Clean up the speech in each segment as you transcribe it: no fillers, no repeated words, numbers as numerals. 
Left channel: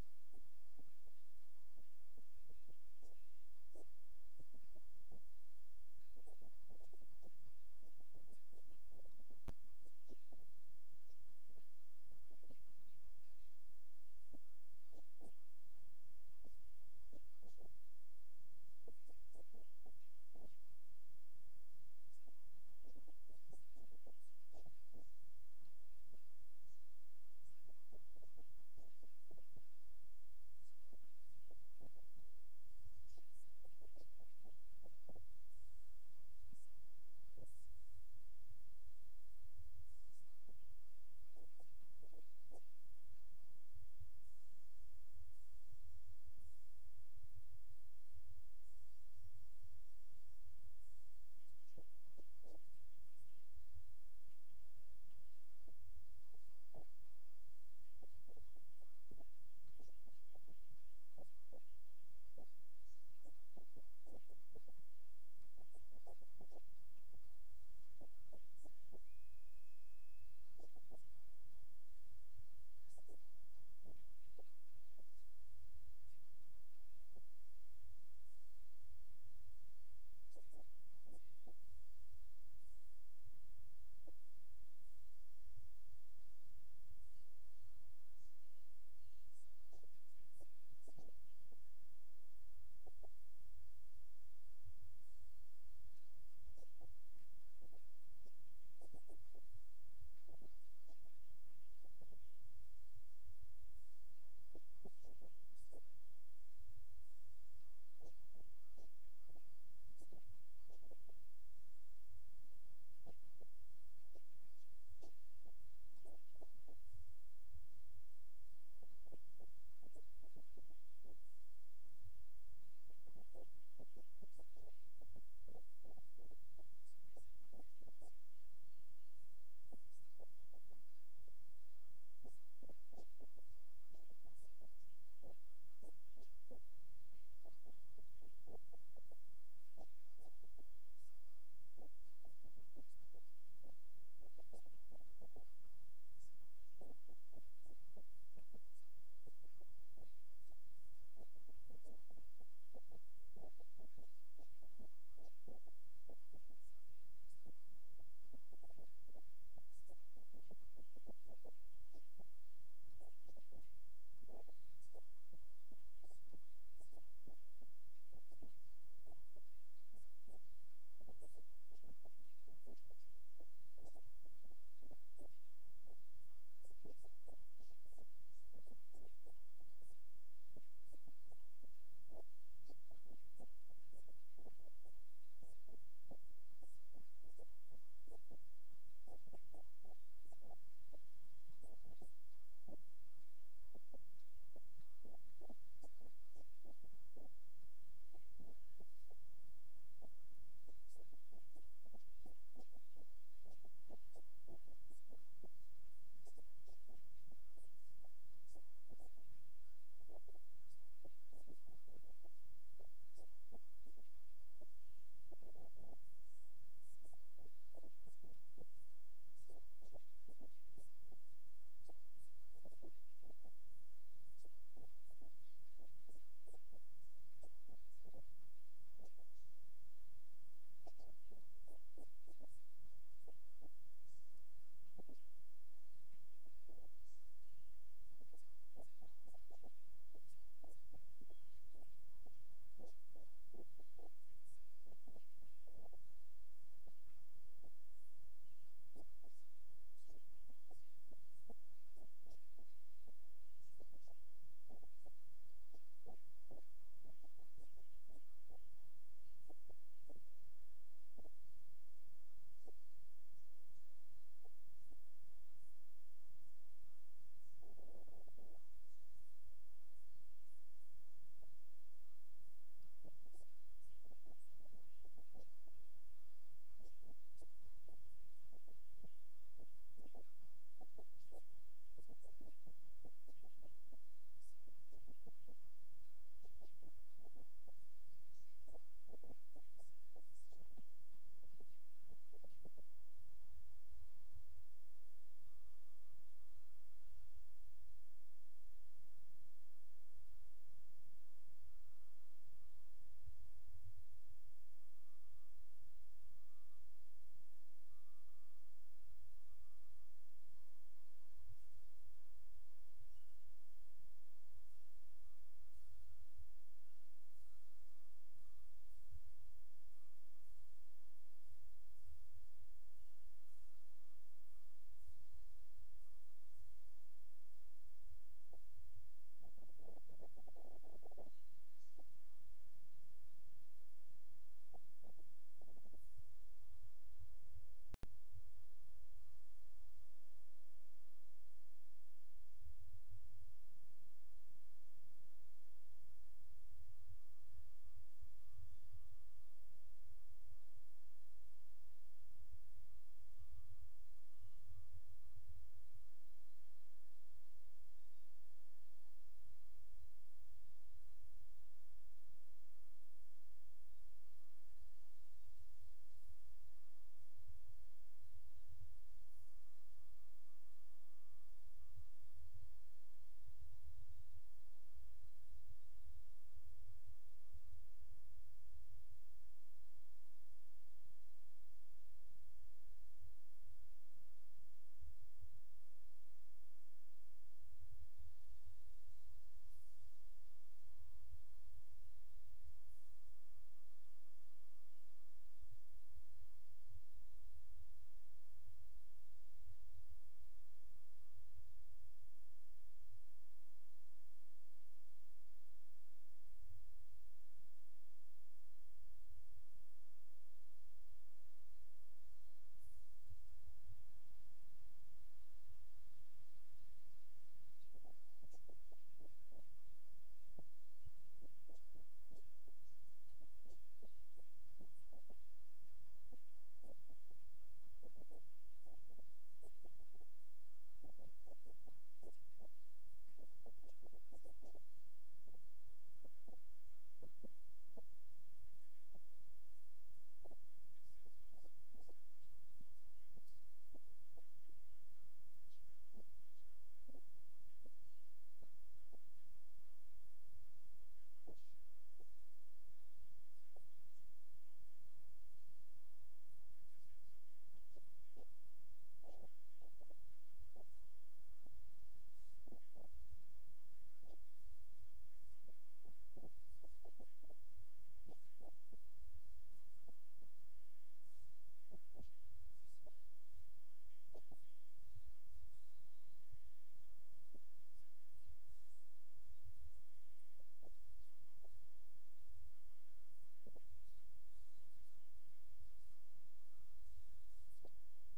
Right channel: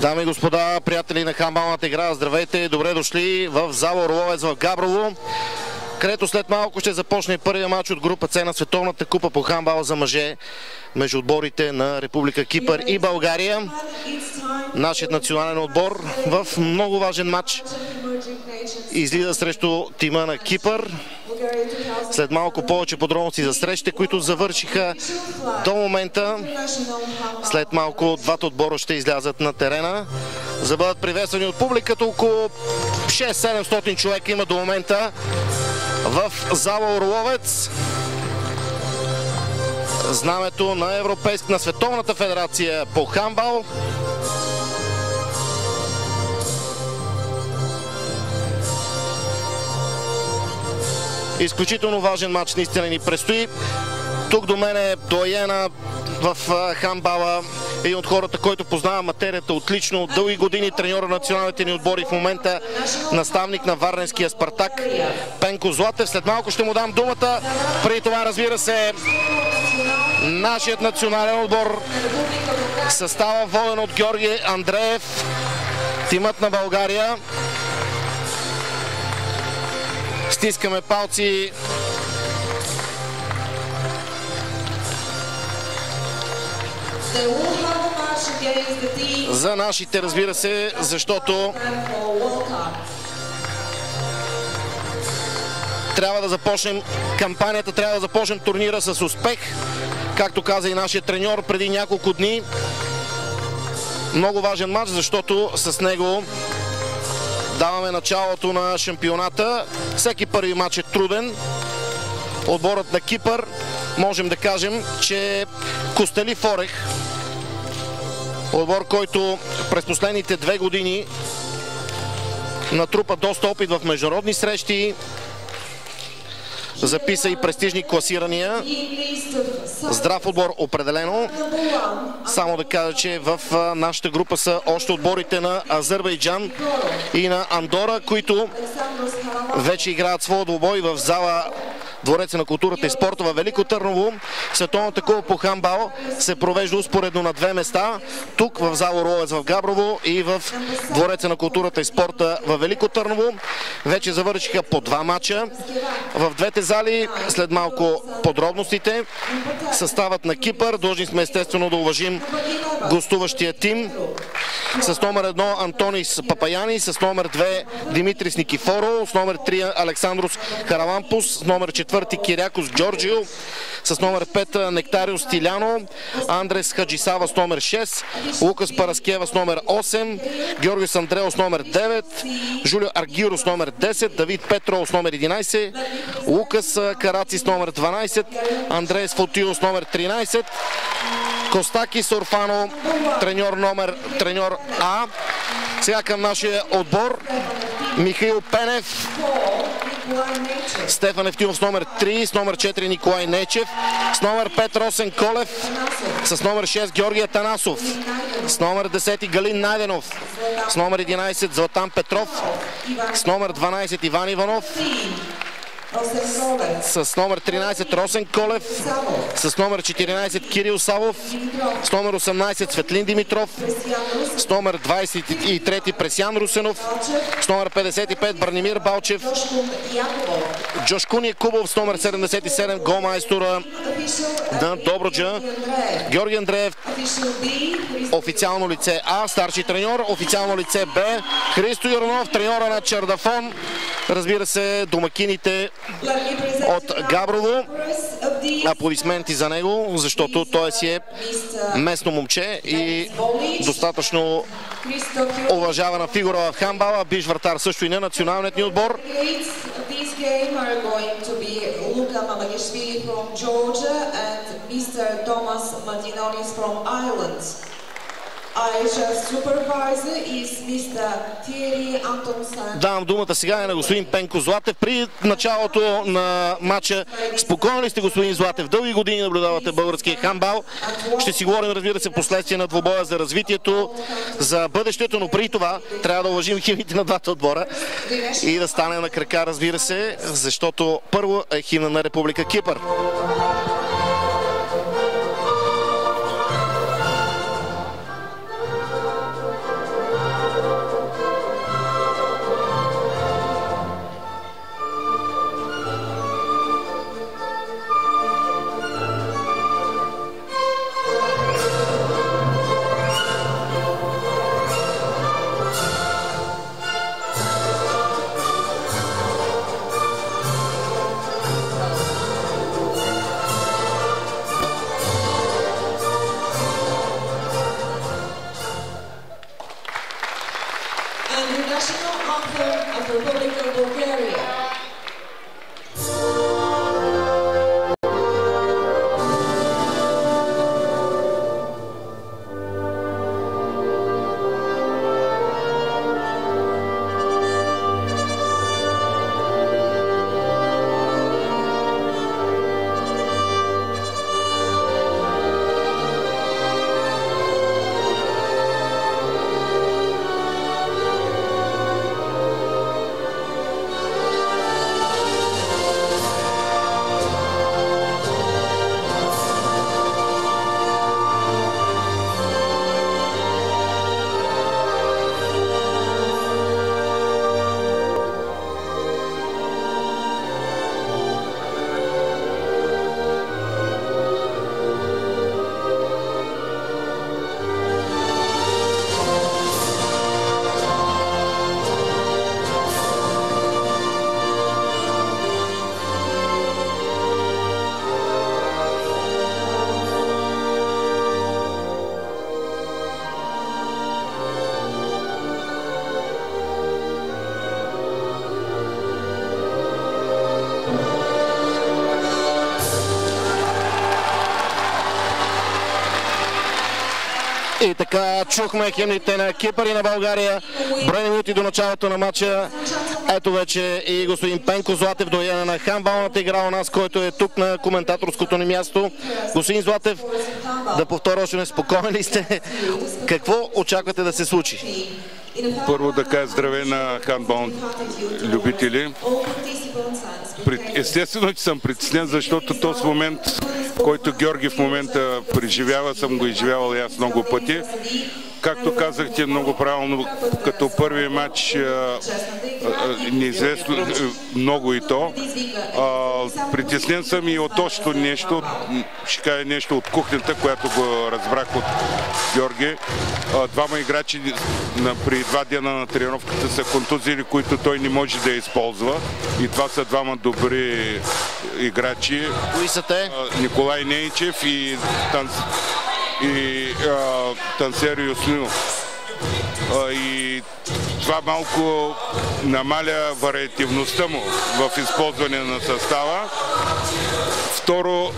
Дами и господа, приятели на хандбалната игра, здравейте, добре дошли в зала Орловец в Габрово, където след малко ще започне първия матч от група С на Световната купа по хандбал за мъже между отборите на Република Кипър и България. Нашият национален отбор в много важен матч излиза срещу тима на Кипър. След малко повече подробности за срещите, които завършиха до момента. След малко двата отбора ще излязат на терена, за да бъдат приветствани от публиката. Около 600-700 човека има до момента в зала Орловец. Знамето на на Световната федерация по хандбал. Изключително важен матч наистина ни предстои. Тук до мен е доайена в хандбала, един от хората, който познава материята отлично, дълги години треньор на националните ни отбори, в момента наставник на Варненския Спартак, Пенко Златев. След малко ще му дам думата. Преди това, разбира се, нашият национален отбор, състава воден от Георги Андреев, тимът на България. Стискаме палци за нашите, разбира се, защото трябва да започнем кампанията, трябва да започнем турнира с успех, както каза и нашия треньор преди няколко дни. Много важен матч, защото с него даваме началото на шампионата. Всеки първи матч е труден. Отборът на Кипър, можем да кажем, че Костелив Орех, отбор, който през последните 2 години натрупа доста опит в международни срещи, записа и престижни класирания. Здрав отбор определено. Само да кажа, че в нашата група са още отборите на Азербайджан и на Андора, които вече играят своя двубой в зала Двореца на културата и спорта във Велико Търново. Световната купа по хандбал се провежда успоредно на 2 места. Тук в зала Орловец в Габрово и в Двореца на културата и спорта във Велико Търново. Вече завършиха по 2 мача в двете зали. След малко подробностите. Съставът на Кипър. Длъжни сме естествено да уважим гостуващия тим. С номер 1 Антонис Папаяни, с номер 2 Димитрис Никифоро, с номер 3 Александрос Харалампус, с номер 4 Кирякос Джорджио, с номер 5 Нектариус Стиляно, Андрес Хаджисава с номер 6, Лукас Параскева с номер 8, Георгиос Андрео с номер 9, Жулио Аргиро с номер 10, Давид Петро с номер 11, Лукас Караци с номер 12, Андреас Фотио с номер 13, Костакис Орфано, треньор А. Сега към нашия отбор. Михаил Пенев, Стефан Евтимов с номер 3, с номер 4 Николай Нечев, с номер 5 Росен Колев, с номер 6 Георги Атанасов, с номер 10 Галин Найденов, с номер 11 Златан Петров, с номер 12 Иван Иванов, с номер 13 Росен Колев, с номер 14 Кирил Савов, с номер 18 Светлин Димитров, с номер 23 Пресян Русенов, с номер 55 Бранимир Балчев, Джошкун Якубов с номер 77 голмайстора на Добруджа, Георги Андреев, официално лице А, старши треньор, официално лице Б, Христо Юрнов, треньора на Чердафон, разбира се, домакините от Габрово. Аплодисменти за него, защото той си е местно момче и достатъчно уважавана фигура в хандбала. Биш вратар също и на националният ни отбор. Давам думата сега на господин Пенко Златев. При началото на матча, спокойно ли сте, господин Златев? Дълги години наблюдавате българския хандбал. Ще си говорим, разбира се, последствие на двубоя за развитието, за бъдещето, но преди това трябва да уважим химните на двата отбора и да стане на крака, разбира се, защото първо е химна на Република Кипър. И така чухме химните на Кипър и на България. Броени минути до началото на матча. Ето вече и господин Пенко Златев, дояна на хандбалната игра у нас, който е тук на коментаторското ни място. Господин Златев, да повторя още неспокоен ли сте? Какво очаквате да се случи? Първо да кажа здравей на хандбал любители. Естествено, че съм притеснен, защото този момент, който Георги в момента преживява, съм го изживявал и аз много пъти. Както казахте много правилно, като първи матч неизвестно много и то. Притеснен съм и от още нещо, ще кажа нещо от кухнята, която го разбрах от Георги. Двама играчи при 2 дена на тренировката са контузили, които той не може да използва. И това са двама добри играчи. Кои са те? Николай Нейчев и Тансер Юснил. И това малко намаля вариативността му в използване на състава. Второ,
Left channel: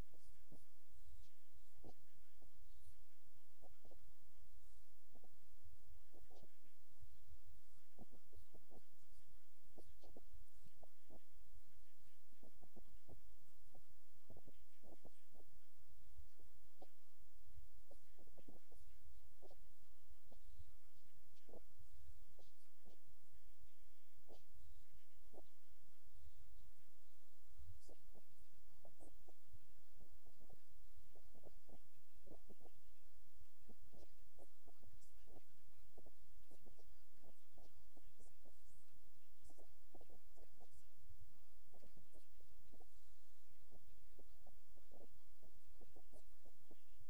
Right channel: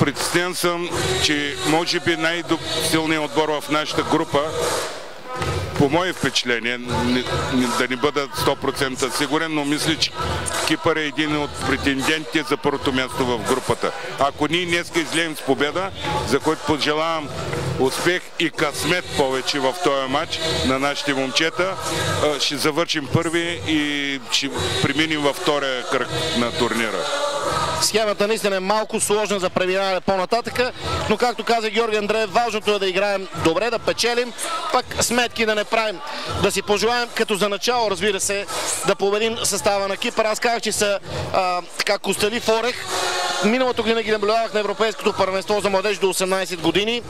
притеснен съм, че може би най-силният отбор в нашата група, по мое впечатление, да не бъда 100% сигурен, но мисля, че Кипър е един от претендентите за първото място в групата. Ако ние днеска излезем с победа, за който пожелавам успех и късмет повече в този матч на нашите момчета, ще завършим първи и ще преминем във втория кръг на турнира. Схемата наистина е малко сложна за преминаване по-нататъка, но както каза Георги Андреев, важното е да играем добре, да печелим, пък сметки да не правим. Да си пожелаем като за начало, разбира се, да победим състава на Кипър. Аз казах, че са така костелив орех. Миналото година ги наблюдавах на Европейското първенство за младеж до 18 години.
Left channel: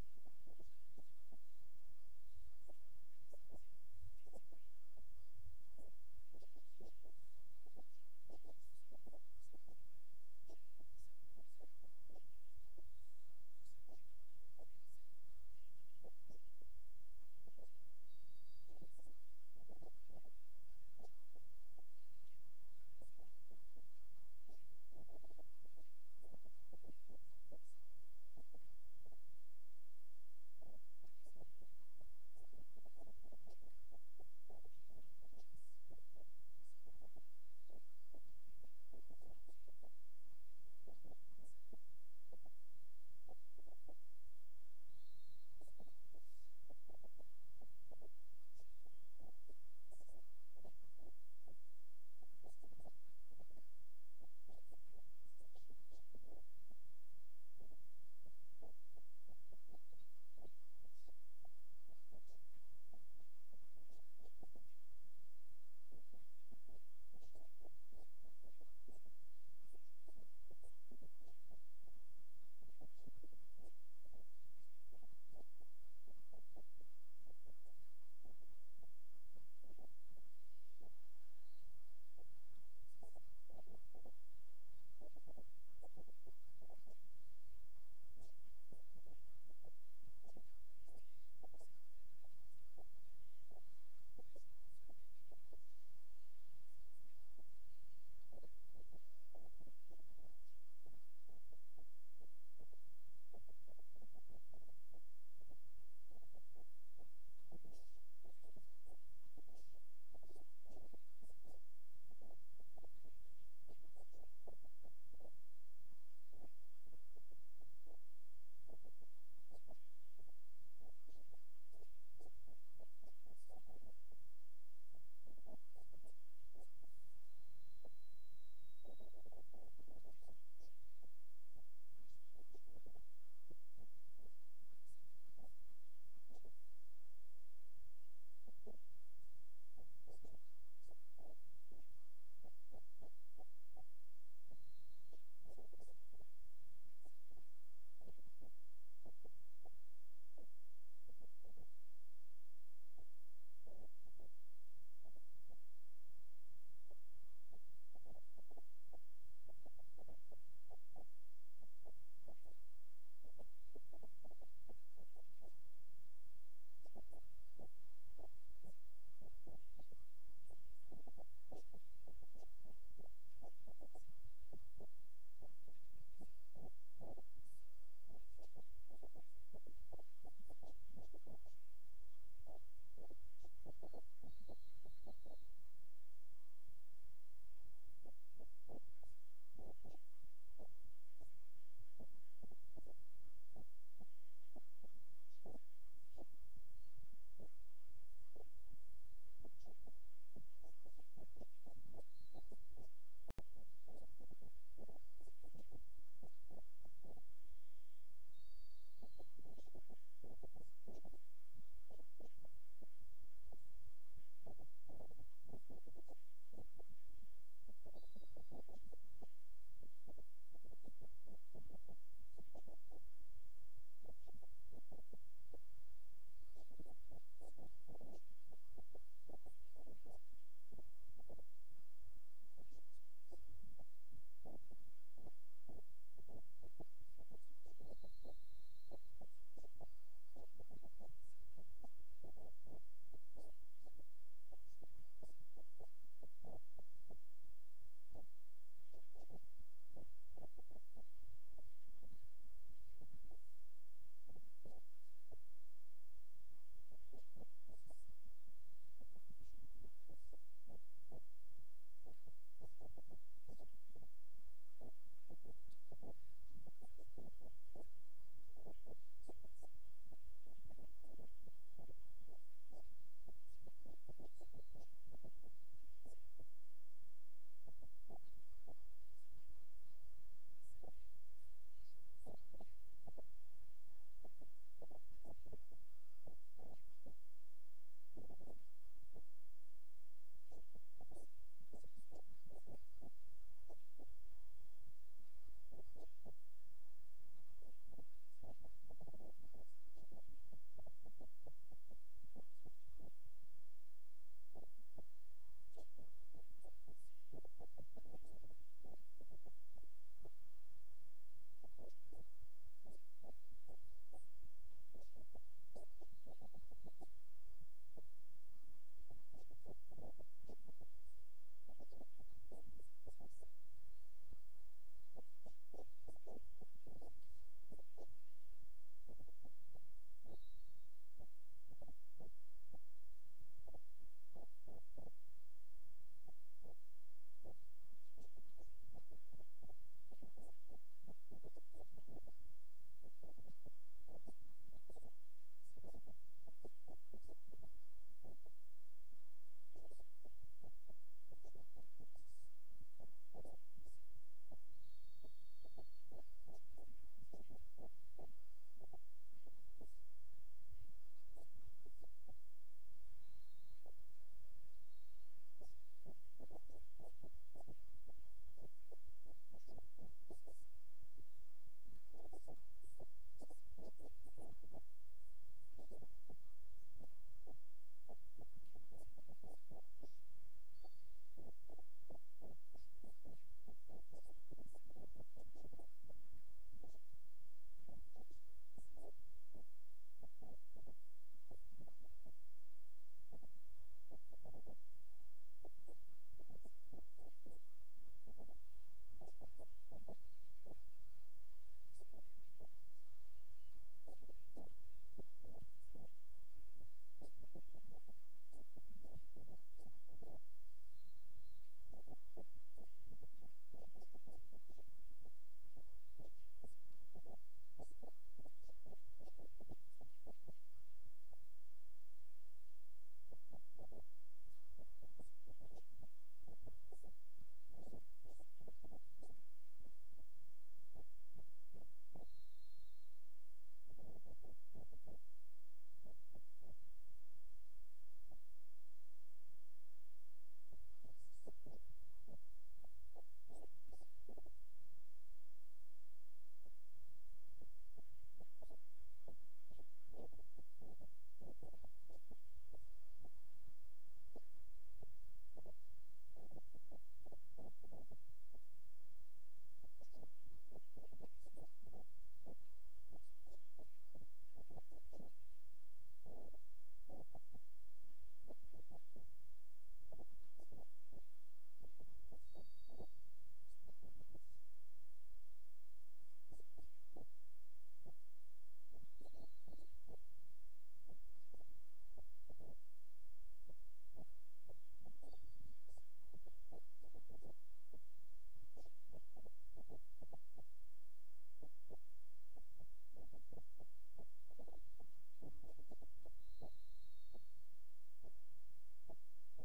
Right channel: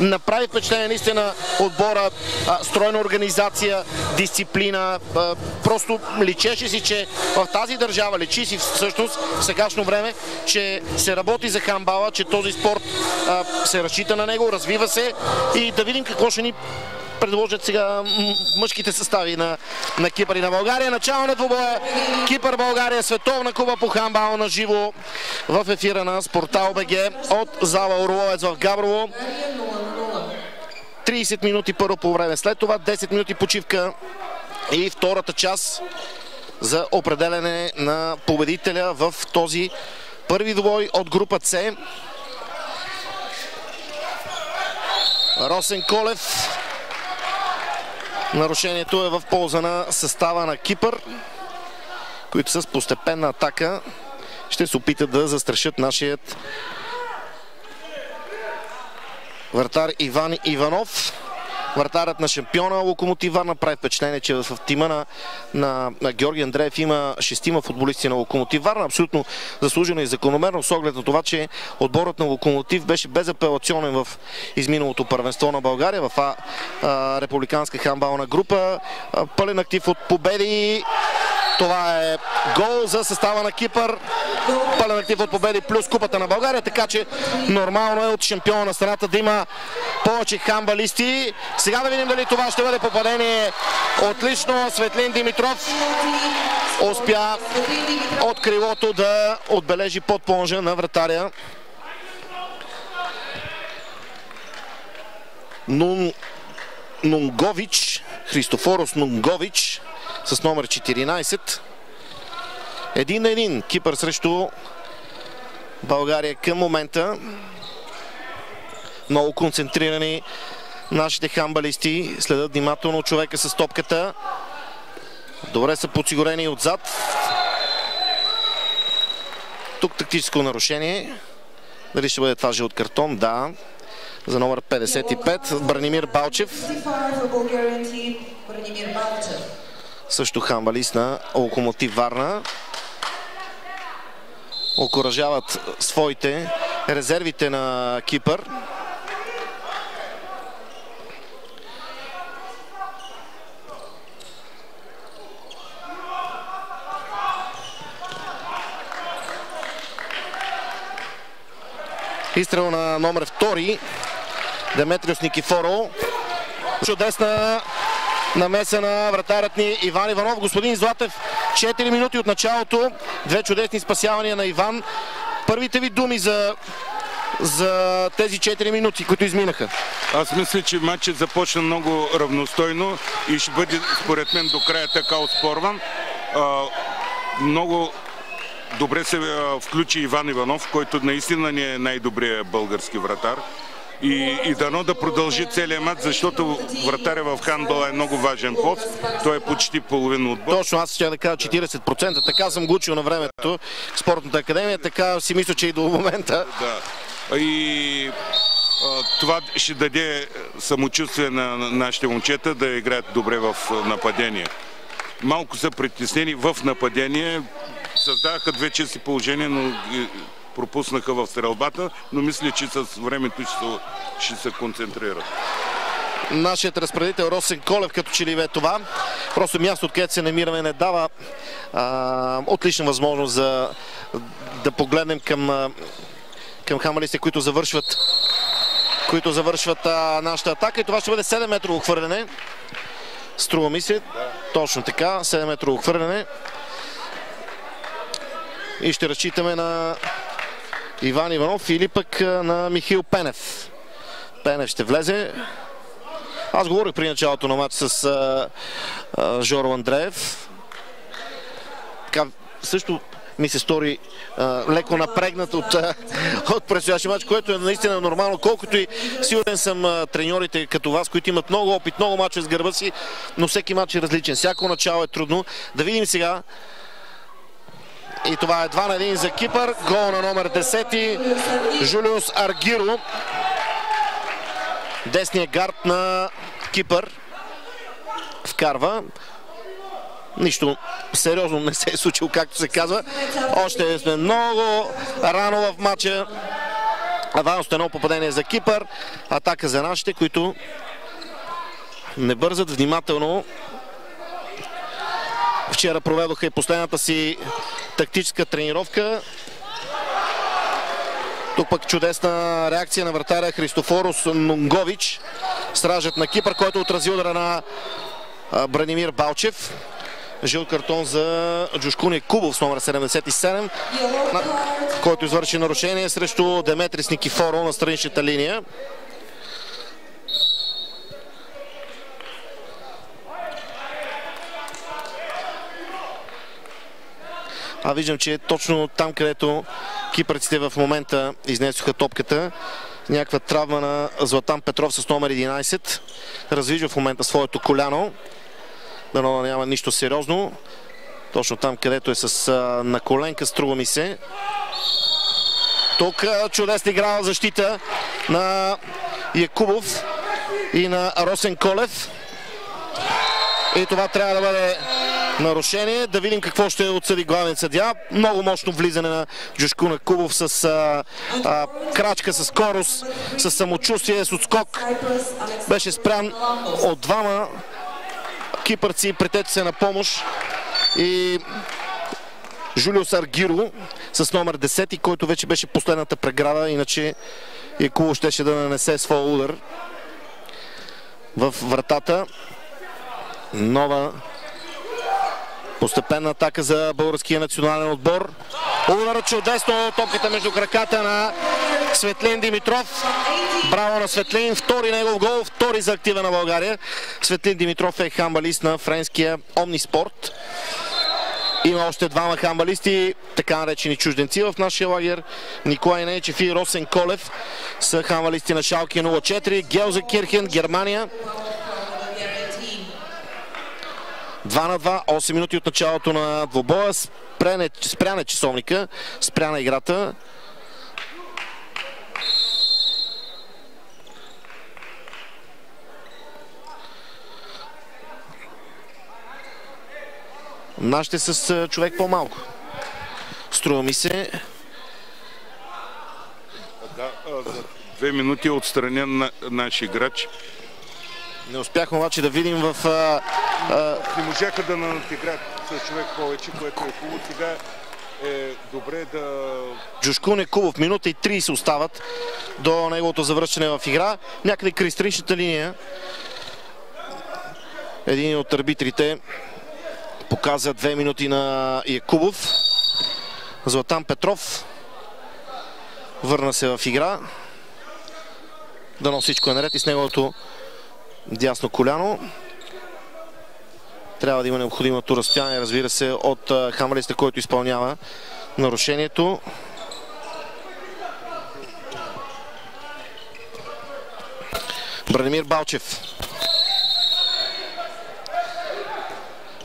Направи впечатление наистина отбора, стройна организация, дисциплина. Просто личеше си, че в тази държава, личи си всъщност в сегашно време, че се работи за хандбала, че този спорт се разчита на него, развива се и да видим какво ще ни предложат сега мъжките състави на Кипър и на България. Начало на двубоя Кипър-България, световна купа по хандбал на живо в ефира на Спортал БГ от зала Орловец в Габрово. 30 минути първо по време, след това 10 минути почивка и втората част за определяне на победителя в този първи двубой от група С. Росен Колев. Нарушението е в полза на състава на Кипър, които с постепенна атака ще се опитат да застрашат нашият вратар Иван Иванов. Вратарът на шампиона Локомотив Варна. Прави впечатление, че в тима на Георги Андреев има 6 футболисти на Локомотив Варна. Абсолютно заслужено и закономерно, с оглед на това, че отборът на Локомотив беше безапелационен в изминалото първенство на България в републиканска хандбална група. Пълен актив от победи. Това е гол за състава на Кипър. Пълен актив от победи плюс купата на България, така че нормално е от шампиона на страната да има повече хандбалисти. Сега да видим дали това ще бъде попадение. Отлично, Светлин Димитров успя от крилото да отбележи под плонжа на вратаря. Нунгович, Христофорос Нунгович с номер 14. 1-1 Кипър срещу България към момента. Много концентрирани нашите хандбалисти. Следят внимателно човека с топката. Добре са подсигурени отзад. Тук тактическо нарушение. Дали ще бъде това жълт картон? Да. За номер 55 Бранимир Балчев. Също хандбалист на Локомотив Варна. Окуражават своите резервите на Кипър. Изстрел на номер 2 Деметриос Никифоро. Чудесна намеса на вратарят ни Иван Иванов. Господин Златев, 4 минути от началото. Две чудесни спасявания на Иван. Първите ви думи за за тези 4 минути, които изминаха? Аз мисля, че матчът започна много равностойно и ще бъде, според мен, до края така оспорван. Много добре се включи Иван Иванов, който наистина не е най-добрият български вратар. И дано да продължи целият матч, защото вратаря в хандбала е много важен пост. Той е почти половин отбор. Точно, аз ще да кажа 40%. Така съм го учил на времето в Спортната академия, така си мисля, че и до момента. Да. И това ще даде самочувствие на нашите момчета да играят добре в нападение. Малко са притеснени в нападение. Създадаха 2 чисти положения, но пропуснаха в стрелбата, но мисля, че с времето ще се концентрират. Нашият разпределител Росен Колев като че ли бе това. Просто място, откъдето се намираме, не дава отлична възможност да погледнем към хандбалистите, които завършват нашата атака. И това ще бъде 7-метрово хвърляне. Струва ми се. Точно така. 7-метрово хвърляне. И ще разчитаме на Иван Иванов или пък на Михаил Пенев. Пенев ще влезе. Аз говорих при началото на матч с Жоро Андреев. Така, също ми се стори леко напрегнат от предстоящия матч, което е наистина нормално, колкото и сигурен съм треньорите като вас, които имат много опит, много мачове с гърба си, но всеки матч е различен. Всяко начало е трудно. Да видим сега. И това е 2-1 за Кипър. Гол на номер 10. Жулиус Аргиро. Десният гард на Кипър. Вкарва. Нищо сериозно не се е случило, както се казва. Още сме много рано в матча. Още едно попадение за Кипър. Атака за нашите, които не бързат внимателно. Вчера проведоха и последната си тактическа тренировка. Тук пък чудесна реакция на вратаря Христофорос Нунгович. Стражът на Кипър, който отрази удара на Бранимир Балчев. Жълт картон за Джушкуни Кубов с номер 77, който извърши нарушение срещу Деметрис Никифоро на страничната линия. Виждам, че точно там, където кипърците в момента изнесоха топката, някаква травма на Златан Петров с номер 11. Развижда в момента своето коляно. Дано няма нищо сериозно. Точно там, където е с наколенка, струва ми се. Тук чудесна игра в защита на Якубов и на Росен Колев. И това трябва да бъде нарушение. Да видим какво ще отсъди главният съдия. Много мощно влизане на Джушкуна Кубов с крачка, с скорост, с самочувствие, с отскок. Беше спрян от двама кипърци, претече се на помощ. И Жулиус Аргиро с номер 10, който вече беше последната преграда, иначе Якубов щеше да нанесе своя удар в вратата. Нова постепенна атака за българския национален отбор. Удар чудесно, топката между краката на Светлин Димитров. Браво на Светлин, втори негов гол, втори за актива на България. Светлин Димитров е хандбалист на френския Омниспорт. Има още двама хандбалисти, така наречени чужденци в нашия лагер. Николай Нейчев и Росен Колев са хандбалисти на Шалке 04. Гелзенкирхен, Германия. 2-2, 8 минути от началото на двобоя. Спряна часовника, спряна играта. Нашите с човек по-малко. Струва ми се. Да, за 2 минути отстранен на наш играч. Не успяхме обаче да видим в... Не можаха да надиграят с човек повече, което е хубаво. Сега е добре да... Джушкун Якубов, минута и 30 остават до неговото завръщане в игра. Някъде край страничната линия. Един от арбитрите показа 2 минути на Якубов. Златан Петров Върна се в игра. Дано всичко е наред и с неговото дясно коляно. Трябва да има необходимото разстояние, разбира се, от хамалиста, който изпълнява нарушението. Бранимир Балчев.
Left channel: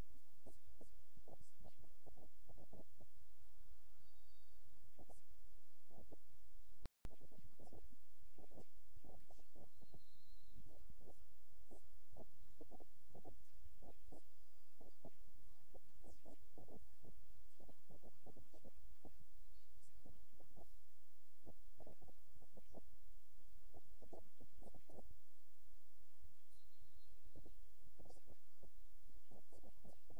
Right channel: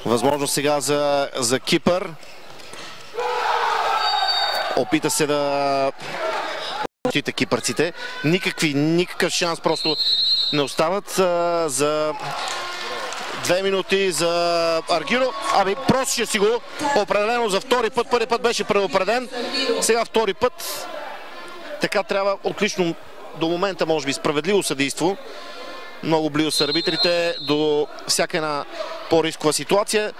Възможно сега за Кипър. Опита се да кипърците. Никакъв шанс просто не остават за 2 минути за Аргиро. Ами просто ще си го определено за втори път. Първи път беше предупреден. Сега втори път. Така трябва отлично до момента, може би, справедливо съдейство. Много близо са арбитрите до всяка една по-рискова ситуация.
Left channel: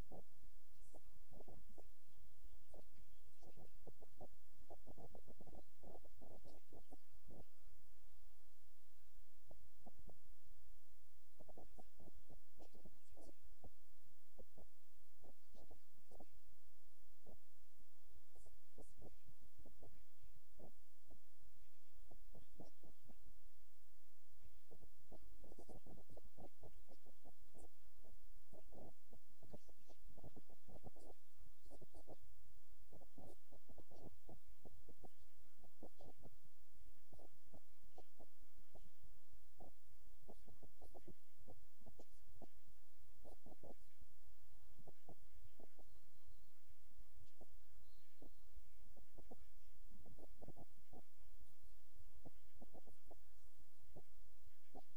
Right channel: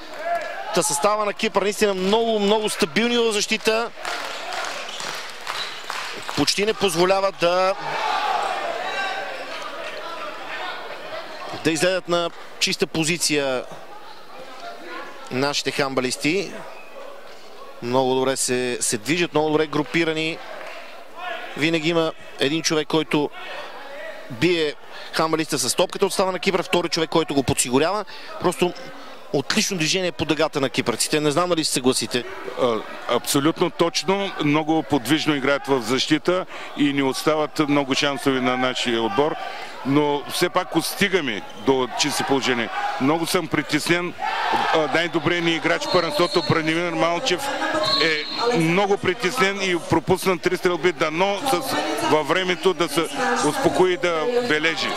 Та състава на Кипър наистина много стабилни в защита. Почти не позволяват да излезат на чиста позиция нашите хандбалисти. Много добре се движат, много добре групирани. Винаги има един човек, който бие хандбалиста с топката от става на Кипър, втори човек, който го подсигурява. Просто отлично движение по дъгата на кипърците. Не знам дали се съгласите. Абсолютно точно. Много подвижно играят в защита и ни остават много шансови на нашия отбор. Но все пак стигаме до чисти положение. Много съм притеснен. Най-добрият ни играч в първенството Бранимир Балчев е много притеснен и пропусна 3 стрелби, дано във времето да се успокои, да бележи.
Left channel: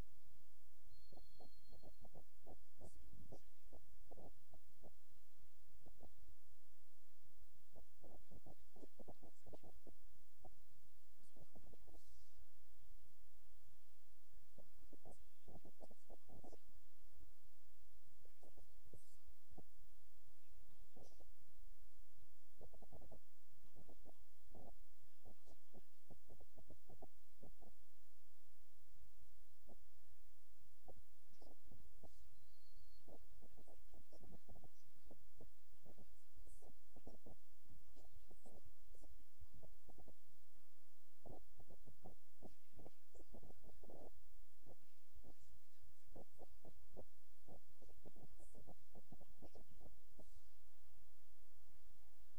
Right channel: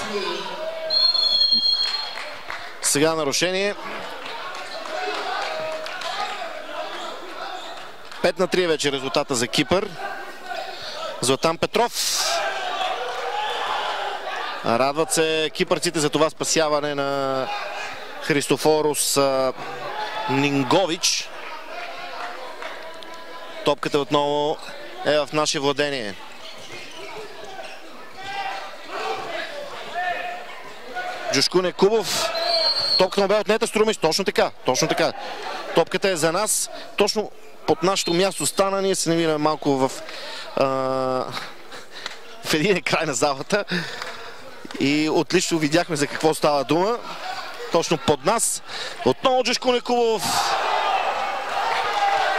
Сега нарушение. 5-3 вече резултата за Кипър. Златан Петров. Радват се кипърците за това спасяване на Христофорос Нингович. Топката отново е в наше владение. Джушкун Якубов. Топката му бе отнета, Струмич. Точно така. Топката е за нас. Точно под нашето място стана. Ние се намираме малко в един край на залата. И отлично видяхме за какво става дума. Точно под нас. Отново Джушкун Якубов.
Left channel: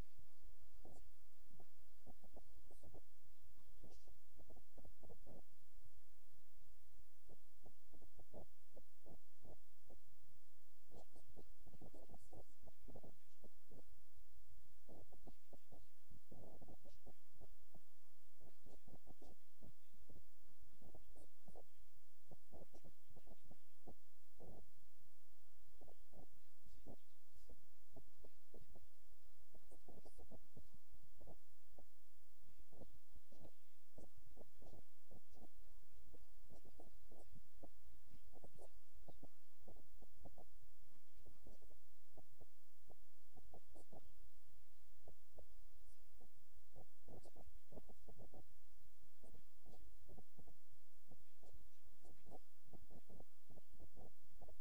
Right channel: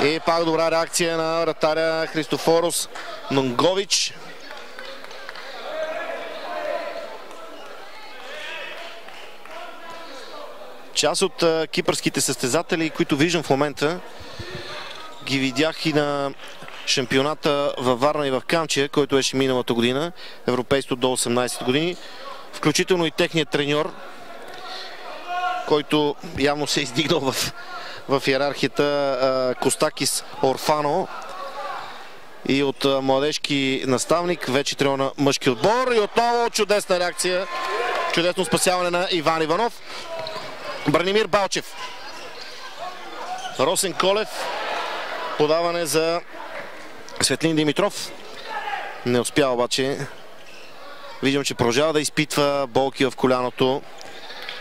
И пак добра реакция на вратаря Христофорос Нингович. Част от кипърските състезатели, които виждам в момента, ги видях и на шампионата във Варна и в Камчия, който беше миналата година, европейството до 18 години. Включително и техният треньор, който явно се е издигнал в иерархията, Костакис Орфано. И от младежки наставник, вече треньор на мъжки отбор. И отново чудесна реакция, чудесно спасяване на Иван Иванов. Бранимир Балчев. Росен Колев. Подаване за Светлин Димитров. Не успя обаче. Виждам, че продължава да изпитва болки в коляното.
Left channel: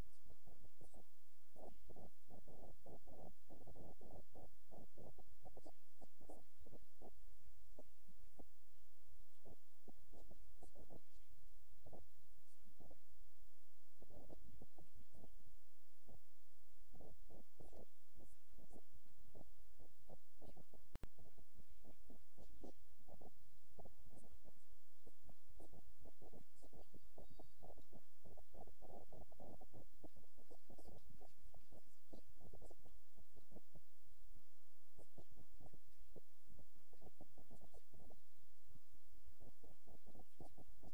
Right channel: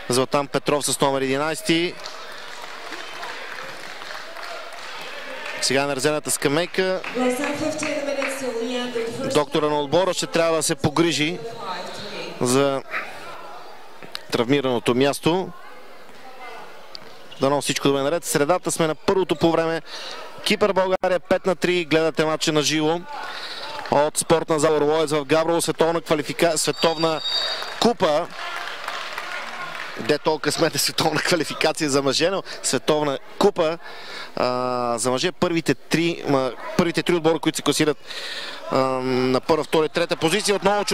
Златан Петров с номер 11. Сега на резервната скамейка. Доктора на отбора ще трябва да се погрижи за травмираното място. Дано всичко да е наред. Средата сме на първото по време. Кипър България 5-3. Гледате матча на живо от спортна зала Орлоец в Габрово. Световна купа. Де толкова смете световна квалификация за мъже, но световна купа за мъже. Първите три отбора, които се класират на първа, втора и трета позиция. Отново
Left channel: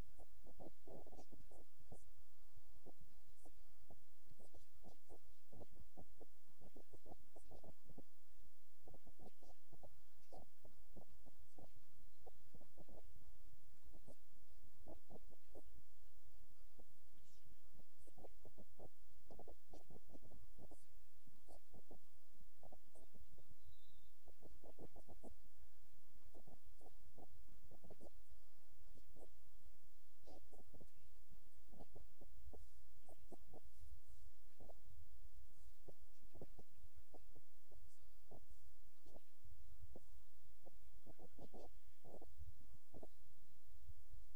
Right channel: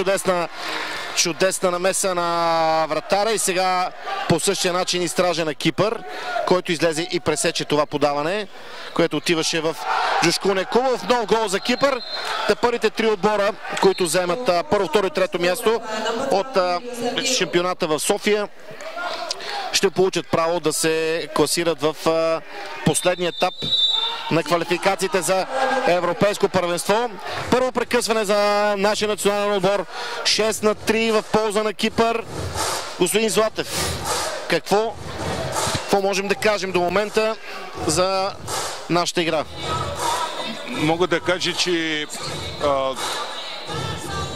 чудесна намеса на вратаря и сега по същия начин изстража на Кипър, който излезе и пресече това подаване, което отиваше в Джушкун Якубов. Нов гол за Кипър. Първите три отбора, които вземат първо, второ и трето място от шампионата в София, ще получат право да се класират в последния етап на квалификациите за европейско първенство. Първо прекъсване за нашия национален отбор. 6-3 в полза на Кипър. Господин Златев, какво можем да кажем до момента за нашата игра? Мога да кажа, че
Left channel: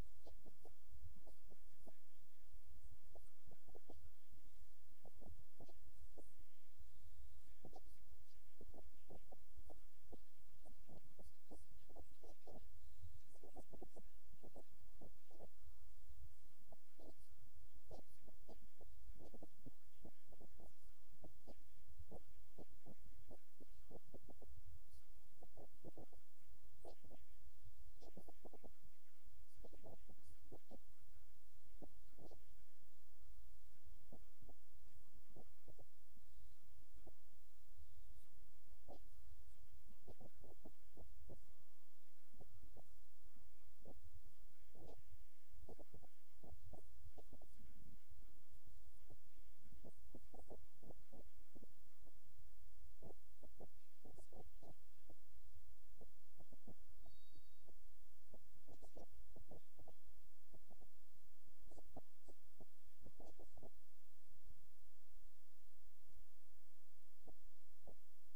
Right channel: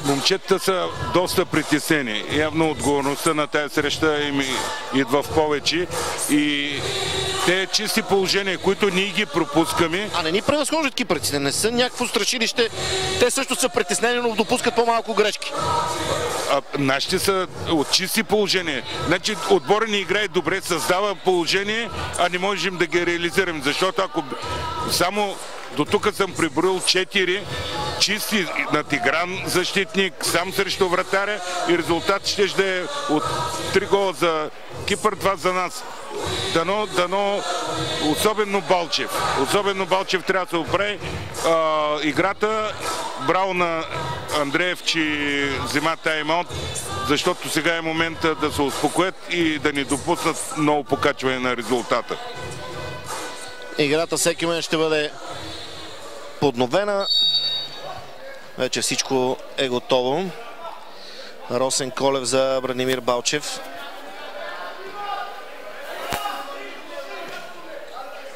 момчетата са доста притеснени. Явно отговорността на тази среща им идва в повече и те чисти положения, които ние ги пропускаме. А не ни превъзхождат кипърците, не са някакво страшилище. Те също са притеснени, но допускат по-малко грешки. Нашите са от чисти положения. Значи отбора ни играе добре, създава положение, а не можем да ги реализираме. Защото ако само до тук съм приброил 4 чисти на Тигран защитник, сам срещу вратаря и резултат ще да е от 3 гола за Кипър, 2 за нас. Дано, особено Балчев трябва да се оправи играта. Браво на Андреев, че взема тайм-аут, защото сега е момента да се успокоят и да ни допуснат много покачване на резултата. Играта всеки момент ще бъде подновена. Вече всичко е готово. Росен Колев за Бранимир Балчев.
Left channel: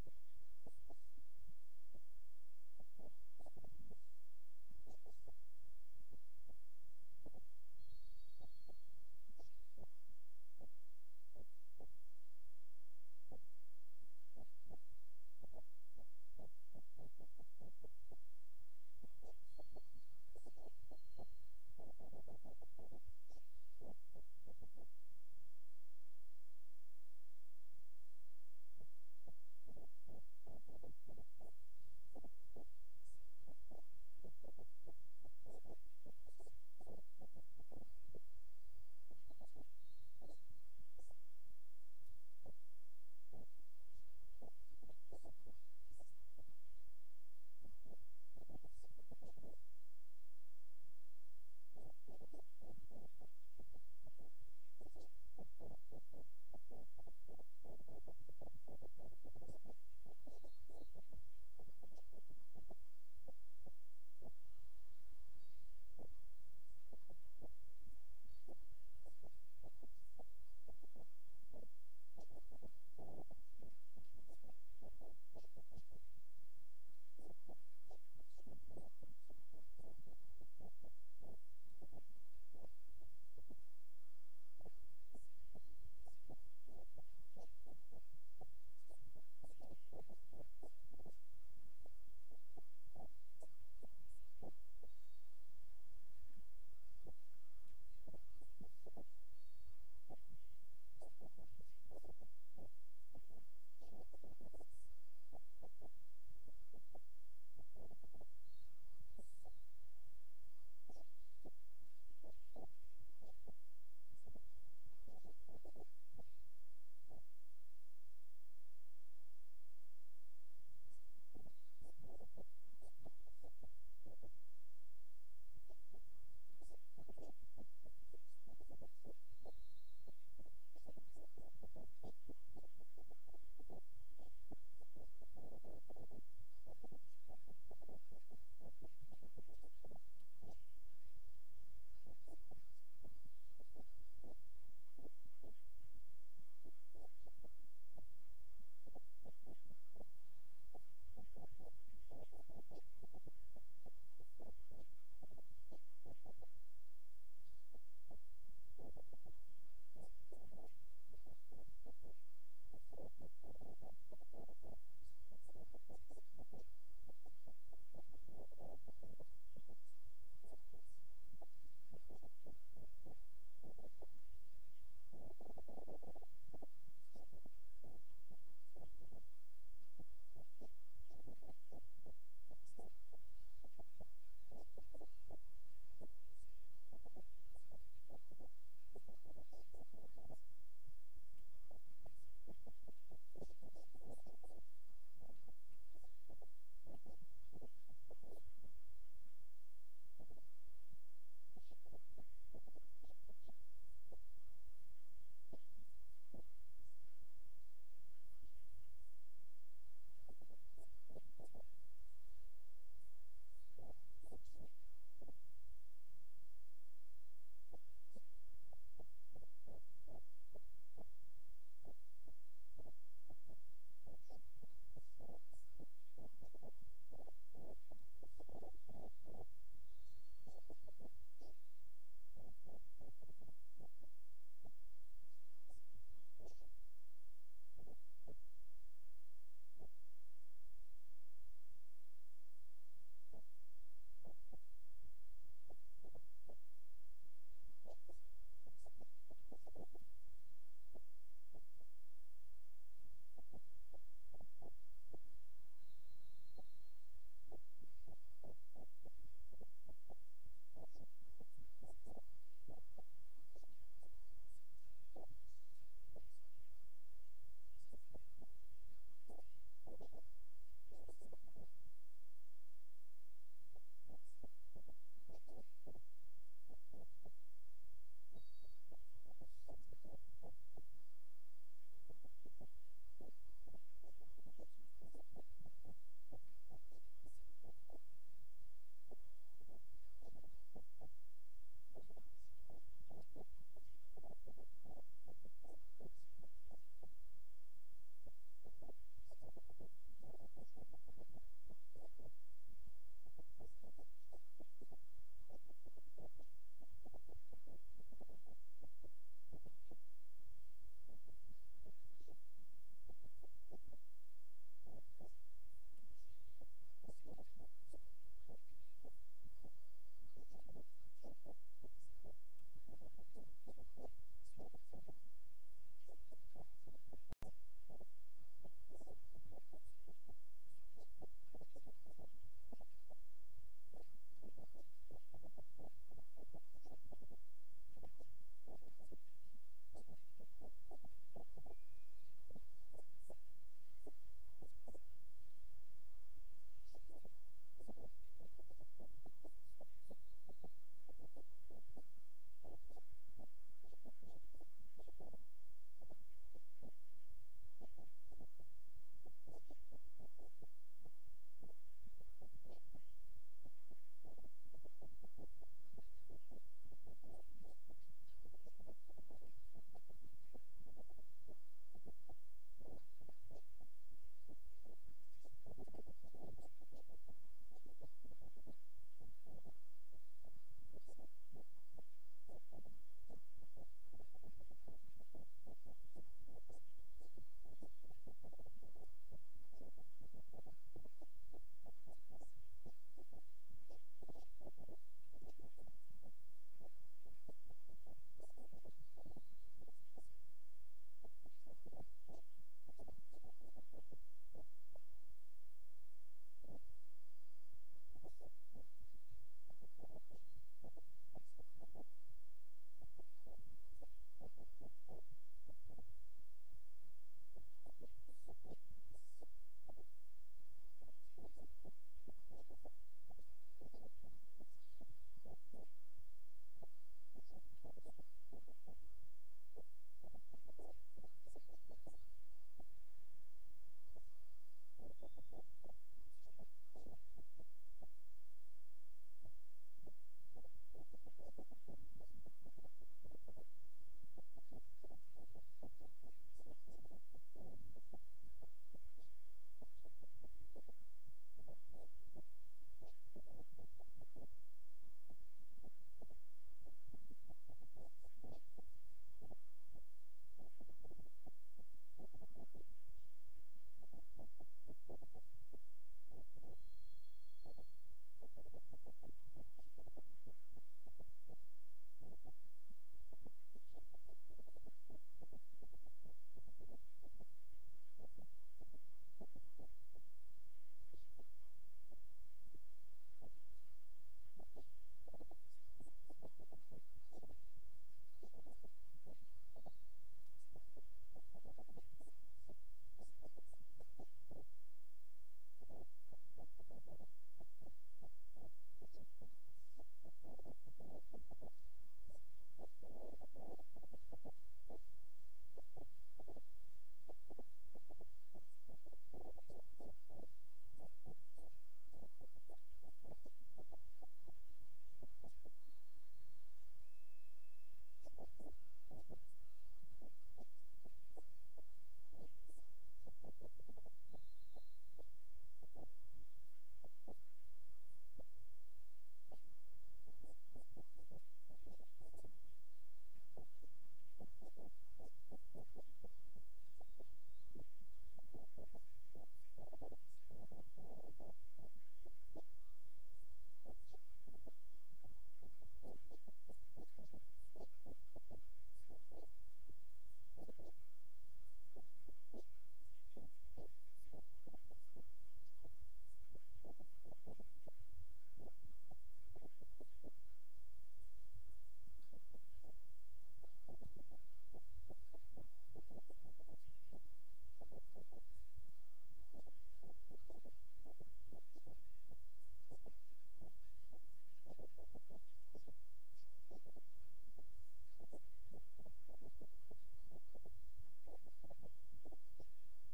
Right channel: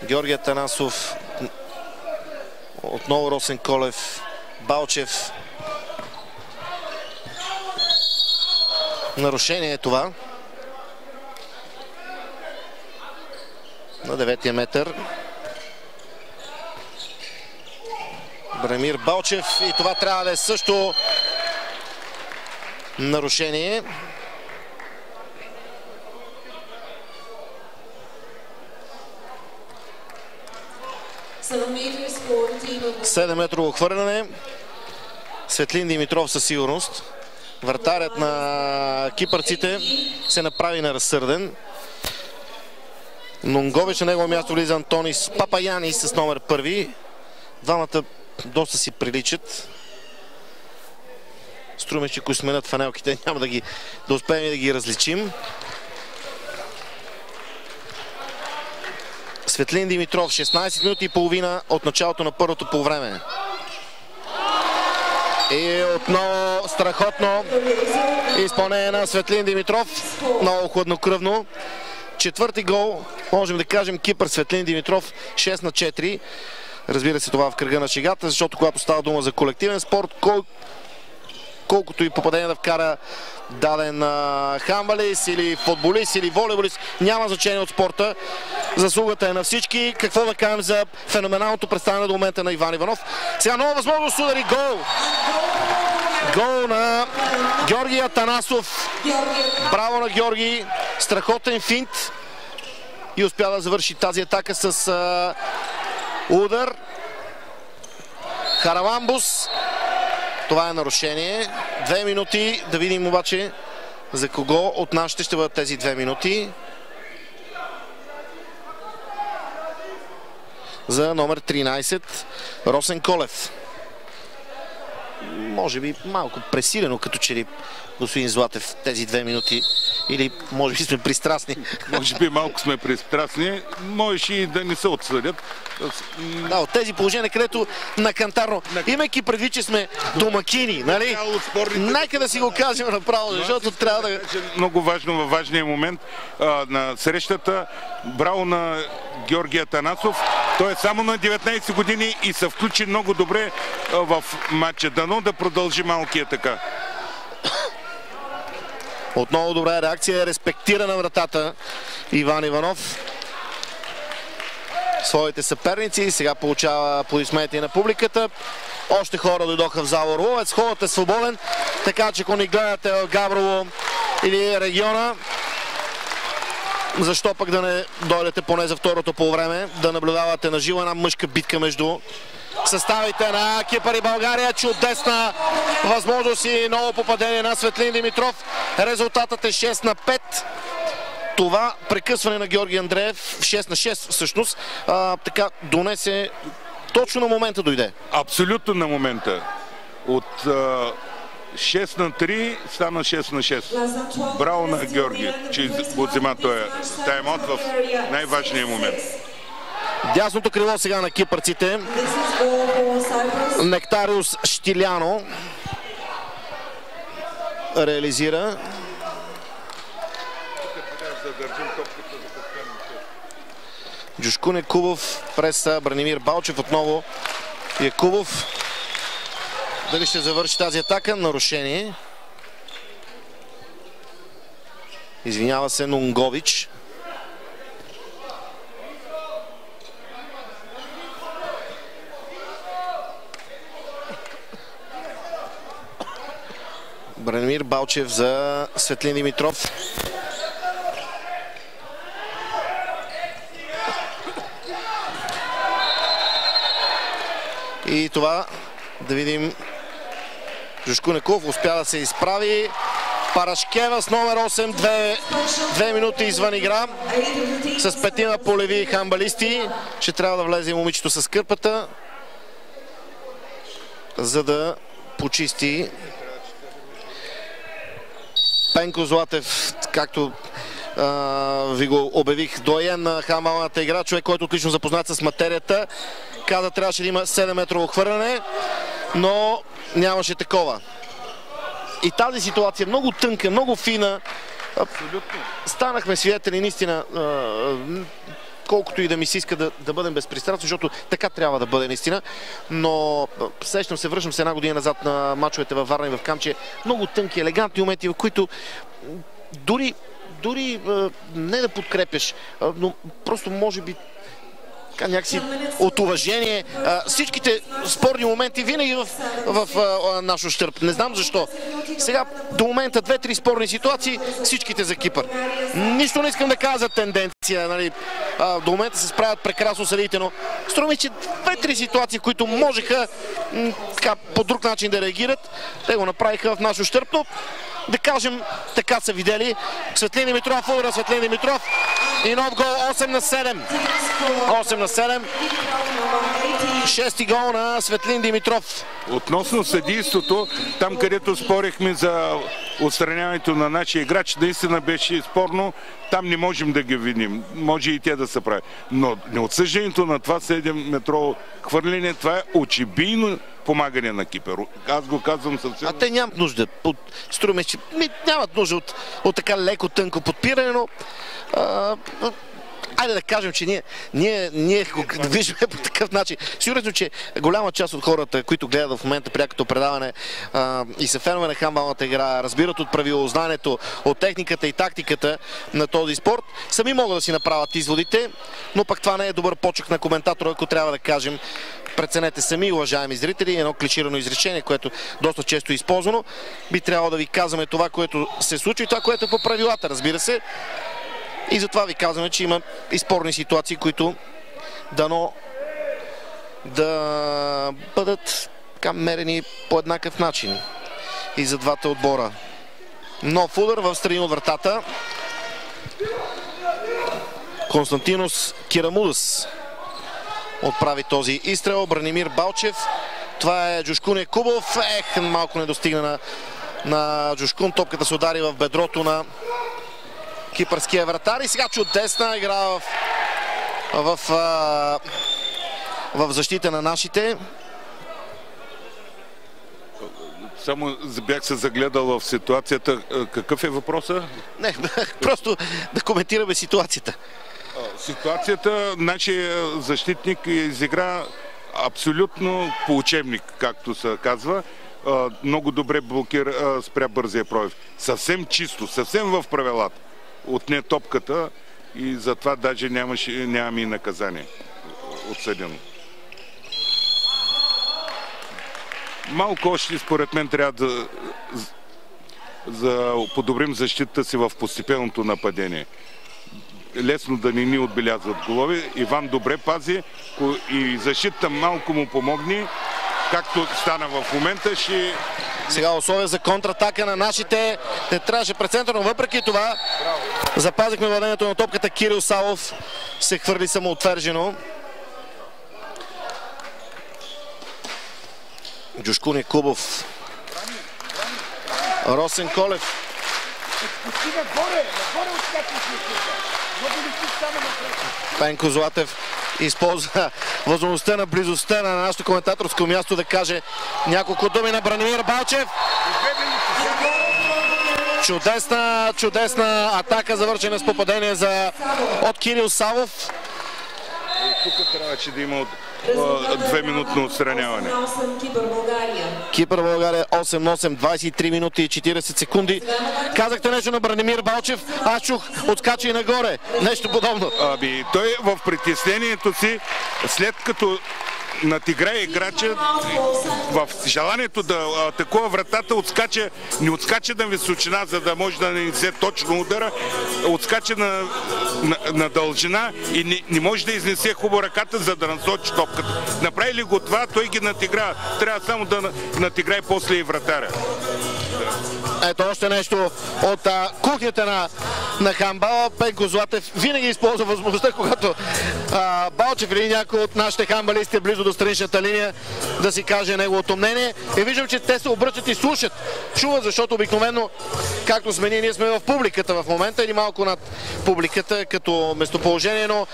Георги Атанасов. Отново Росен Колев. Балчев. Нарушение е това. На 9-я метър. Бранимир Балчев и това трябва да е също нарушение. Седемметрово хвърляне. Светлин Димитров със сигурност. Вратарят на кипърците се направи неразсърден. Нунгович, на негово място влиза Антонис Папаянис с номер 1. Двамата доста си приличат. Струва, че ако сменят фанелките, няма да успеем да ги различим. Светлин Димитров, 16 минути и половина от началото на първото полувреме. И отново страхотно изпълнение на Светлин Димитров. Много хладнокръвно. Четвърти гол, можем да кажем, Кипър. Светлин Димитров, 6/4. Разбира се, това в кръга на шегата, защото когато става дума за колективен спорт, колкото и попадение да вкара даден хандбалист или футболист или волейболист, няма значение от спорта. Заслугата е на всички. Какво да кажем за феноменалното представяне до момента на Иван Иванов. Сега нова възможност удари гол. Гол на Георги Атанасов. Браво на Георги. Страхотен финт. И успя да завърши тази атака с удар. Хараламбус. Това е нарушение. 2 минути. Да видим обаче за кого от нашите ще бъдат тези 2 минути. За номер 13 Росен Колев. Може би малко пресилено, като че ли господин Златев, тези 2 минути. Или може би сме пристрастни. Може би малко сме пристрастни. Можеш и да не се отсъдят. Да, от тези положения, където на кантарно, имайки предвид, че сме домакини, нали? Нека да си го кажем направо, защото трябва да... Много важно във важния момент на срещата. Браво на Георги Атанасов. Той е само на 19 години и се включи много добре в матча. Дано да продължи малкия така. Отново добра реакция, респектира на вратата Иван Иванов. Своите съперници, сега получава аплодисменти на публиката. Още хора дойдоха в зала Орловец. Ходът е свободен, така че ако ни гледате в Габрово или региона, защо пък да не дойдете поне за второто полувреме, да наблюдавате на живо една мъжка битка между съставите на Кипър и България. Чудесна възможност и ново попадение на Светлин Димитров. Резултатът е 6/5. Това прекъсване на Георги Андреев, 6/6 всъщност, така донесе точно на момента дойде. Абсолютно на момента. От 6/3 стана 6/6. Браво на Георги, че взема този тайм-аут в най-важния момент. Дясното крило сега на кипърците. Нектариус Штиляно реализира. Джушкун Якубов през Бранимир Балчев. Отново Якубов. Дали ще завърши тази атака? Нарушение. Извинява се Нунгович. Бранимир Балчев за Светлин Димитров. И това да видим. Жушко Неков успя да се изправи. Парашкева с номер 8, 2 минути извън игра. С 5 полеви хамбалисти. Ще трябва да влезе момичето с кърпата, за да почисти. Пенко Златев, както ви го обявих, доен на хамбалната игра, човек, който отлично запознат с материята. Каза, трябваше да има 7-метрово хвърляне, но нямаше такова. И тази ситуация е много тънка, много фина. Абсолютно. Станахме свидетели, наистина, колкото и да ми се иска да бъдем безпристрастни, защото така трябва да бъде наистина. Но връщам се една година назад на мачовете във Варна и в Камче. Много тънки, елегантни моменти, в които дори не да подкрепяш, но просто може би някакси от уважение. Всичките спорни моменти винаги в наш ущърб. Не знам защо. Сега до момента 2-3 спорни ситуации, всичките за Кипър. Нищо не искам да кажа за тенденция. Нали? До момента се справят прекрасно съдиите, но струва ми, че 2-3 ситуации, които можеха по друг начин да реагират, те го направиха в наш ущърб, но да кажем, така са видели. Светлин Димитров, удара Светлин Димитров и нов гол, 8-7. 8-7. Шести гол на Светлин Димитров. Относно съдийството, там където спорихме за отстраняването на нашия играч, наистина беше спорно. Там не можем да ги виним. Може и те да се прави. Но неотсъждането на това 7-метрово хвърляне, това е очебийно помагане на Кипър. Аз го казвам съвсем. А те нямат нужда. Струваме, че нямат нужда от така леко тънко подпиране, но айде да кажем, че ние го виждаме по такъв начин. Сигурно, че голяма част от хората, които гледат в момента прякото предаване и са фенове на хамбалната игра, разбират от правилознанието, от техниката и тактиката на този спорт, сами могат да си направят изводите, но пък това не е добър почек на коментатора, ако трябва да кажем. Преценете сами, уважаеми зрители, едно клиширано изречение, което доста често е използвано. Би трябвало да ви казваме това, което се случва и това, което е по правилата, разбира се. И затова ви казваме, че има и спорни ситуации, които дано да бъдат мерени по еднакъв начин и за двата отбора. Нов удар в страни от вратата. Константинос Кирамудас отправи този изстрел. Бранимир Балчев. Това е Джушкун Якубов. Малко не достигна на Джушкун. Топката се удари в бедрото на кипърския вратар. И сега чудесна игра в защита на нашите. Само бях се загледал в ситуацията. Какъв е въпросът? Не, просто да коментираме ситуацията. Ситуацията, нашия защитник изигра абсолютно по учебник, както се казва. Много добре блокира, спря бързия пробив. Съвсем чисто, съвсем в правилата. Отне топката и затова даже нямаме и наказание отсъдено. Малко още, според мен, трябва да подобрим защитата си в постепенното нападение. Лесно да не ни отбелязват голови. Иван добре пази и защитата малко му помогни. Както стана в момента, Сега условия за контратака на нашите. Не трябваше пред център, но въпреки това запазихме владението на топката. Кирил Савов се хвърли самоотвержено. Джушкун Якубов. Росен Колев. Пенко Златев използва възможността на близостта на нашето коментаторско място да каже няколко думи на Бранимир Балчев. Чудесна атака, завършена с попадение от Кирил Савов. Тук трябваше да има 2-минутно отстраняване. Кипър България 8-8, 23 минути и 40 секунди. Казахте нещо на Бранимир Балчев, аз чух отскача и нагоре. Нещо подобно. Той в притеснението си, след като надиграе играча, в желанието да атакува вратата, не отскача на височина, за да може да не взе точно удара, отскача на дължина и не може да изнесе хубаво ръката, за да насочи топката. Направи ли го това, той ги надигра. Трябва само да надиграе после и вратаря. Ето още нещо от кухнята на хандбала. Пенко Златев винаги използва възможността, когато Балчев или някой от нашите хандбалисти е близо до страничната линия, да си каже неговото мнение. И виждам, че те се обръщат и слушат. Чуват, защото обикновено, както сме ние сме в публиката в момента или малко над публиката като местоположение, но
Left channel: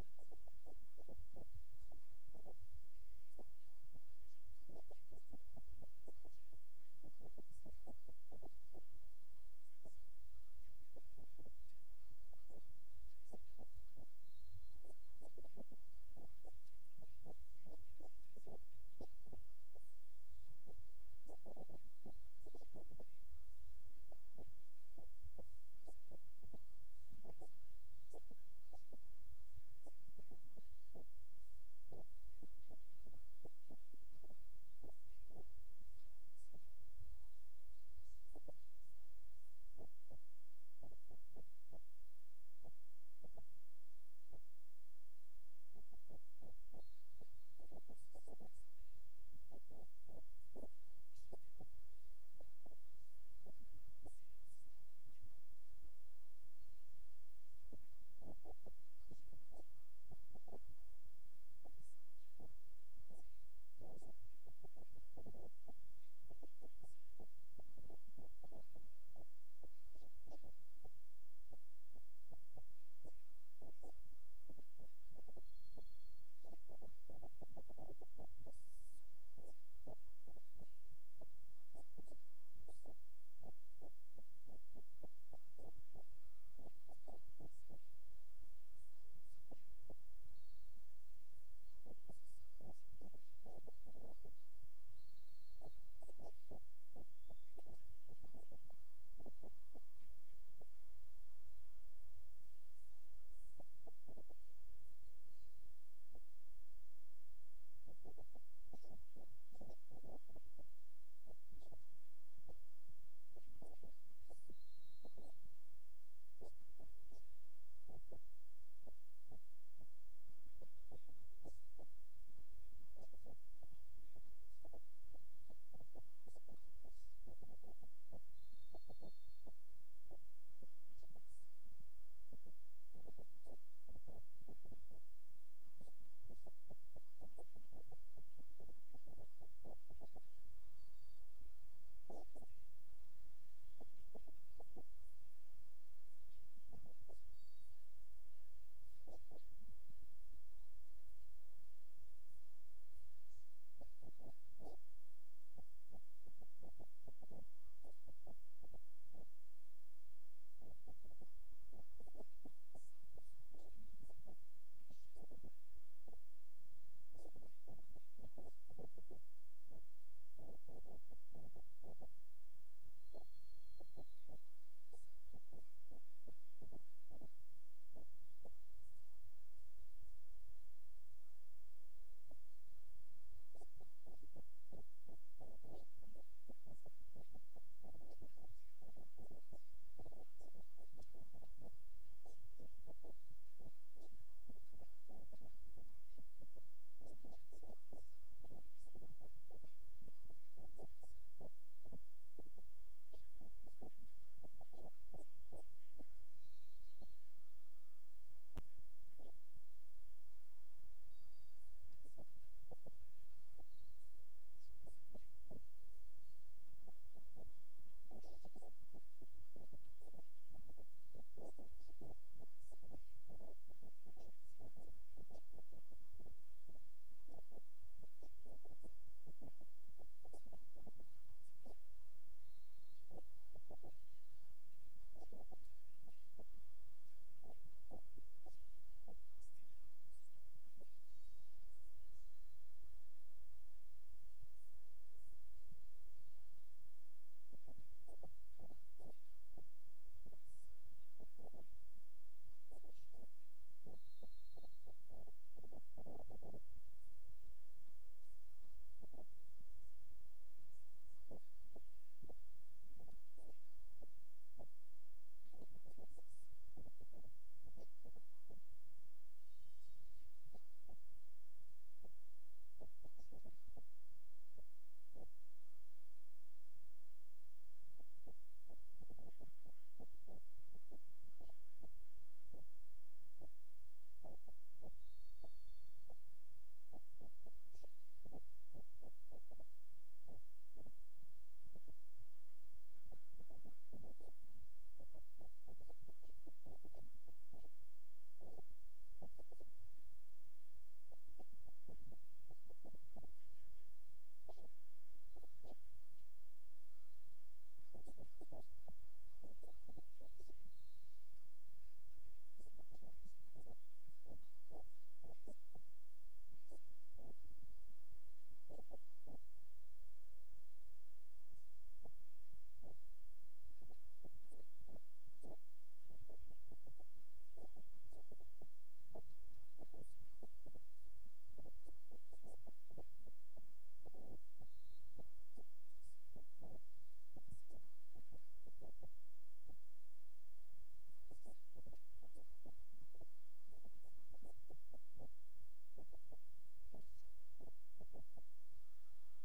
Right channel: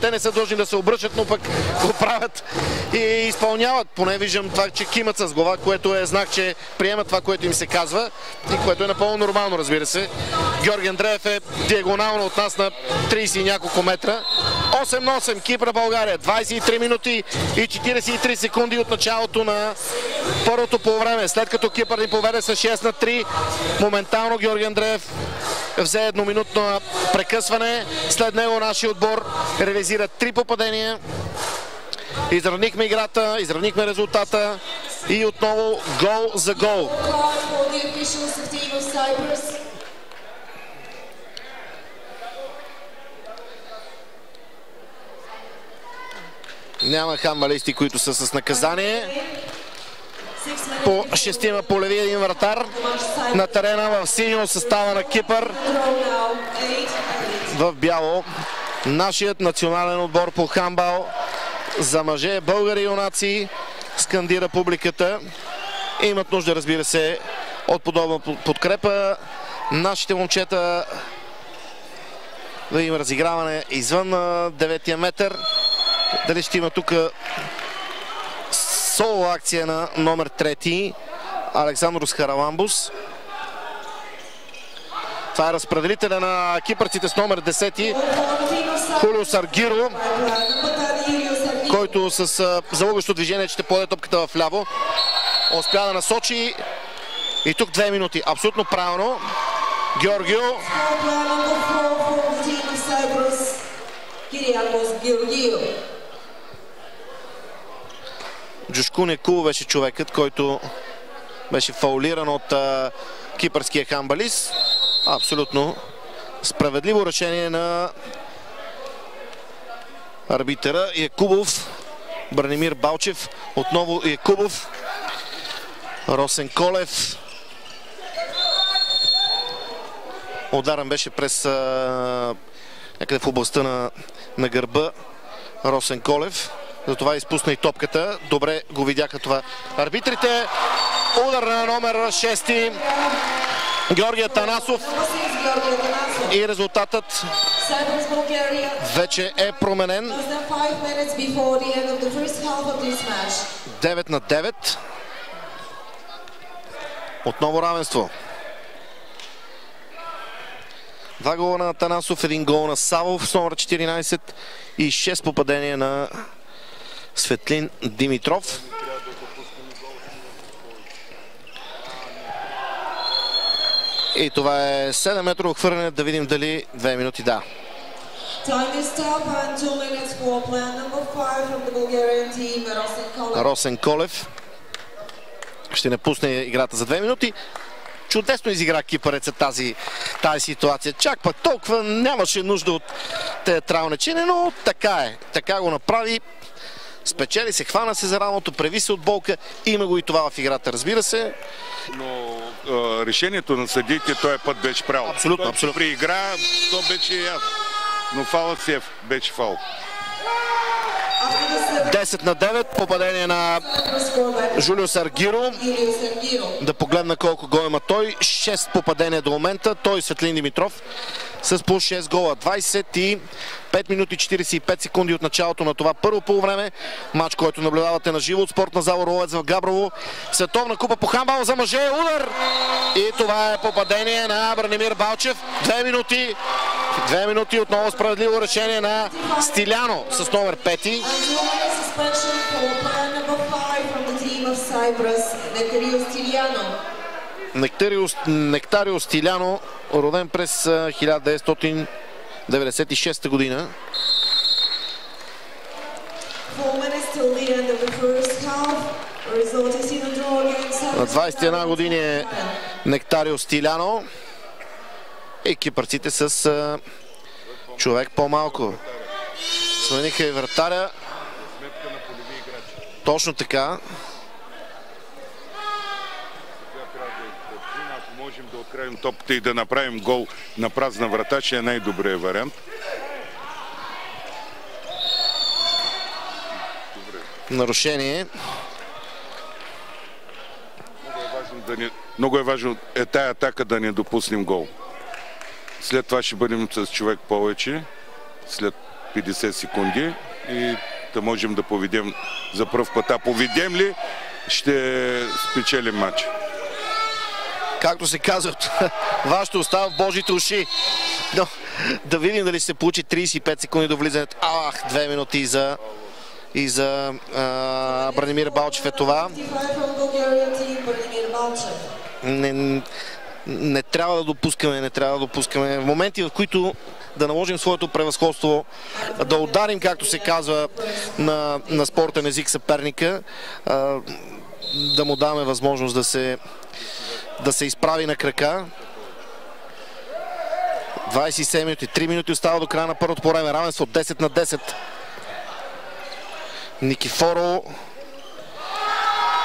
те не са длъжни да се обръщат, но пък го правят и изпълняват. Поне виждам това, че кимат с глава, което е знак, че приемат това, което им се казва и което е напълно нормално, разбира се. Георги Андреев е диагонално от нас на 30 и няколко метра. 8-8, Кипър България, 23 минути и 43 секунди от началото на първото полувреме. След като Кипър ни поведе с 6-3, моментално Георги Андреев взе едноминутно прекъсване. След него нашия отбор реализира 3 попадения. Изравнихме играта, изравнихме резултата и отново гол за гол. Няма хандбалисти, които са с наказание. По 6 по леви, един вратар на терена в синьо състава на Кипър. В бяло нашият национален отбор по хандбал за мъже, българи юнаци, скандира публиката. Имат нужда, разбира се, от подобна подкрепа. Нашите момчета да има разиграване извън 9-я метър. Дали ще има тук соло акция на номер 3 Александрос Хараламбус. Това е разпределителя на кипърците с номер 10 Хулио Саргиро, който с залъгващо движение ще подаде топката в ляво. Успя да насочи и тук 2 минути. Абсолютно правилно. Георгио. Джушко Некул беше човекът, който беше фаулиран от кипърския хандбалист. Абсолютно справедливо решение на арбитъра Якубов. Бранимир Балчев, отново Якубов. Росен Колев. Ударен беше през някъде в областта на гърба Росен Колев. Затова изпусна и топката. Добре го видяха това арбитрите. Удар на номер 6 Георги Атанасов. И резултатът вече е променен. 9-9. Отново равенство. 2 гола на Атанасов, 1 гол на Савов с номер 14 и 6 попадения на Светлин Димитров. И това е 7-метрово хвърляне. Да видим дали 2 минути да. Росен Колев ще напусне играта за 2 минути. Чудесно изигра кипъреца тази ситуация. Чак пък толкова нямаше нужда от театралничене, но така е. Така го направи. Спечели се, хвана се за рамото, преви се от болка. Има го и това в играта, разбира се. Но решението на съдиите този път беше право. Абсолютно, абсолютно. При игра то беше ясно. Но фаулът си беше фаул. 10-9, попадение на Жулио Саргиро. Да погледна колко гол има той. 6 попадения до момента. Той Светлин Димитров с по 6 гола. 25 минути 45 секунди от началото на това първо полувреме. Матч, който наблюдавате на живо от спортна зала Ролец в Габрово. Световна купа по хандбал за мъже. Удар! И това е попадение на Бранимир Балчев. 2 минути. 2 минути отново справедливо решение на Стиляно с номер 5. Нектарио Стиляно, роден през 1996 година. На 21 години е Нектарио Стиляно. И кипърците с човек по-малко. Смениха и вратаря. Точно така. Ако можем да открием топката и да направим гол на празна врата, ще е най-добрият вариант. Нарушение. Много е важно тая атака да не допуснем гол. След това ще бъдем с човек повече, след 50 секунди и да можем да поведем за пръв път. А поведем ли, ще спечелим матч. Както се казва, вашето остава в Божите уши. Но да видим дали ще се получи 35 секунди до влизането. 2 минути и за Бранимир Балчев е това. Не трябва да допускаме. В моменти, в които да наложим своето превъзходство, да ударим, както се казва на спортен език, съперника, да му даваме възможност да се изправи на крака. 27 минути, 3 минути остава до края на първото по време. Равенство 10-10. Никифоро.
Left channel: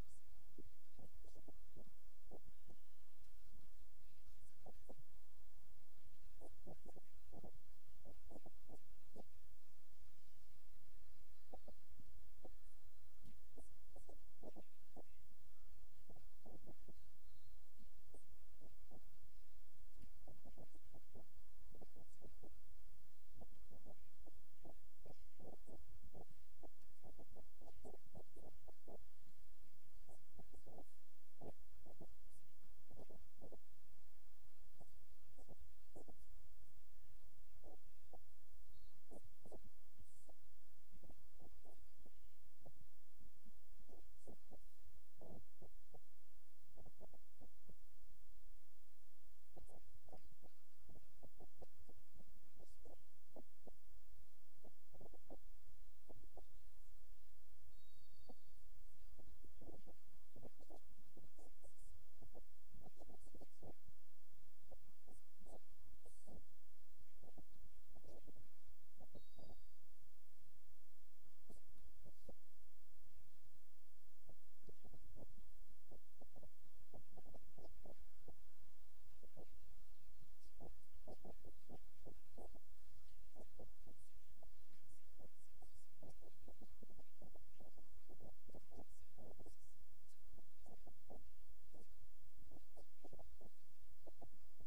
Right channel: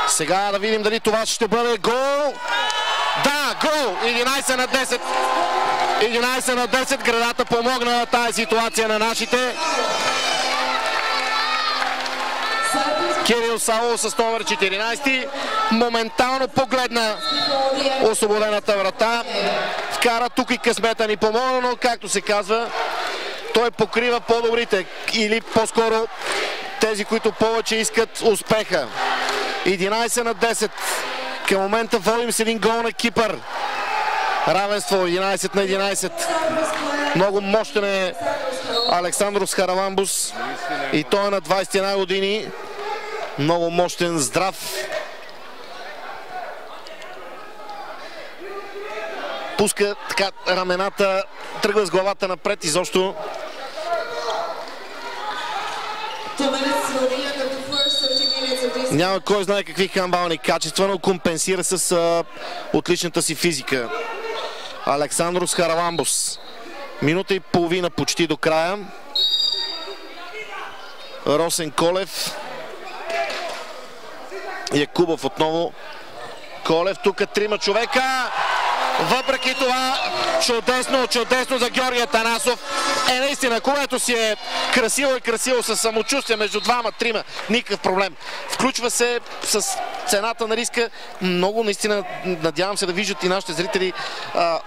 Сега да видим дали това ще бъде гол. Да, гол! 11-10. 11-10. Градата помогна на тази ситуация на нашите. Кирил Савов с номер 14 моментално погледна освободената врата. Вкара тук и късмета ни помогна, но както се казва, той покрива по-добрите или по-скоро тези, които повече искат успеха. 11-10. Към момента водим с един гол на Кипър. Равенство 11-11. Много мощен е Александрос Хараламбус. И той е на 21 години. Много мощен, здрав. Пуска така рамената, тръгва с главата напред изобщо. Няма кой знае какви хандбални качества, но компенсира с отличната си физика. Александрос Хараламбус. Минута и половина почти до края. Росен Колев. Якубов отново. Колев, тук 3 човека. Въпреки това, чудесно за Георги Атанасов. Наистина, когато си е красиво със самочувствие между 2-3, никакъв проблем. Включва се с цената на риска. Много, наистина, надявам се да виждат и нашите зрители,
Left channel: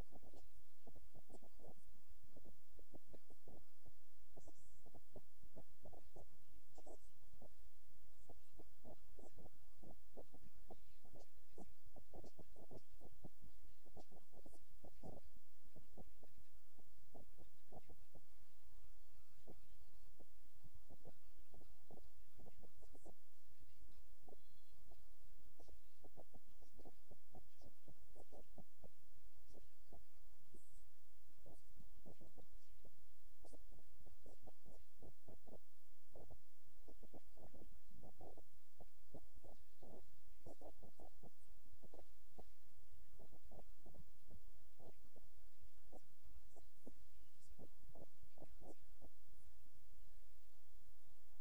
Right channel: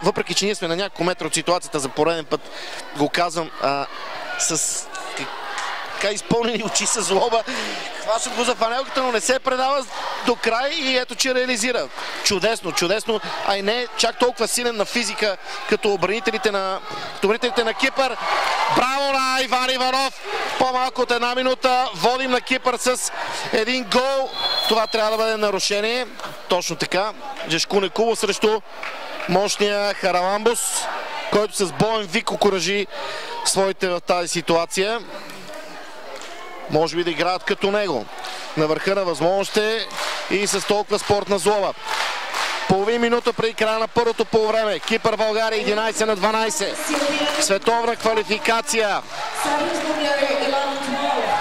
въпреки че ние сме на няколко метра от ситуацията, за пореден път го казвам, с така изпълнени очи с злоба. Хващат го за фанелката, но не се предава до край и ето, че реализира. Чудесно, а и не чак толкова силен на физика, като обранителите на Кипър. Браво на Иван Иванов! По-малко от 1 минута водим на Кипър с един гол. Това трябва да бъде нарушение. Точно така. Жешко Некулов срещу мощния Хараламбус, който с боен вик окуражи своите в тази ситуация. Може би да играят като него. На върха на възможностите и с толкова спортна злоба. Половин минута преди края на първото полувреме. Кипър България 11-12. Световна квалификация.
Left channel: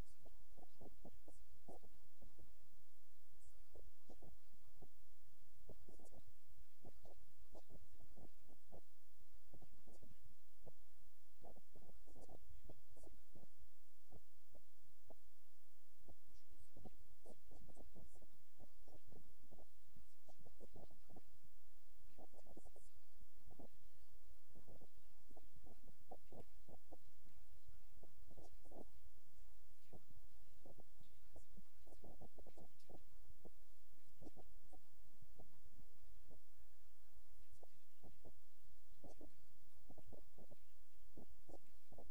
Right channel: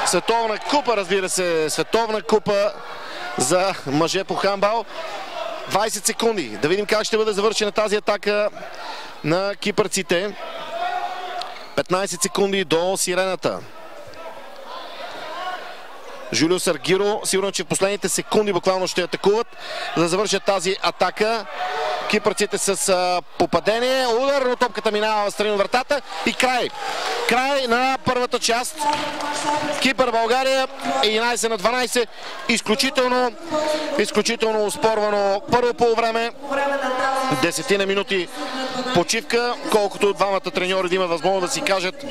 Световна купа, разбира се. Световна купа за мъже по хандбал. 20 секунди. Да видим как ще бъде завършена тази атака на кипърците. 15 секунди до сирената. Жулио Саргиро, сигурно, че в последните секунди буквално ще атакуват, за да завършат тази атака. Кипърците с попадение, удар, но топката минава в страни от вратата и край. Край на първата част. Кипър България 11-12. Изключително оспорвано първо полувреме. 10 минути почивка, колкото двамата треньори да имат възможност да си кажат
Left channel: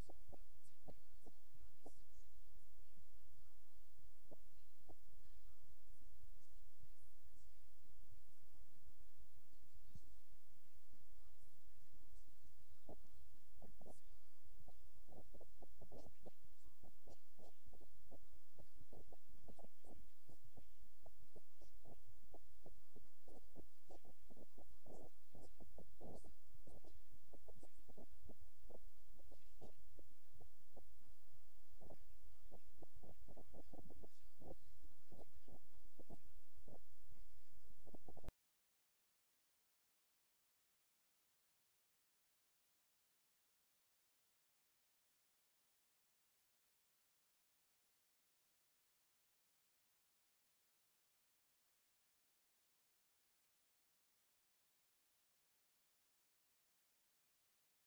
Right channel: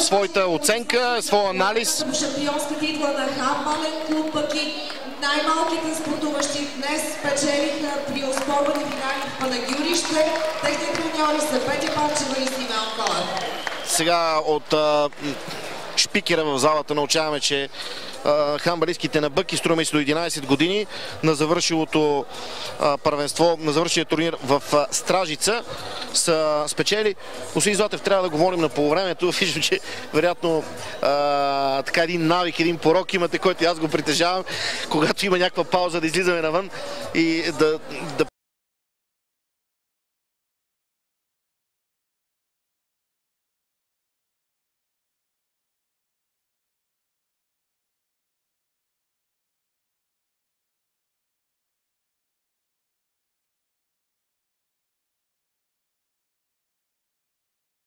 своята оценка, своя анализ. Шампионска титла на хандбален клуб Пъки. Най-малките спортуващи днес спечелиха при оспорвани финали в Панагюрище. Техните треньори са Петя Панчева и Симеон Колев. Сега от шпикера в залата научаваме, че хандбалистките на Бъки, струва се до 11 години, на завършилото първенство, на завършилия турнир в Стражица са спечели. Господин Златев, трябва да говорим на полувремето. Виждам, че вероятно така един навик, един порок имате, който аз го притежавам, когато има някаква пауза да излизаме навън и да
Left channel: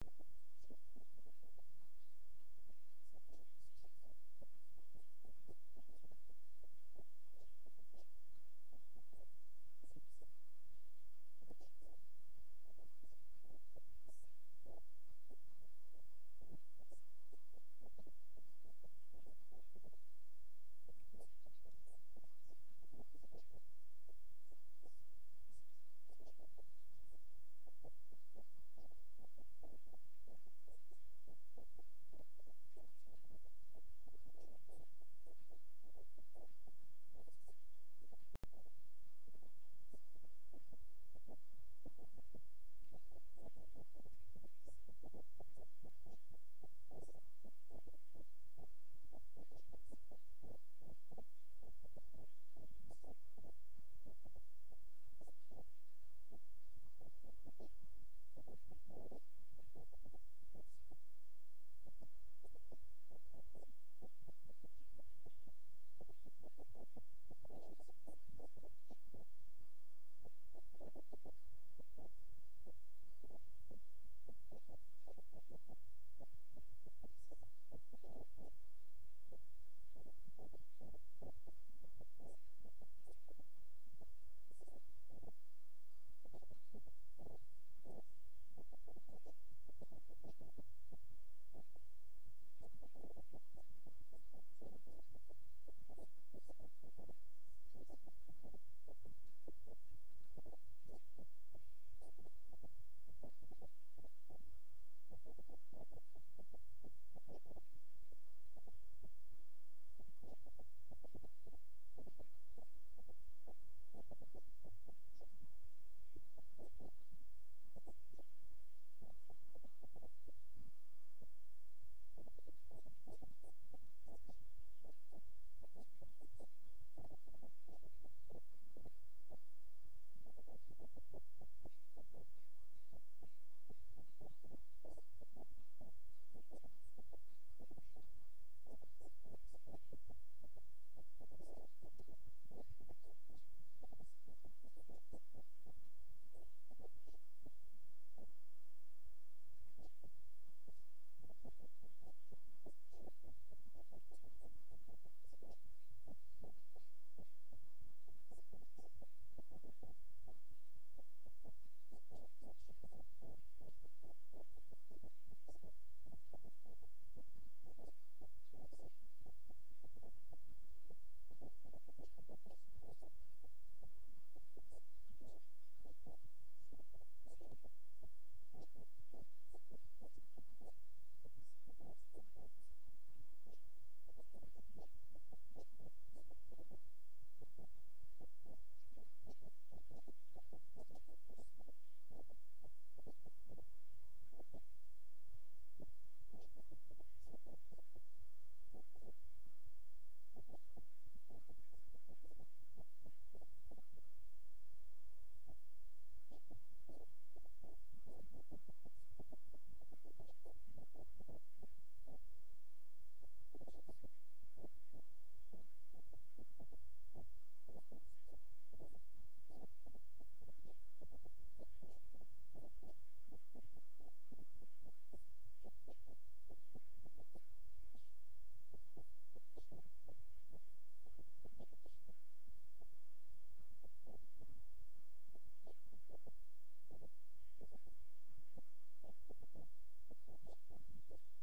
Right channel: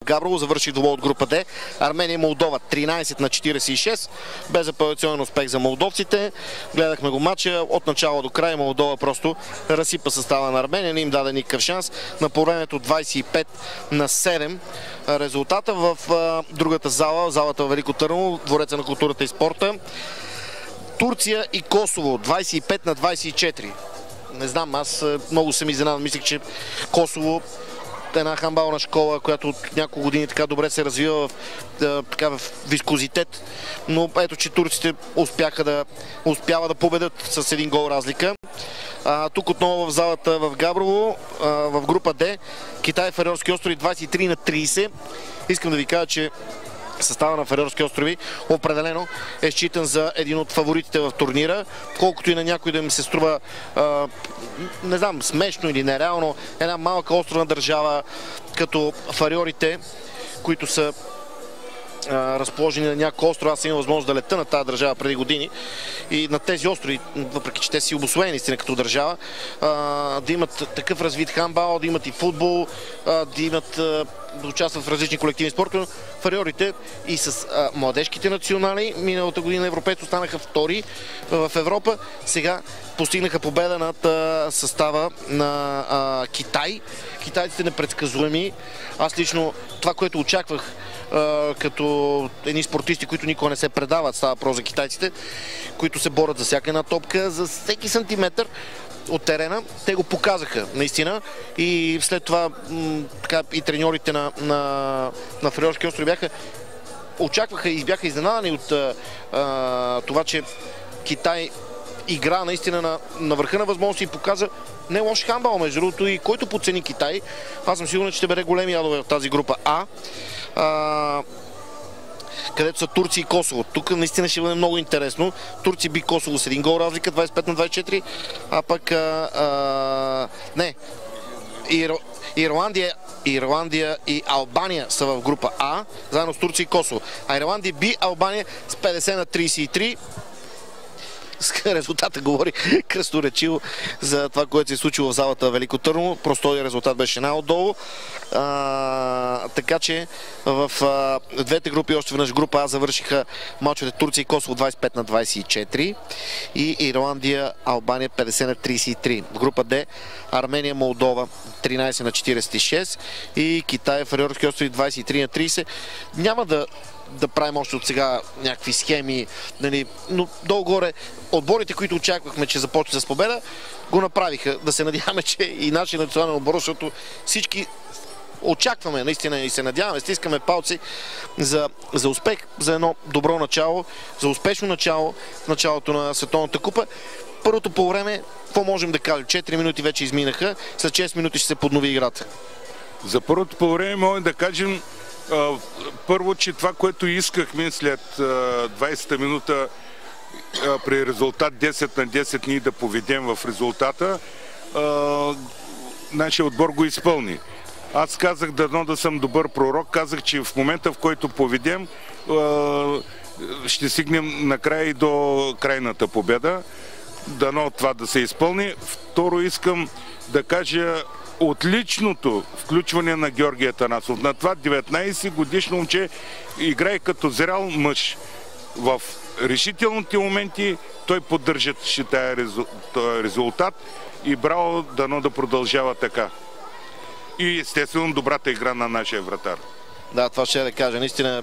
Габрово завърши добро от група Д. Армения и Молдова 13-46. Безапелационен успех за молдовците. Гледахме го матча от начало до край. Молдова просто разсипа състава на Армения. Не им даде никакъв шанс. На полувремето 25-7. Резултата в другата зала, залата в Велико Търново, Двореца на културата и спорта. Турция и Косово 25-24. Не знам, аз много съм изненадан. Мислих, че Косово една хандбална школа, която от няколко години така добре се развива в вискозитет, но ето, че турците успява да победят с един гол разлика. Тук отново в залата в Габрово, в група Д, Китай, Фарерски острови 23-30. Искам да ви кажа, че състава на Фарерски острови определено е считан за един от фаворитите в турнира, колкото и на някой да ми се струва не знам, смешно или нереално, една малка островна държава като Фарерите, които са разположени на няколко острова. Аз съм имал възможност да лета на тази държава преди години и на тези острови, въпреки че те си обосвоени наистина като държава, да имат такъв развит хандбал, да имат и футбол, да участват в различни колективни спортове. Фарерите и с младежките национали миналата година европейци останаха втори в Европа. Сега постигнаха победа над състава на Китай. Китайците непредсказуеми. Аз лично това, което очаквах като едни спортисти, които никога не се предават, става про за китайците, които се борят за всяка една топка, за всеки сантиметър от терена. Те го показаха наистина и след това и треньорите на Фарерски острови очакваха и бяха изненадани от това, че Китай игра наистина на върха на възможности и показа не лош хандбал, между другото, и който подцени Китай. Аз съм сигурен, че ще бъде големи ядове в тази група А. Където са Турция и Косово. Тук наистина ще бъде много интересно. Турция би Косово с един гол разлика, 25-24, а пък Ирландия и Албания са в група А, заедно с Турция и Косово. А Ирландия би Албания с 50-33. Резултатът говори кръсторечиво за това, което се е случило в залата в Велико Търново. Простой резултат беше най-отдолу. Така че в двете групи, още веднъж група А, завършиха мачовете Турция и Косово 25-24 и Ирландия, Албания 50-33. В група Д Армения, Молдова 13-46 и Китай, Фарерски острови 23-30. Няма да правим още от сега някакви схеми, нали, но долу-горе отборите, които очаквахме, че започне с победа, го направиха. Да се надяваме, че и нашия национален отбор, защото всички очакваме наистина и се надяваме, стискаме палци за успех, за едно добро начало, за успешно начало в началото на Световната купа. Първото по време, какво можем да кажем? 4 минути вече изминаха, след 6 минути ще се поднови играта. За първото по време можем да кажем първо, че това, което искахме след 20-та минута при резултат 10-10 ние да поведем в резултата, нашия отбор го изпълни. Аз казах дано да съм добър пророк, казах, че в момента, в който поведем, ще стигнем накрая и до крайната победа. Дано това да се изпълни. Второ, искам да кажа отличното включване на Георги Атанасов. На това 19 годишно момче играе като зрял мъж. в решителните моменти той поддържа този резултат и браво, дано да продължава така. И естествено добрата игра на нашия вратар. Да, това ще да кажа. Наистина,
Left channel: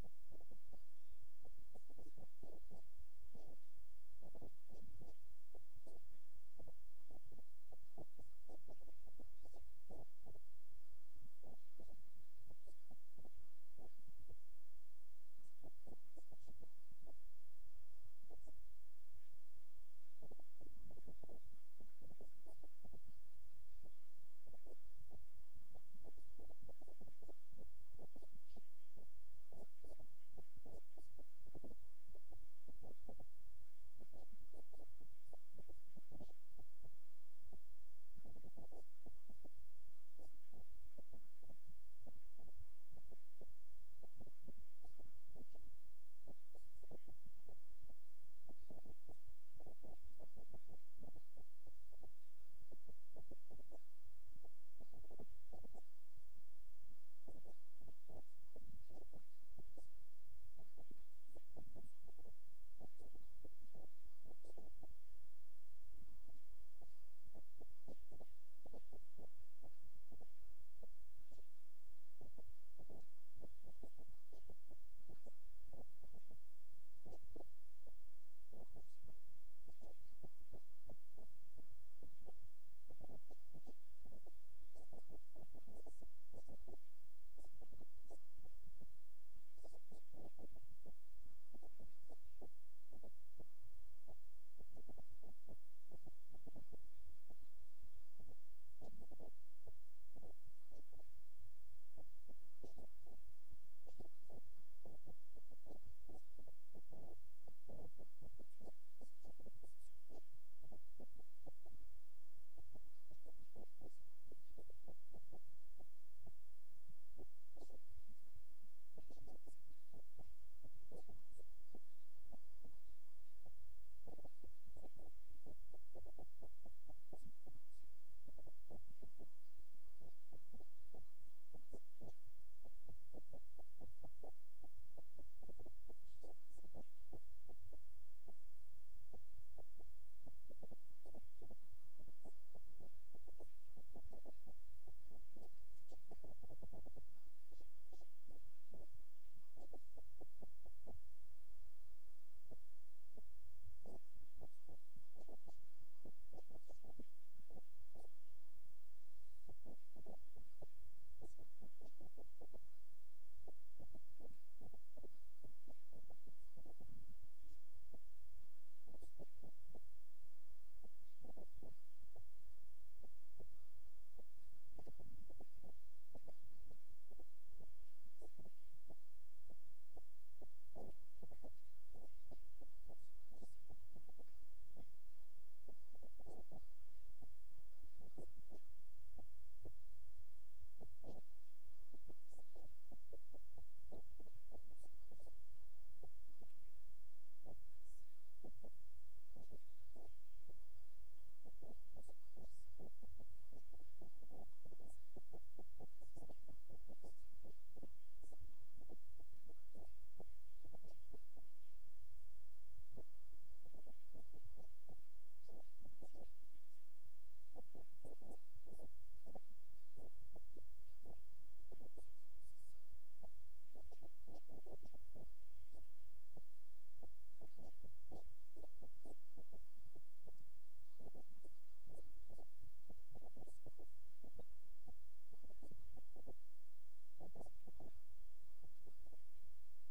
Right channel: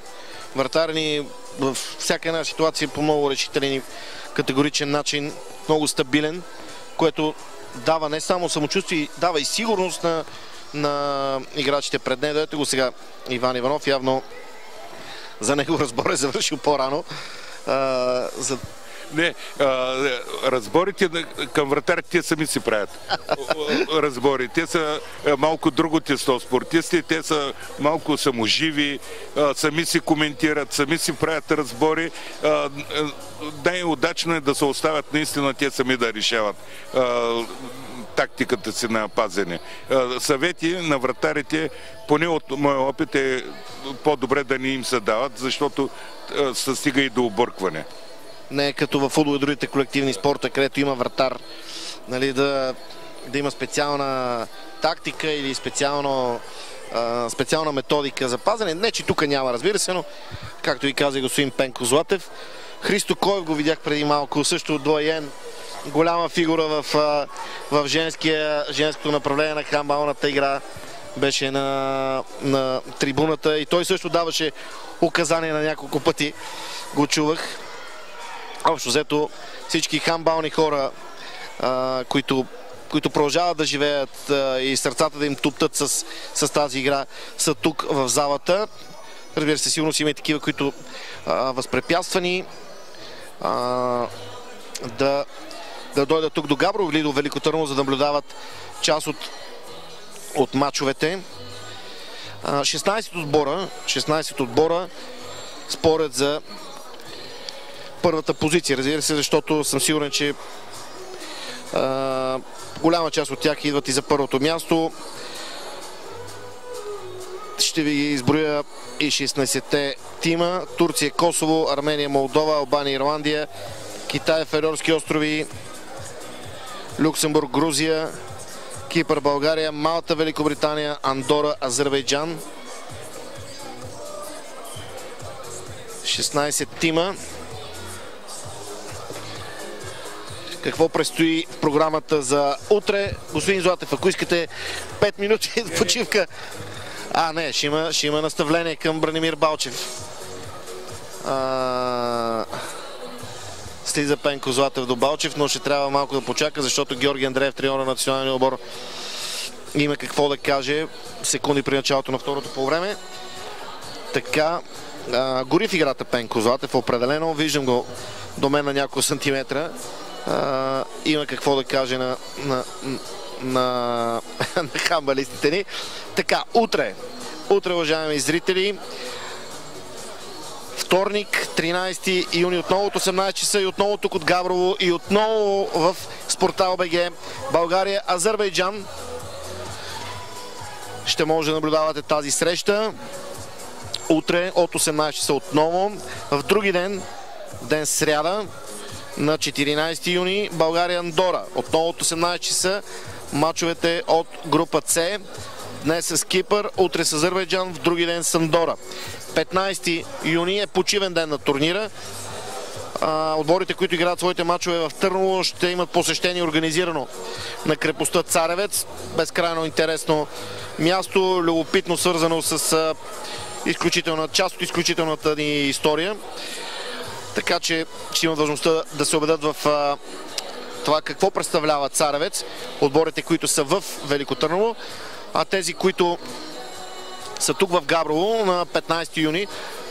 вратар ни във всяка една ситуация по много решителен и категоричен начин, много стабилен, което дава не само самочувствие, дава и сигурност на играчите пред него. Ето го сега Иван Иванов, явно за него разбор е завършил по-рано. Не, разборите към вратарите те сами си правят. Разбори. Те са малко друго тесто спортисти, те са малко саможиви, сами си коментират, сами си правят разбори. Най-удачно е да се оставят наистина те сами да решават тактиката си на пазене. Съвети на вратарите, поне от моя опит, е по-добре да не им се дават, защото се стига и до объркване. Не е като във футбол и другите колективни спорта, където има вратар, нали, да има специална тактика или специална методика за пазене. Не, че тук няма, разбира се, но както ви каза и господин Пенко Златев. Христо Коев го видях преди малко, също доайен, голяма фигура в женското направление на хандбалната игра. Беше на трибуната и той също даваше указания на няколко пъти. Го чувах. Общо взето всички хандбални хора, които продължават да живеят и сърцата да им туптат с тази игра, са тук в залата. Разбира се, сигурно си има и такива, които възпрепятствани да дойдат тук до Габрово или до Велико Търново, за да наблюдават част от матчовете. 16 отбора спорят за първата позиция. Разбира се, защото съм сигурен, че голяма част от тях идват и за първото място. Ще ви изброя и 16-те тима. Турция, Косово, Армения, Молдова, Албания, Ирландия, Китай, Феройски острови, Люксембург, Грузия, Кипър, България, Малта, Великобритания, Андора, Азербайджан. 16 тима. Какво предстои в програмата за утре? Господин Златев, ако искате 5 минути почивка. Не, ще има наставление към Бранимир Балчев. Слиза Пенко Златев до Балчев, но ще трябва малко да почака, защото Георги Андреев, треньор на националния отбор, има какво да каже секунди при началото на второто полувреме. Така, гори в играта Пенко Златев, определено. Виждам го до мен на няколко сантиметра. Има какво да каже на хандбалистите ни. Така, утре, уважаеми зрители, вторник, 13 юни, отново от 18 часа и отново тук от Габрово и отново в Спортал БГ, България, Азербайджан. Ще може да наблюдавате тази среща. Утре от 18 часа отново. В други ден сряда, на 14 юни, България, Андора. Отново от 18 часа мачовете от група С. Днес с Кипър, утре с Азербайджан, в други ден с Андора. 15 юни е почивен ден на турнира. Отборите, които играят своите мачове в Търново, ще имат посещение организирано на крепостта Царевец. Безкрайно интересно място, любопитно свързано с част от изключителната ни история. Така че ще имат възможността да се убедят в това какво представлява Царевец, отборите, които са в Велико Търново, а тези, които са тук в Габрово на 15 юни,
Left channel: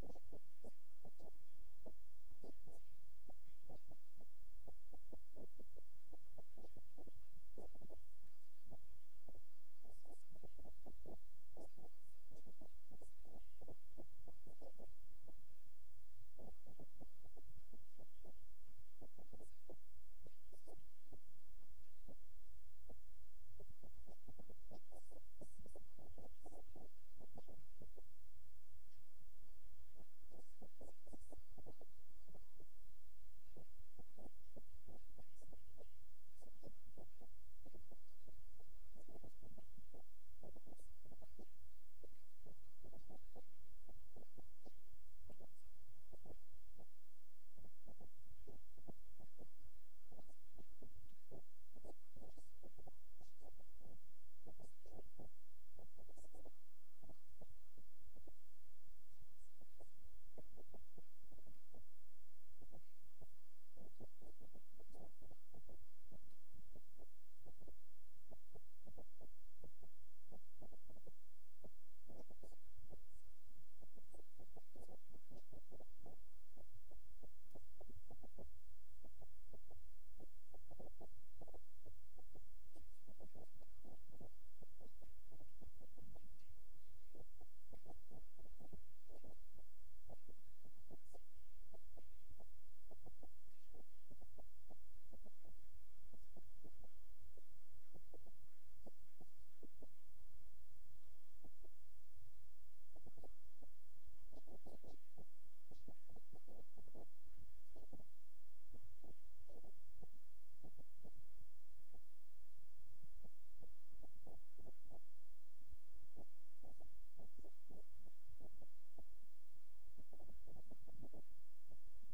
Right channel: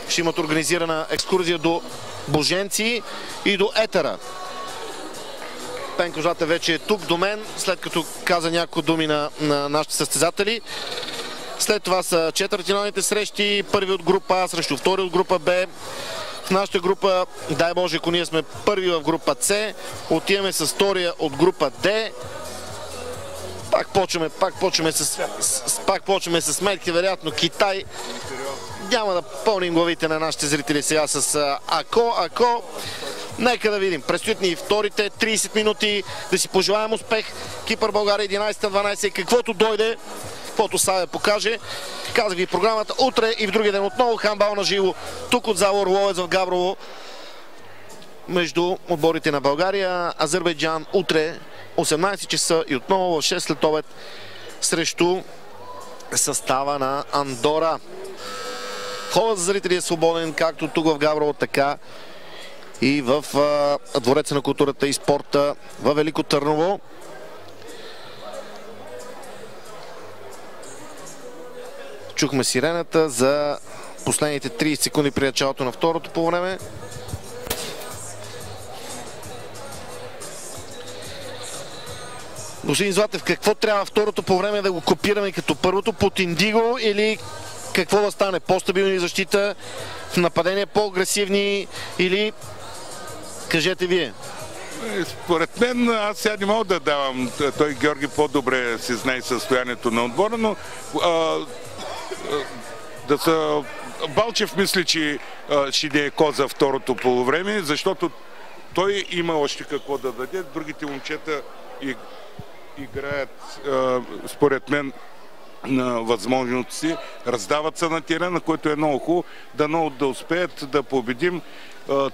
ще имат организирана екскурзия до Боженци и до Етера. Пенко Златев вече е тук до мен, след като каза няколко думи на нашите състезатели. След това са четвъртфиналните срещи, първи от група А срещу втори от група Б. В нашата група, дай Боже, ако ние сме първи в група С, отиваме с втория от група Д. Пак почваме с сметки, вероятно Китай. Няма да пълним главите на нашите зрители сега с ако. Нека да видим. Предстоят ни вторите 30 минути. Да си пожелаем успех. Кипър, България 11-12. Каквото дойде, каквото Саве покаже. Казах ви програмата утре и в другия ден отново хандбал на живо. Тук от зала Орловец в Габрово. между отборите на България. Азербайджан утре 18 часа и отново в 6 след обед срещу състава на Андора. Входът за зрители е свободен, както тук в Габрово, така и в Двореца на културата и спорта във Велико Търново. Чухме сирената за последните 30 секунди при началото на второто по време. Господин Златев, какво трябва второто по време да го копираме като първото? Под Индиго или какво да стане? По-стабилни защита в нападение, по-агресивни или кажете вие? Според мен, аз сега не мога да давам. Той Георги по-добре си знае състоянието на отбора, но Балчев мисли, че ще не е коза второто полувреме, защото той има още какво да даде. Другите момчета играят, според мен, на възможности, раздават се на терена, което е много хубаво, да успеят да победим.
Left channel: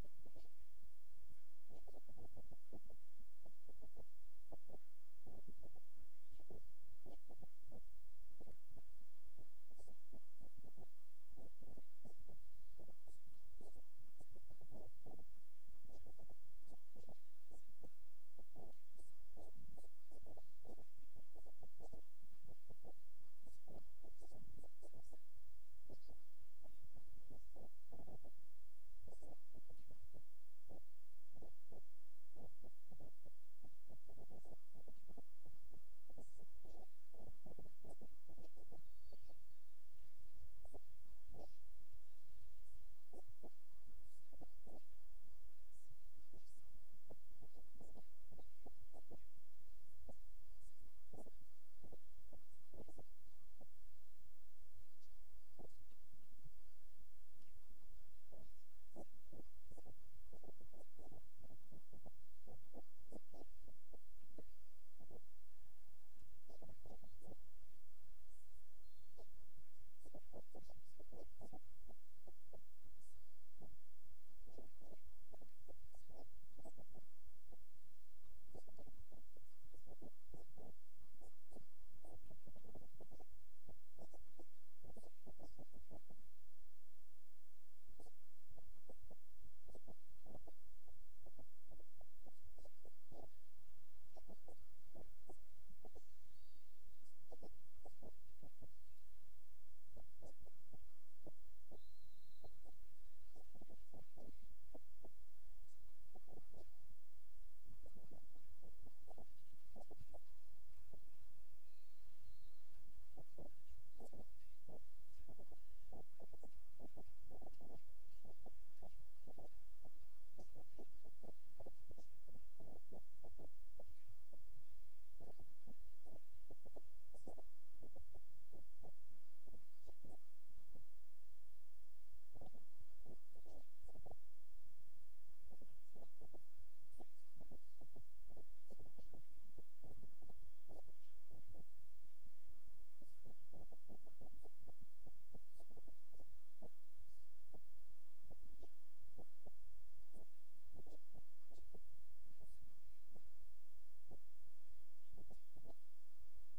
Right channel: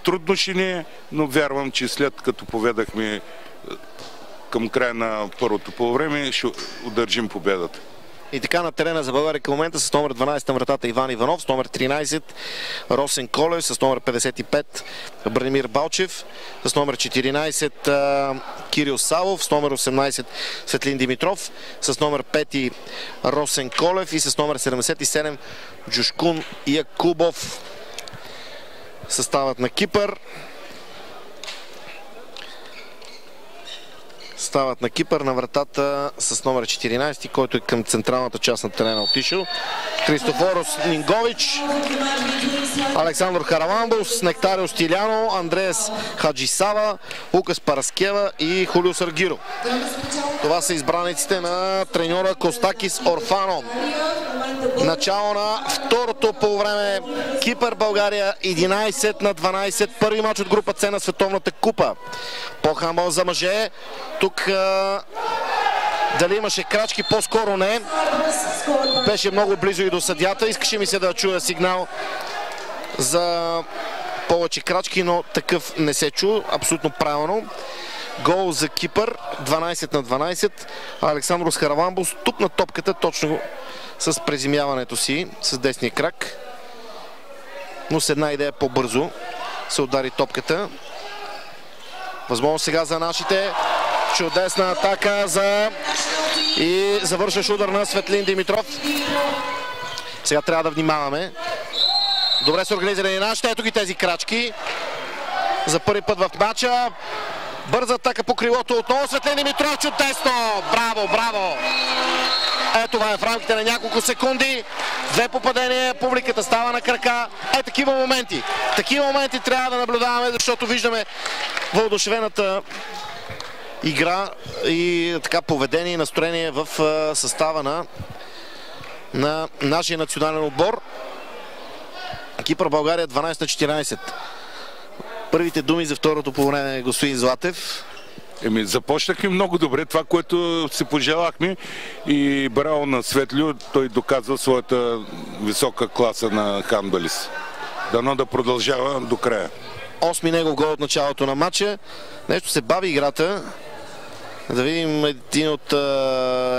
Трудно ще не е, но вярвам, че след като поведахме към края на първото полувреме, ще удържим победата. И така на терена за България към момента с номер 12 на вратата Иван Иванов, с номер 13 Росен Колев, с номер 55 Бранимир Балчев, с номер 14 Кирил Савов, с номер 18 Светлин Димитров, с номер 5 Росен Колев и с номер 77 Джушкун Якубов. Съставът на Кипър. Стават на Кипър на вратата с номер 14, който е към централната част на терена отишъл. Христофорос Нингович, Александър Хараламбус, Нектарио Стиляно, Андреас Хаджисава, Лукас Параскева и Хулио Саргиро. Това са избраниците на треньора Костакис Орфано. Начало на второто полувреме. Кипър България 11-12. Първи мач от група С на Световната купа. По хандбал за мъже. Тук дали имаше крачки, по-скоро не. Беше много близо и до съдята. Искаше ми се да чуя сигнал за повече крачки, но такъв не се чу. Абсолютно правилно. Гол за Кипър. 12-12. Александрос Хараламбус тук на топката точно с преземяването си с десния крак. Но с една идея по-бързо се удари топката. Възможно сега за нашите. Чудесна атака и завършващ удар на Светлин Димитров. Сега трябва да внимаваме. Добре са организирани нашите. Ето ги тези крачки. За първи път в матча. Бърза атака по крилото. Отново Светлин Димитров. Чудесно! Браво, браво! Ето това е в рамките на няколко секунди. Две попадения. Публиката става на крака. Такива моменти. Такива моменти трябва да наблюдаваме, защото виждаме въодушевената игра и така поведение и настроение в състава на нашия национален отбор. Кипър България 12-14. Първите думи за второто по време, господин Златев. Започнахме много добре, това, което си пожелахме, и браво на Светлио, той доказва своята висока класа на хандбалист. Дано да продължава до края. 8 негов гол от началото на матча. Нещо се бави играта. Да видим един от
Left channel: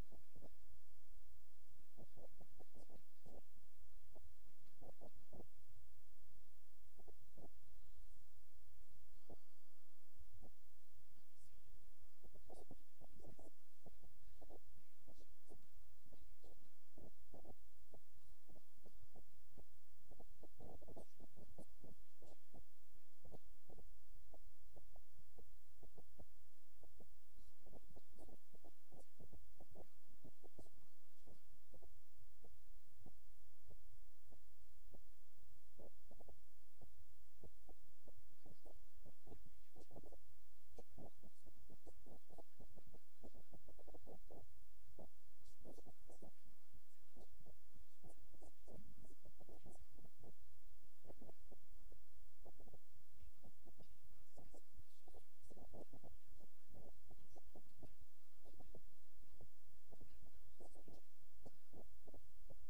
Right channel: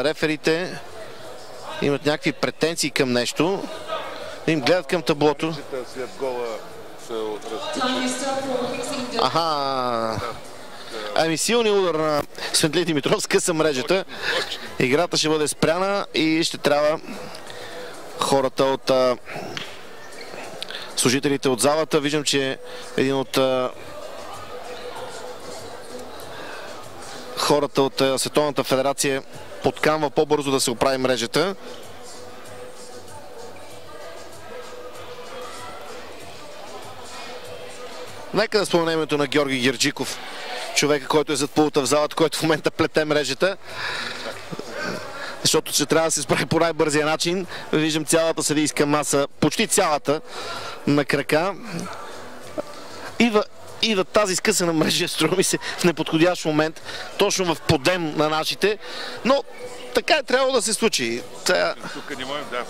реферите. Имат някакви претенции към нещо. Им гледат към таблото. След гола силни удар на Светлин Димитров, скъса мрежата. Играта ще бъде спряна и ще трябва хората от служителите от залата. Виждам, че един от хората от Световната федерация подканва по-бързо да се оправи мрежата. Нека да споменем името на Георги Герджиков, човека, който е зад пулта в залата, който в момента плете мрежата. Защото ще трябва да се справи по най-бързия начин. Виждам цялата съдийска маса, почти цялата, на крака. Идва тази скъсана мрежа, струва ми се, в неподходящ момент, точно в подем на нашите. Но така е трябвало да се случи. Тук не можем, да.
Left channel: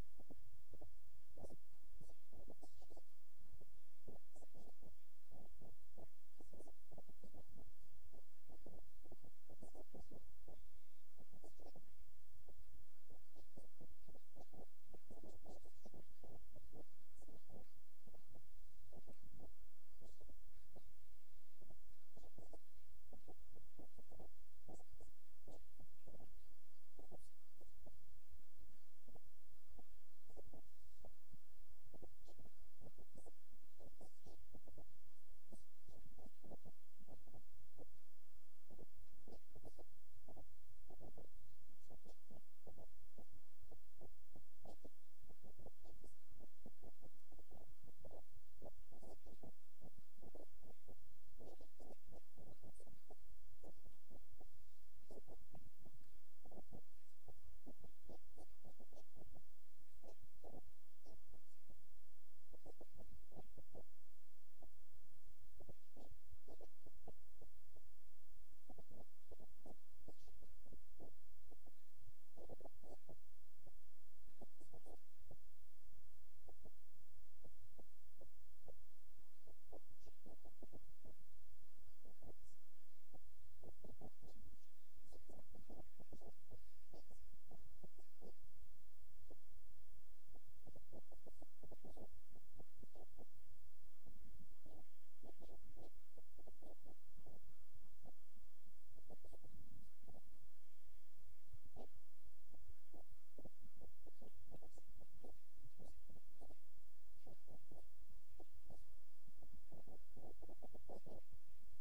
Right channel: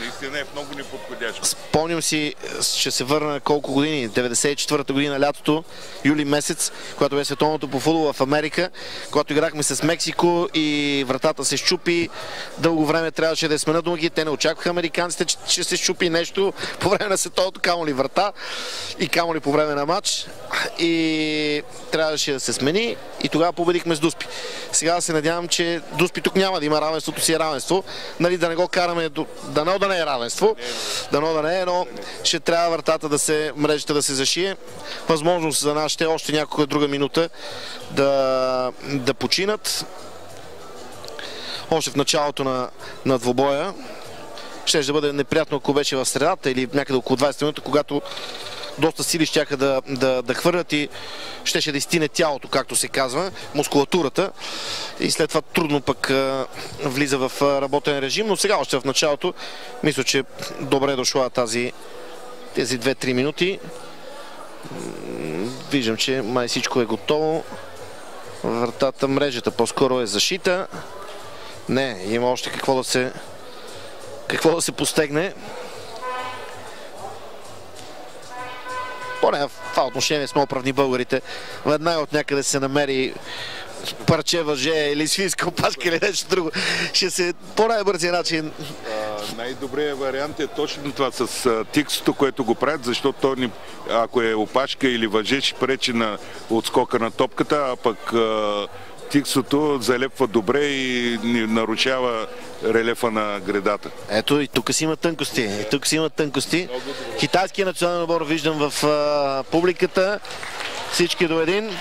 Наистина е в много неподходящо. Спомням си, ще се върна колко години, 94-та година, лятото, юли месец, когато бе световното по футбол в Америка, когато играхме с Мексико и вратата се счупи. Дълго време трябваше да я сменят ноги. Те не очакваха американците, че ще се счупи нещо по време на световното, камо ли врата и камо ли по време на матч. И трябваше да се смени и тогава победихме с Дуспи. Сега се надявам, че Дуспи тук няма да има равенството си е равенство. Нали, да не го караме, дано да не е равенство, дано да не е, но ще трябва вратата мрежата да се зашие. Възможност за нас ще е още някаква друга минута да починат. Още в началото на двобоя. Ще да бъде неприятно, ако беше в средата или някъде около 20 минути, когато доста сили щяха да хвърлят и щеше да изтине тялото, както се казва, мускулатурата. И след това трудно пък влиза в работен режим, но сега още в началото мисля, че добре е дошла тези 2-3 минути. Виждам, че май всичко е готово. Вратата, мрежата по-скоро е защита. Не, има още какво да се постегне. Поне в това отношение сме оправни българите. Веднага от някъде се намери парче въже или свинска опашка или нещо друго. Ще се по най-бързия начин. Най-добрият вариант е точно това с тиксото, което го правят, защото той, ако е опашка или въже, ще пречи на отскока на топката, а пък тиксото залепва добре и нарушава релефа на гредата. Ето и тук си има тънкости. Китайския национален отбор виждам в публиката. Всички до един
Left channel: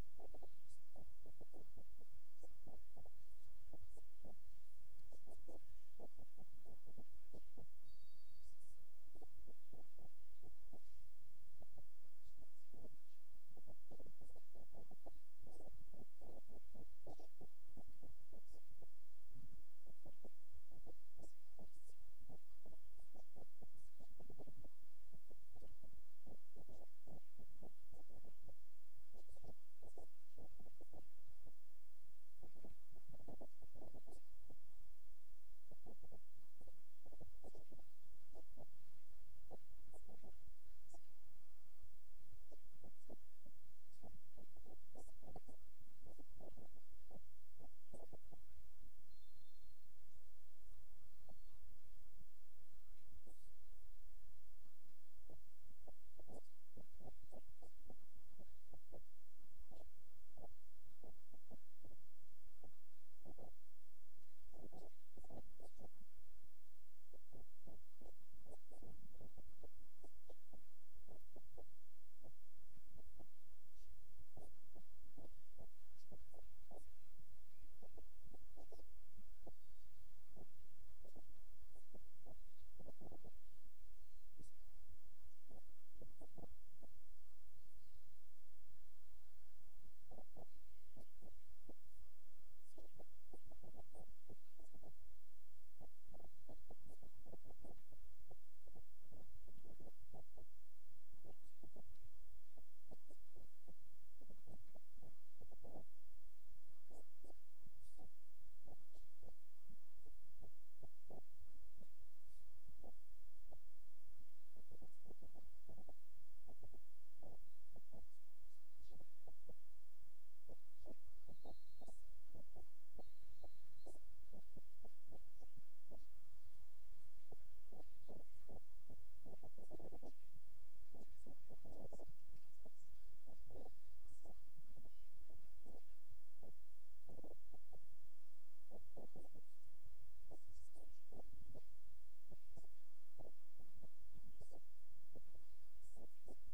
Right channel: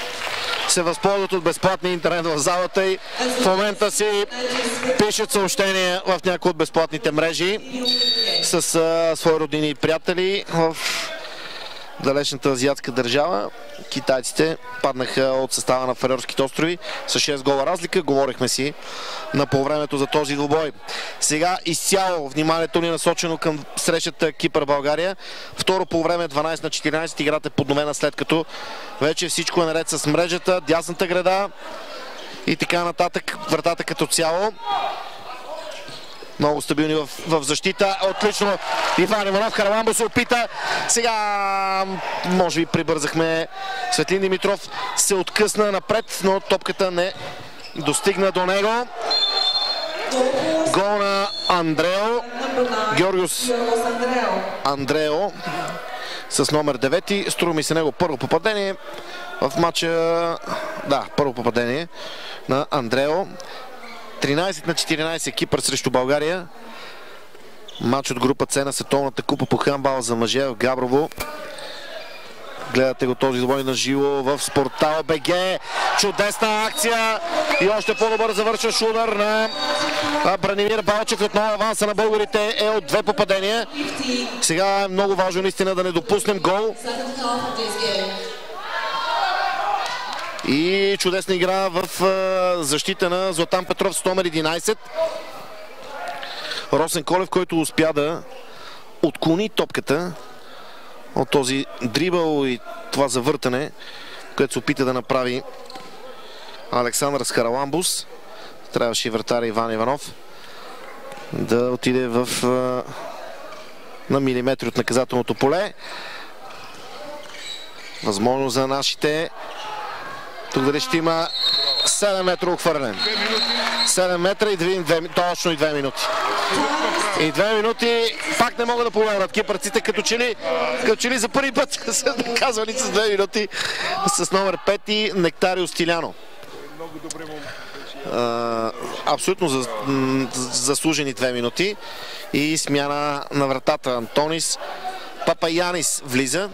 се възползват от безплатния интернет в залата и в момента си пишат съобщения в някои от безплатните мрежи с свои родини и приятели в далечната азиатска държава. Китайците паднаха от състава на Фарерските острови с 6 гола разлика. Говорихме си на полувремето за този двубой. Сега изцяло вниманието ни е насочено към срещата Кипър-България. Второ полувреме 12-14. Играта е подновена, след като вече всичко е наред с мрежата, дясната града и така нататък. Вратата като цяло. Много стабилни в защита. Отлично. Иван Иванов. Хараламбо се опита. Сега може би прибързахме. Светлин Димитров се откъсна напред, но топката не достигна до него. Гол на Андрео. Георгиос Андрео с номер 9. Струва ми се него първо попадение в матча. Да, първо попадение на Андрео. 13-14 Кипър срещу България. Матч от група С на Световната купа по хандбал за мъже в Габрово. Гледате го този двубой на живо в Спортал БГ. Чудесна акция и още по-добър завършващ удар на Бранимир Балчев. Отново аванса на българите е от 2 попадения. Сега е много важно наистина да не допуснем гол. И чудесна игра в защита на Златан Петров с номер 11. Росен Колев, който успя да отклони топката от този дрибъл и това завъртане, което се опита да направи Александър Хараламбус. Трябваше и вратаря Иван Иванов да отиде на милиметри от наказателното поле. Възможно за нашите. Тук дали ще има 7 метра отхвърлен. 7 метра и точно и 2 минути. И 2 минути пак не могат да повярват кипърците, като че ли за първи път са наказвани с 2 минути с номер 5 Нектарио Стиляно. Абсолютно заслужени 2 минути. И смяна на вратата. Антонис Папаянис влиза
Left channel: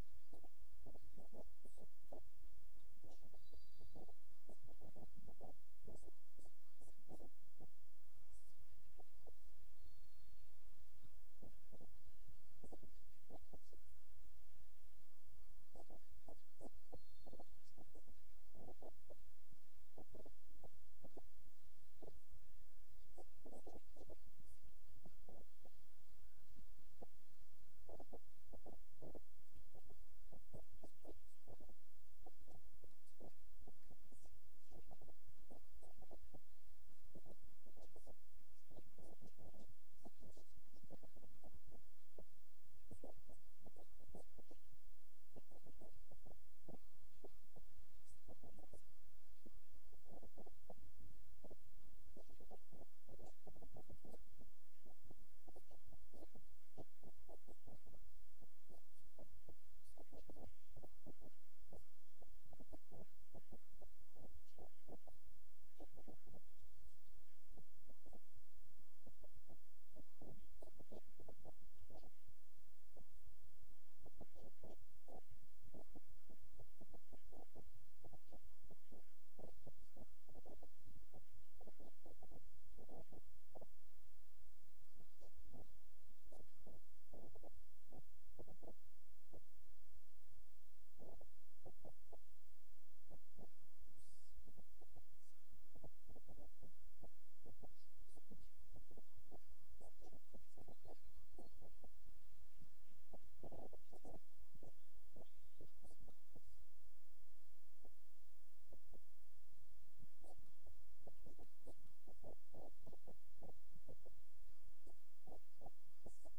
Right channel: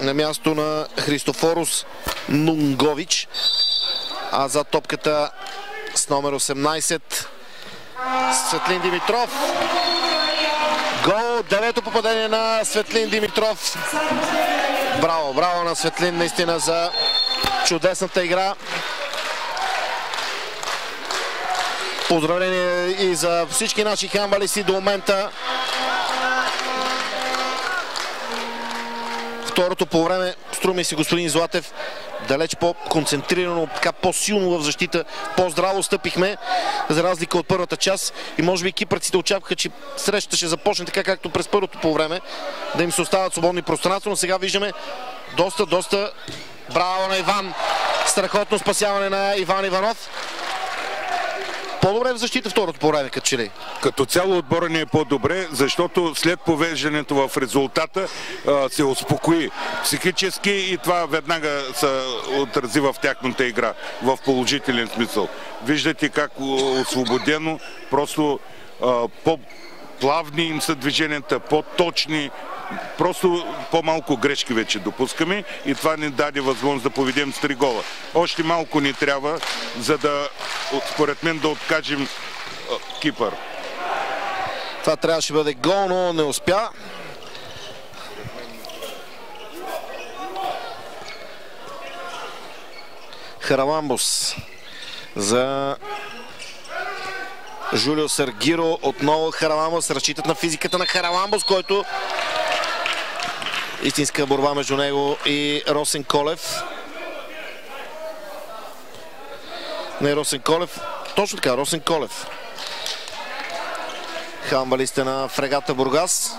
на място на Христофорус Нунгович, а за топката с номер 18 Светлин Димитров. Гол, 9-то попадение на Светлин Димитров. Браво на Светлин наистина за чудесната игра. Поздравление и за всички наши хандбалисти до момента. второто по време, струва ми се, господин Златев, далеч по-концентрирано, така по-силно в защита, по-здраво стъпихме, за разлика от първата част, и може би кипърците очакваха, че срещата ще започне така, както през първото по време, да им се остават свободни пространства, но сега виждаме доста браво на Иван, страхотно спасяване на Иван Иванов. По-добре в защита второто по време, като че ли? Като цяло отбора не е по-добре, защото след повеждането в резултата се успокои психически и това веднага се отрази в тяхната игра, в положителен смисъл. Виждате как освободено, просто по-плавни им са движенията, по-точни, просто по-малко грешки вече допускаме и това ни даде възможност да поведем с 3 гола. Още малко ни трябва, за да, според мен, да откажем Кипър. Това трябваше да бъде гол, но не успя. Хараламбос за Жулио Саргиро. Отново Хараламбос. Разчитат на физиката на Хараламбос, който истинска борба между него и Росен Колев. Не Росен Колев. Точно така, Росен Колев. Хамбалистите на Фрегата Бургас.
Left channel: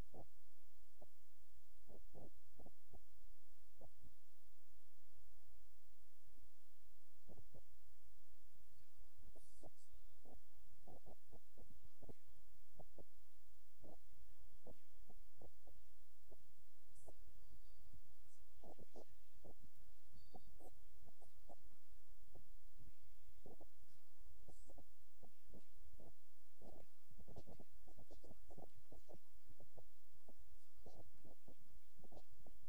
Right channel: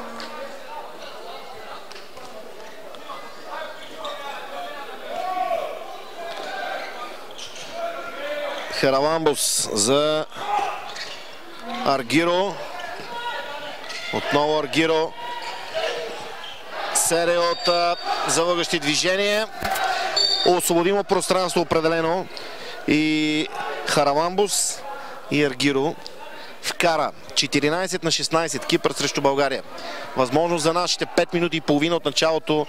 Хараламбос за Аргиро. Отново Аргиро. Серия от залъгащи движения. Освободимо пространство определено. И Хараламбос и Аргиро вкара 14 на 16 Кипър срещу България. Възможност за нашите 5 минути и половина от началото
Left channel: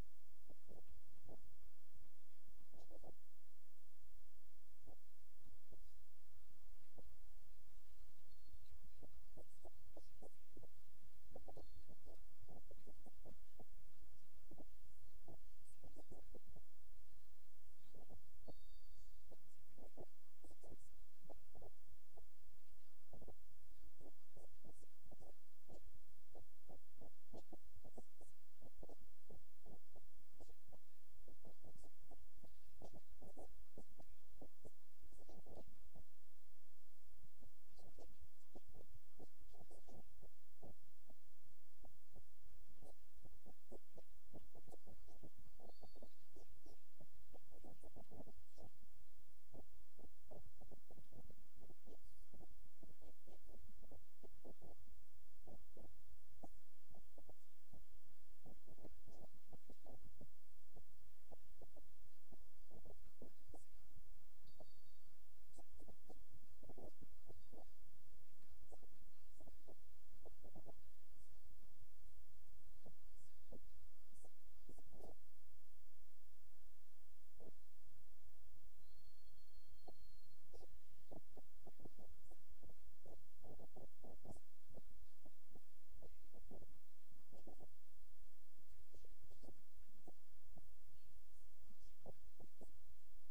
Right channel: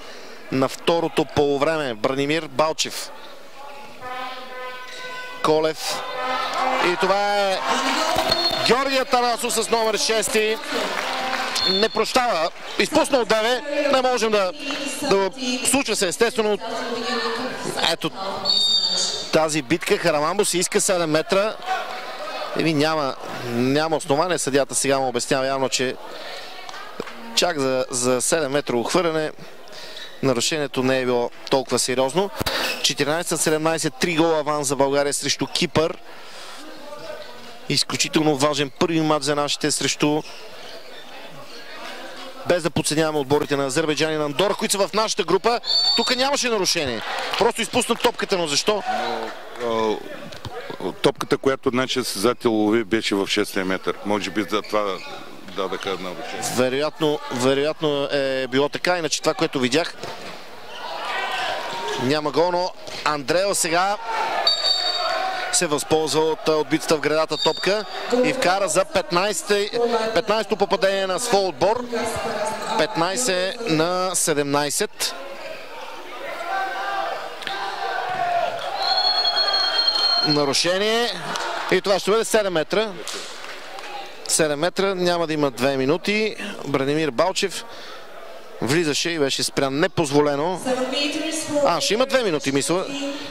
на второто полувреме. Бранимир Балчев. Колев. И това е Георги Атанасов с номер 6. Не прощава. Изпусна от 9. Не можем да случва се естествено. Ето тази битка. Хараламбос иска 7 метра. Няма основание. Съдията сега му обяснява явно, че чак за 7 метра ухвърляне нарушението не е било толкова сериозно. 14-17, 3 гола аванс за България срещу Кипър. Изключително важен първи матч за нашите срещу, без да подценяваме отборите на Азербайджан и на Андора, които са в нашата група. Тук нямаше нарушение. Просто изпусна топката, но защо? Топката, която нашия състезател лови, беше в 6 метър. Може би за това дадаха нарушение. Вероятно е било така, иначе това, което видях, няма гол, но Андрео сега се възползва от отбитата в гредата топка и вкара за 15-то попадение на своя отбор. 15 на 17. Нарушение. И това ще бъде 7 метра. 7 метра. Няма да има 2 минути. Бранимир Балчев влизаше и беше спрян непозволено. Ще има 2 минути, мисля.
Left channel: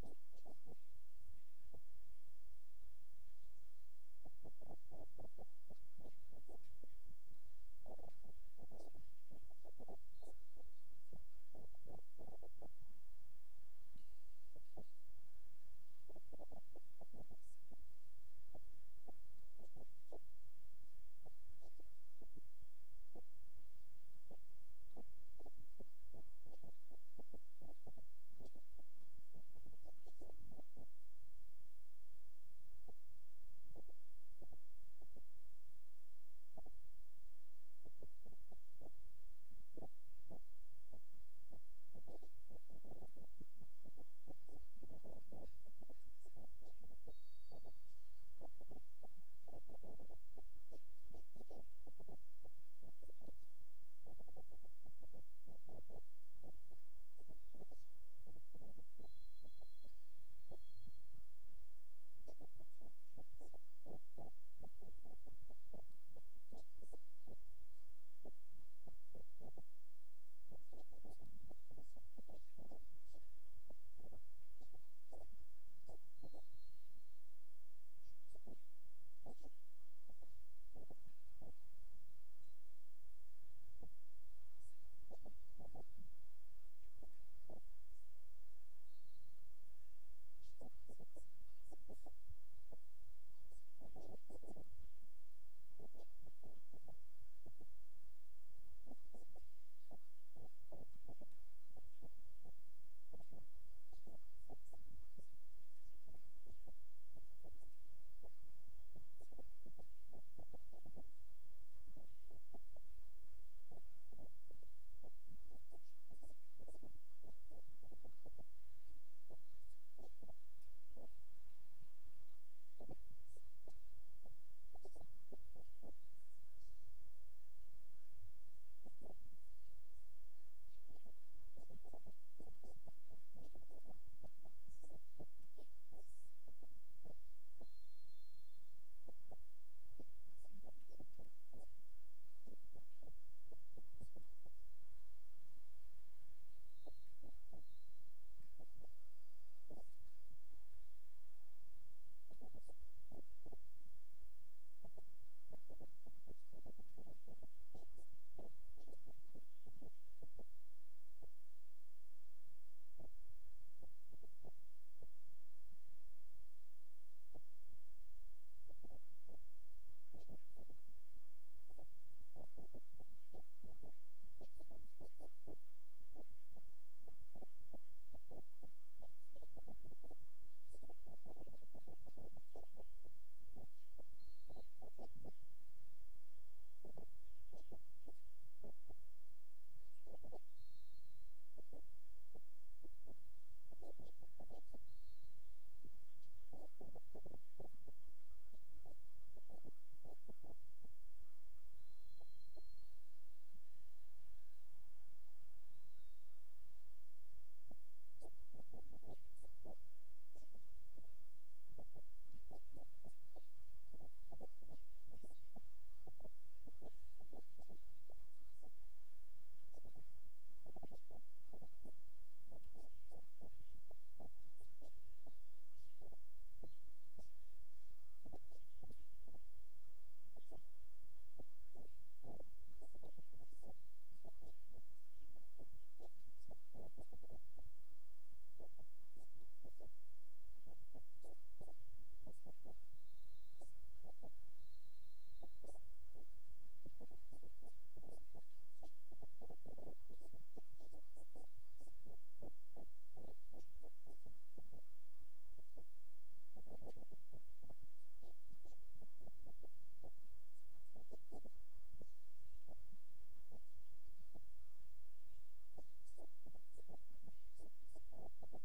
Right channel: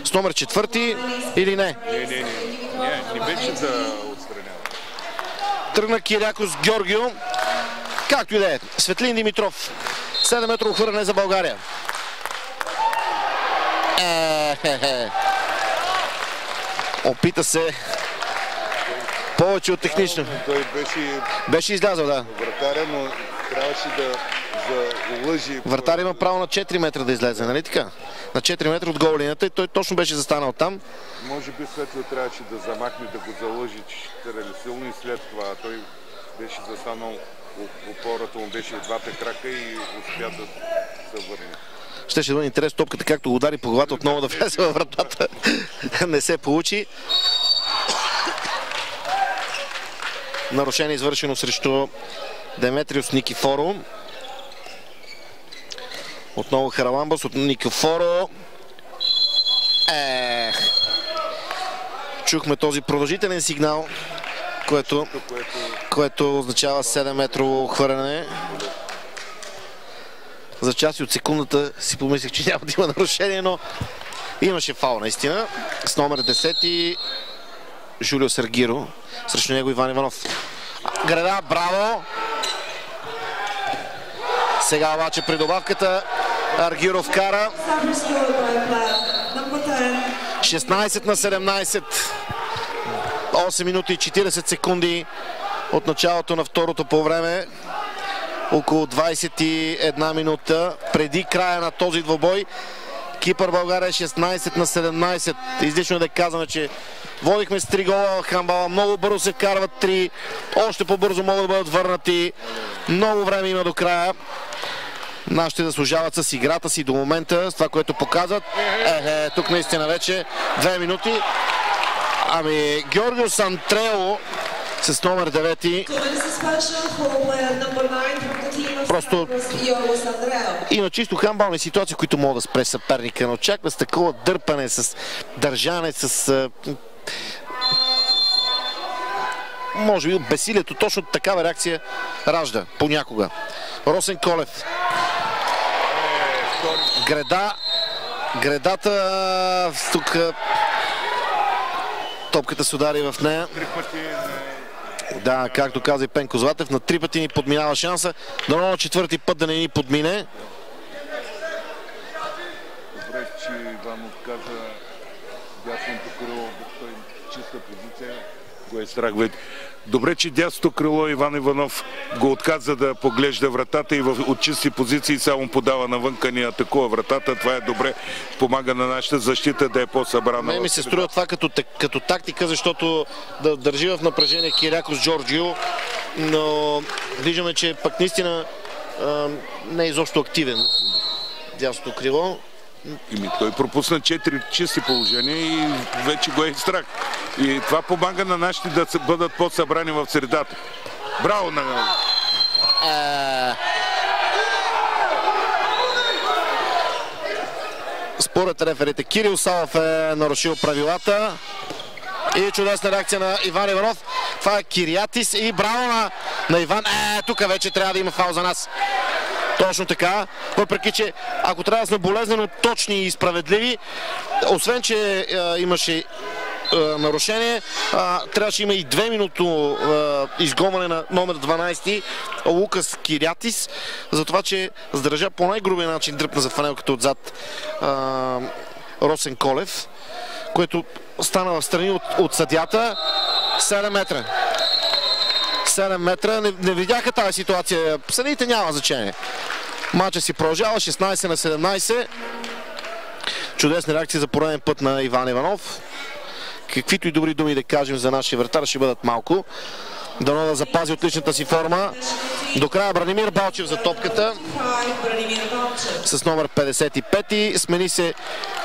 С номер 4 или не? Не беше да отстранява. Тръгна Кирякос Георгио. Както и да е. Светлин Димитров. 7 метра ухвърляне за България. Опита се повече от технично. Той беше излязъл, да. Вратаря, но трябваше да лъжи. Вратар има право на 4 метра да излезе, нали така? На 4 метра от гол линията и той точно беше застанал там. Може би Светло трябваше да замахне, да го заложи, че ще терали силно и след това той беше застанал, опората му беше от двата крака и успя да се върне. Щеше да бъде интересно топката, както го удари по главата, отново да влезе във вратата. Не се получи. Нарушение извършено срещу Деметриус Никифоро. Отново Хараламбос от Никифоро. Чухме този продължителен сигнал, което означава 7-метрово хвърляне. За части от секундата си помислих, че няма да има нарушение, но имаше фаул наистина. С номер 10 Жулио Саргиро. Срещу него Иван Иванов. Града, браво! Сега обаче при добавката Аргиро вкара. 16-17. 8 минути и 40 секунди от началото на второто по време. Около 21 минута преди края на този двобой. Кипър България 16-17. Излишно да казваме, че водихме с 3 гола в хандбала. Много бързо се вкарват 3. Още по-бързо могат да бъдат върнати. Много време има до края. Нашите заслужават с играта си до момента, с това, което показват. Тук наистина вече 2 минути. Ами Георгио Сантрео с номер 9. Просто има чисто хандбални ситуации, които могат да спре съперника, но очаква с такова дърпане, с държане, с може би безсилието. Точно такава реакция ражда понякога. Росен Колев. Гредата тук топката се удари в нея. Да, както каза и Пенко Златев, на 3 пъти ни подминава шанса. Дано на 4-ти път да не ни подмине. Добре, че Иванов каза дясното крило, да чиста позиция. Го е страх вече. Добре, че дясното крило Иван Иванов го отказа да поглежда вратата и от чисти позиции само подава навънка, ни атакува вратата. Това е добре. Помага на нашата защита да е по-събрана. Ми се струва това като тактика, защото да държи в напрежение Кирякос Джорджио, но виждаме, че пък наистина не е изобщо активен дясното крило. Той пропусна 4 чисти положения и вече го е страх. И това помага на нашите да бъдат по-събрани в средата. Браво на... Според реферите Кирил Савов е нарушил правилата. И чудесна реакция на Иван Иванов. Това е Кириатис и браво на Иван. Тук вече трябва да има фаул за нас. Точно така, въпреки че ако трябва да сме болезнено точни и справедливи, освен че имаше нарушение, трябваше има и 2 минути изгонване на номер 12 Лукас Кириатис, за това, че задържа по най-грубия начин, дръпна за фанелката отзад Росен Колев, което стана в страни от съдията. 7 метра. 7 метра. Не видяха тази ситуация. Съдиите няма значение. Матчът си продължава 16-17. Чудесна реакция за пореден път на Иван Иванов. Каквито и добри думи да кажем за нашия вратар ще бъдат малко. Дано да запази отличната си форма. До края Бранимир Балчев за топката с номер 55. Смени се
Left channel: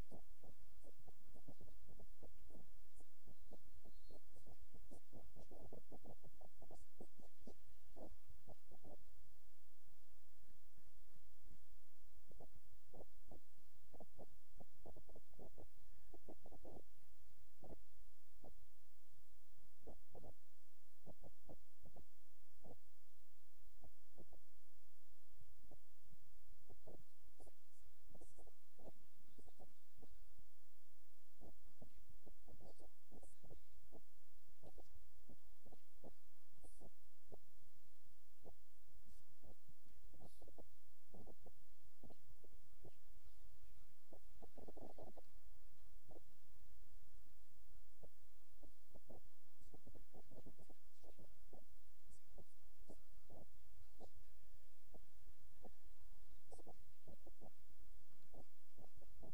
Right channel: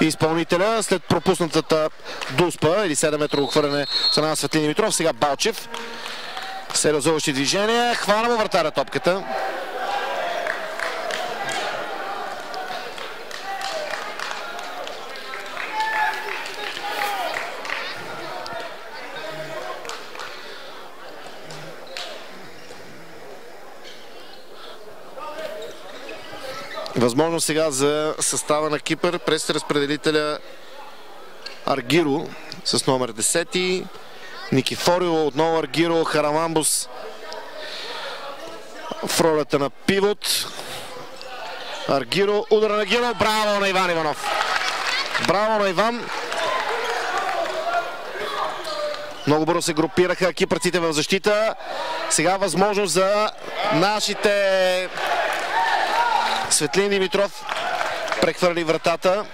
изпълнителя след пропуснатата дуспа или 7-метрово хвърляне страна на Светлин Димитров. Сега Балчев. Сериозоващи движения. Хвана му вратаря топката. Възможно сега за състава на Кипър през разпределителя Аргиро с номер 10. Никифорио, отново Аргиро, Харамамбус в ролята на пивот. Аргиро, удар на Аргиро, браво на Иван Иванов. Браво на Иван. Много бързо се групираха кипърците в защита. Сега възможност за нашите. Светлин Димитров прехвърли вратата.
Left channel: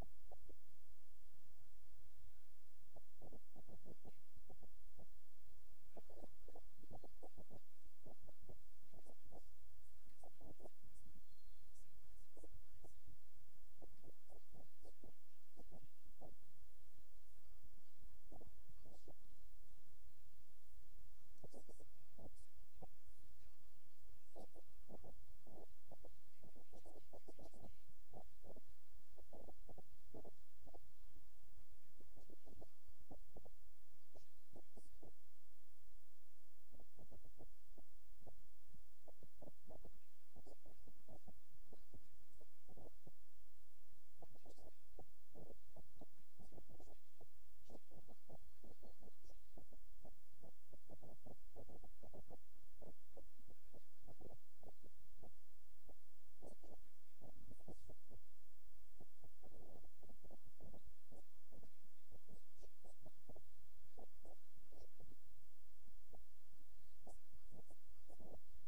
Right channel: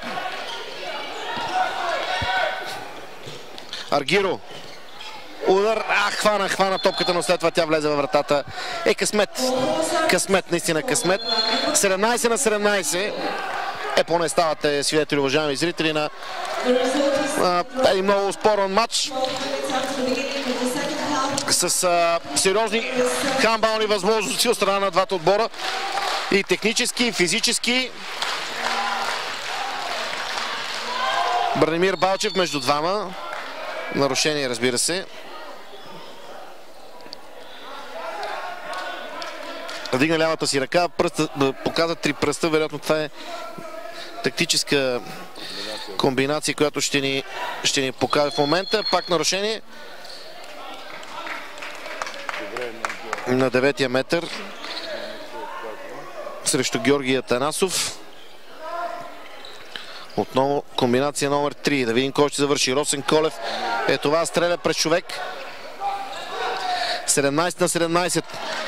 Аргиро. Удар. Хвана топката, но след това тя влезе във вратата. Късмет. Късмет, наистина късмет. 17-17. Поне ставате свидетели, уважаеми зрители, на един много спорен матч. С сериозни хандбални възможности от страна на двата отбора. И технически, и физически. Бранимир Балчев между двама. Нарушение, разбира се. Вдигна лявата си ръка, показа 3 пръста. Вероятно това е тактическа комбинация, която ще ни покаже в момента. Пак нарушение. На 9-я метър срещу Георги Атанасов. Отново комбинация номер 3. Да видим кой ще завърши. Росен Колев е това, стреля през човек. 17-17.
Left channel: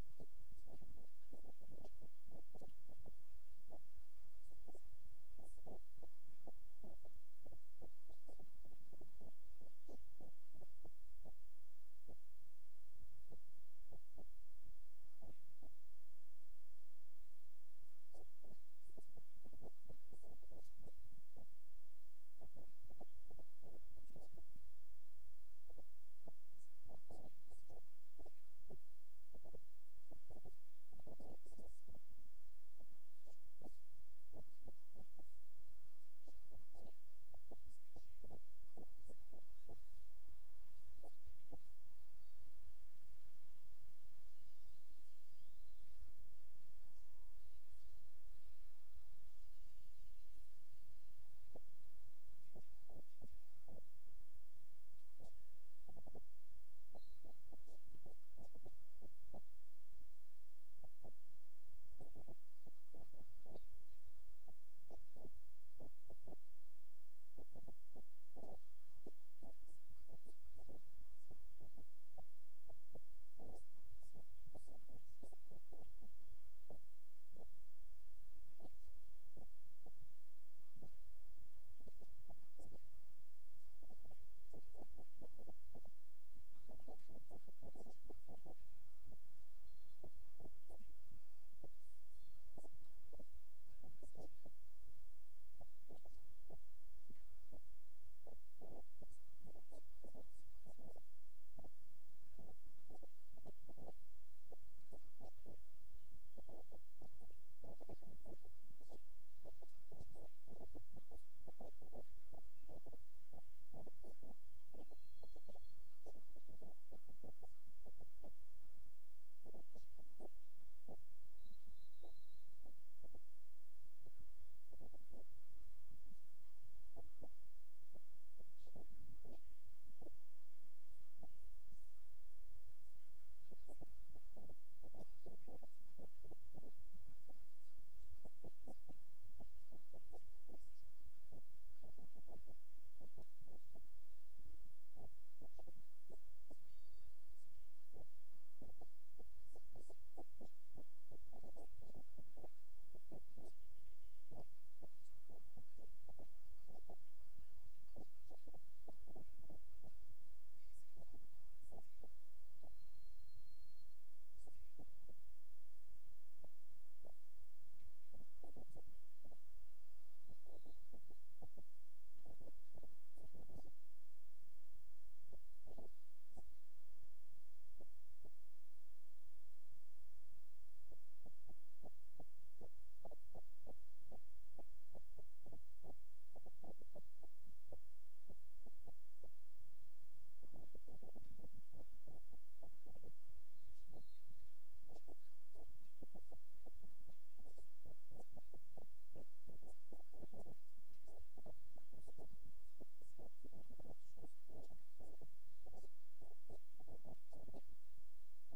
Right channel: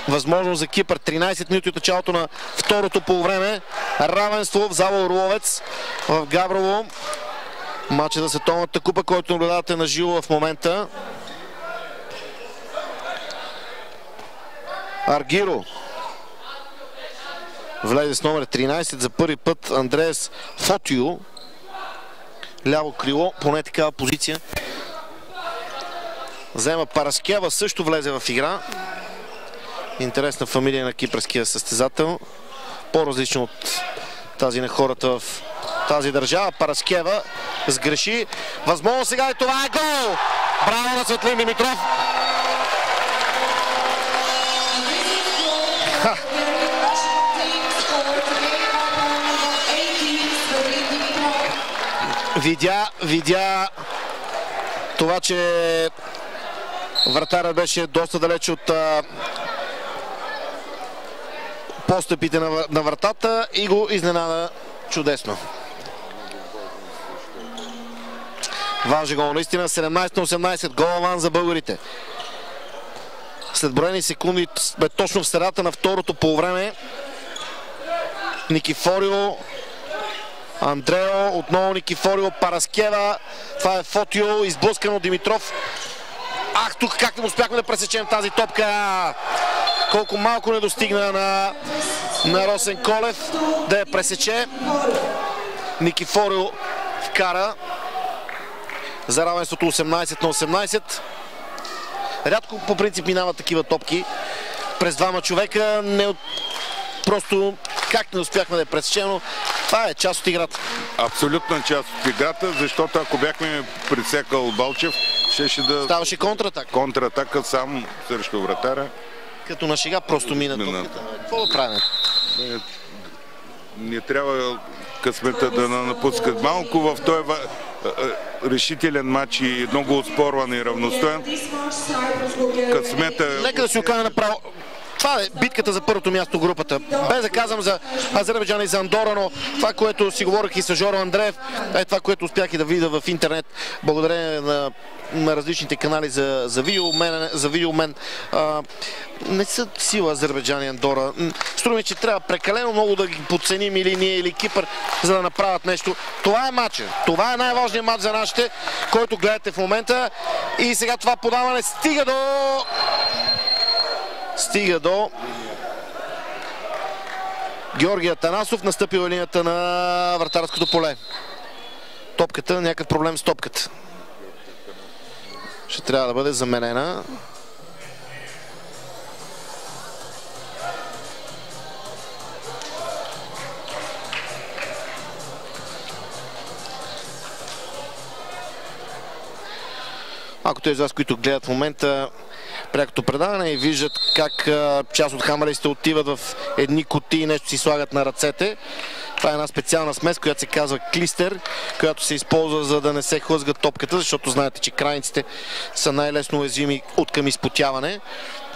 Възможност за Кипър. 13 минути от началото на второто полувреме. Равенство в зала Орловец в Габрово. Матчът за Световната купа, който наблюдавате на живо в момента. Аргиро влезе с номер 13 за първи път. Андреас Фотио. Ляво крило, поне такава позиция. Взема Параскева, също влезе в игра. Интересна фамилия на кипърския състезател. По-различно от тази на хората в тази държава. Параскева сгреши. Възможно сега и това е гол! Браво на Светлин Димитров! Видя това, че вратарът беше доста далеч от постъпите на вратата и го изненада чудесно. Важен гол, наистина. 17-18, гол аванс за българите. След броени секунди сме точно в средата на второто полувреме. Никифорио, Андрео, отново Никифорио, Параскева. Това е Фотио, изблъскан от Димитров. Ах, тук как не успяхме да пресечем тази топка. Колко малко не достигна на Росен Колев да я пресече. Никифорио вкара за равенството 18-18. Рядко по принцип минават такива топки през двама човека. Просто как не успяхме да я пресечем, но това е част от играта. Абсолютна част от играта, защото ако бяхме пресекал Балчев, щеше да... Ставаше контратака. Контратака сам срещу вратаря. Като на шега просто мина топката. Какво да правим? Не трябва късмета да напускат малко в този решителен матч и много оспорван и равностоен. Късмета... Нека да си окажа направо. Това е битката за първото място в групата. Без да казвам за Азербайджан и за Андора, но това, което си говорих и с Жоро Андреев, е това, което успях и да видя в интернет, благодарение на различните канали за видеомен. Не са сила Азербайджан и Андора. Струва ми, че трябва прекалено много да ги подценим или ние, или Кипър, за да направят нещо. Това е матчът. Това е най-важният матч за нашите, който гледате в момента. И сега това подаване стига до Георги Атанасов, настъпила линията на вратарското поле. Топката, някакъв проблем с топката. Ще трябва да бъде заменена. Ако тези вас, които гледат в момента прякото предаване и виждат как част от хамалистите отиват в едни кутии и нещо си слагат на ръцете. Това е една специална смес, която се казва клистер, която се използва, за да не се хлъзга топката, защото знаете, че крайниците са най-лесно уязвими от към изпотяване.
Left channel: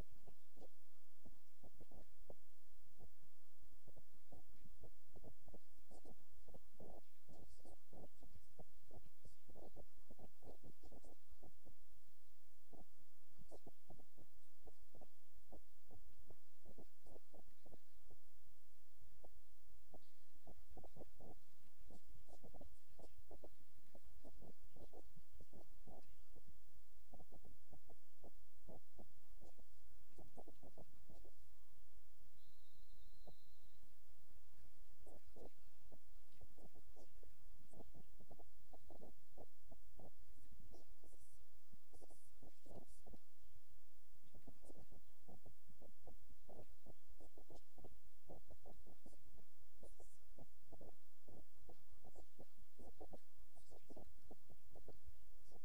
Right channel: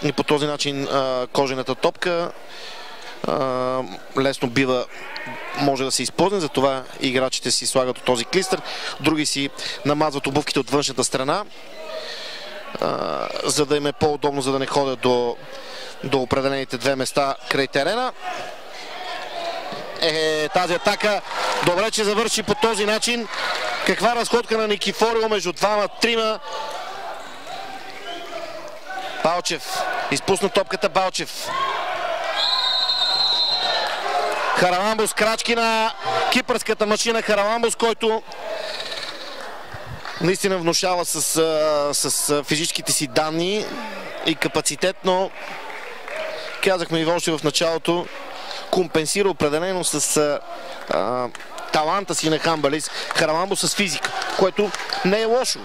И по този начин кожената топка лесно може да се използва, затова играчите си слагат от този клистер. Други си намазват обувките от външната страна, за да им е по-удобно, за да не ходят до определените две места край терена. Тази атака добре, че завърши по този начин. Каква разходка на Никифорио между двама-трима. Балчев изпусна топката. Балчев. Хараламбос, крачки на кипърската машина Хараламбос, който наистина внушава с физическите си данни и капацитет, но казахме и още в началото, компенсира определено с таланта си на хамбалист Хараламбос с физика, което не е лошо.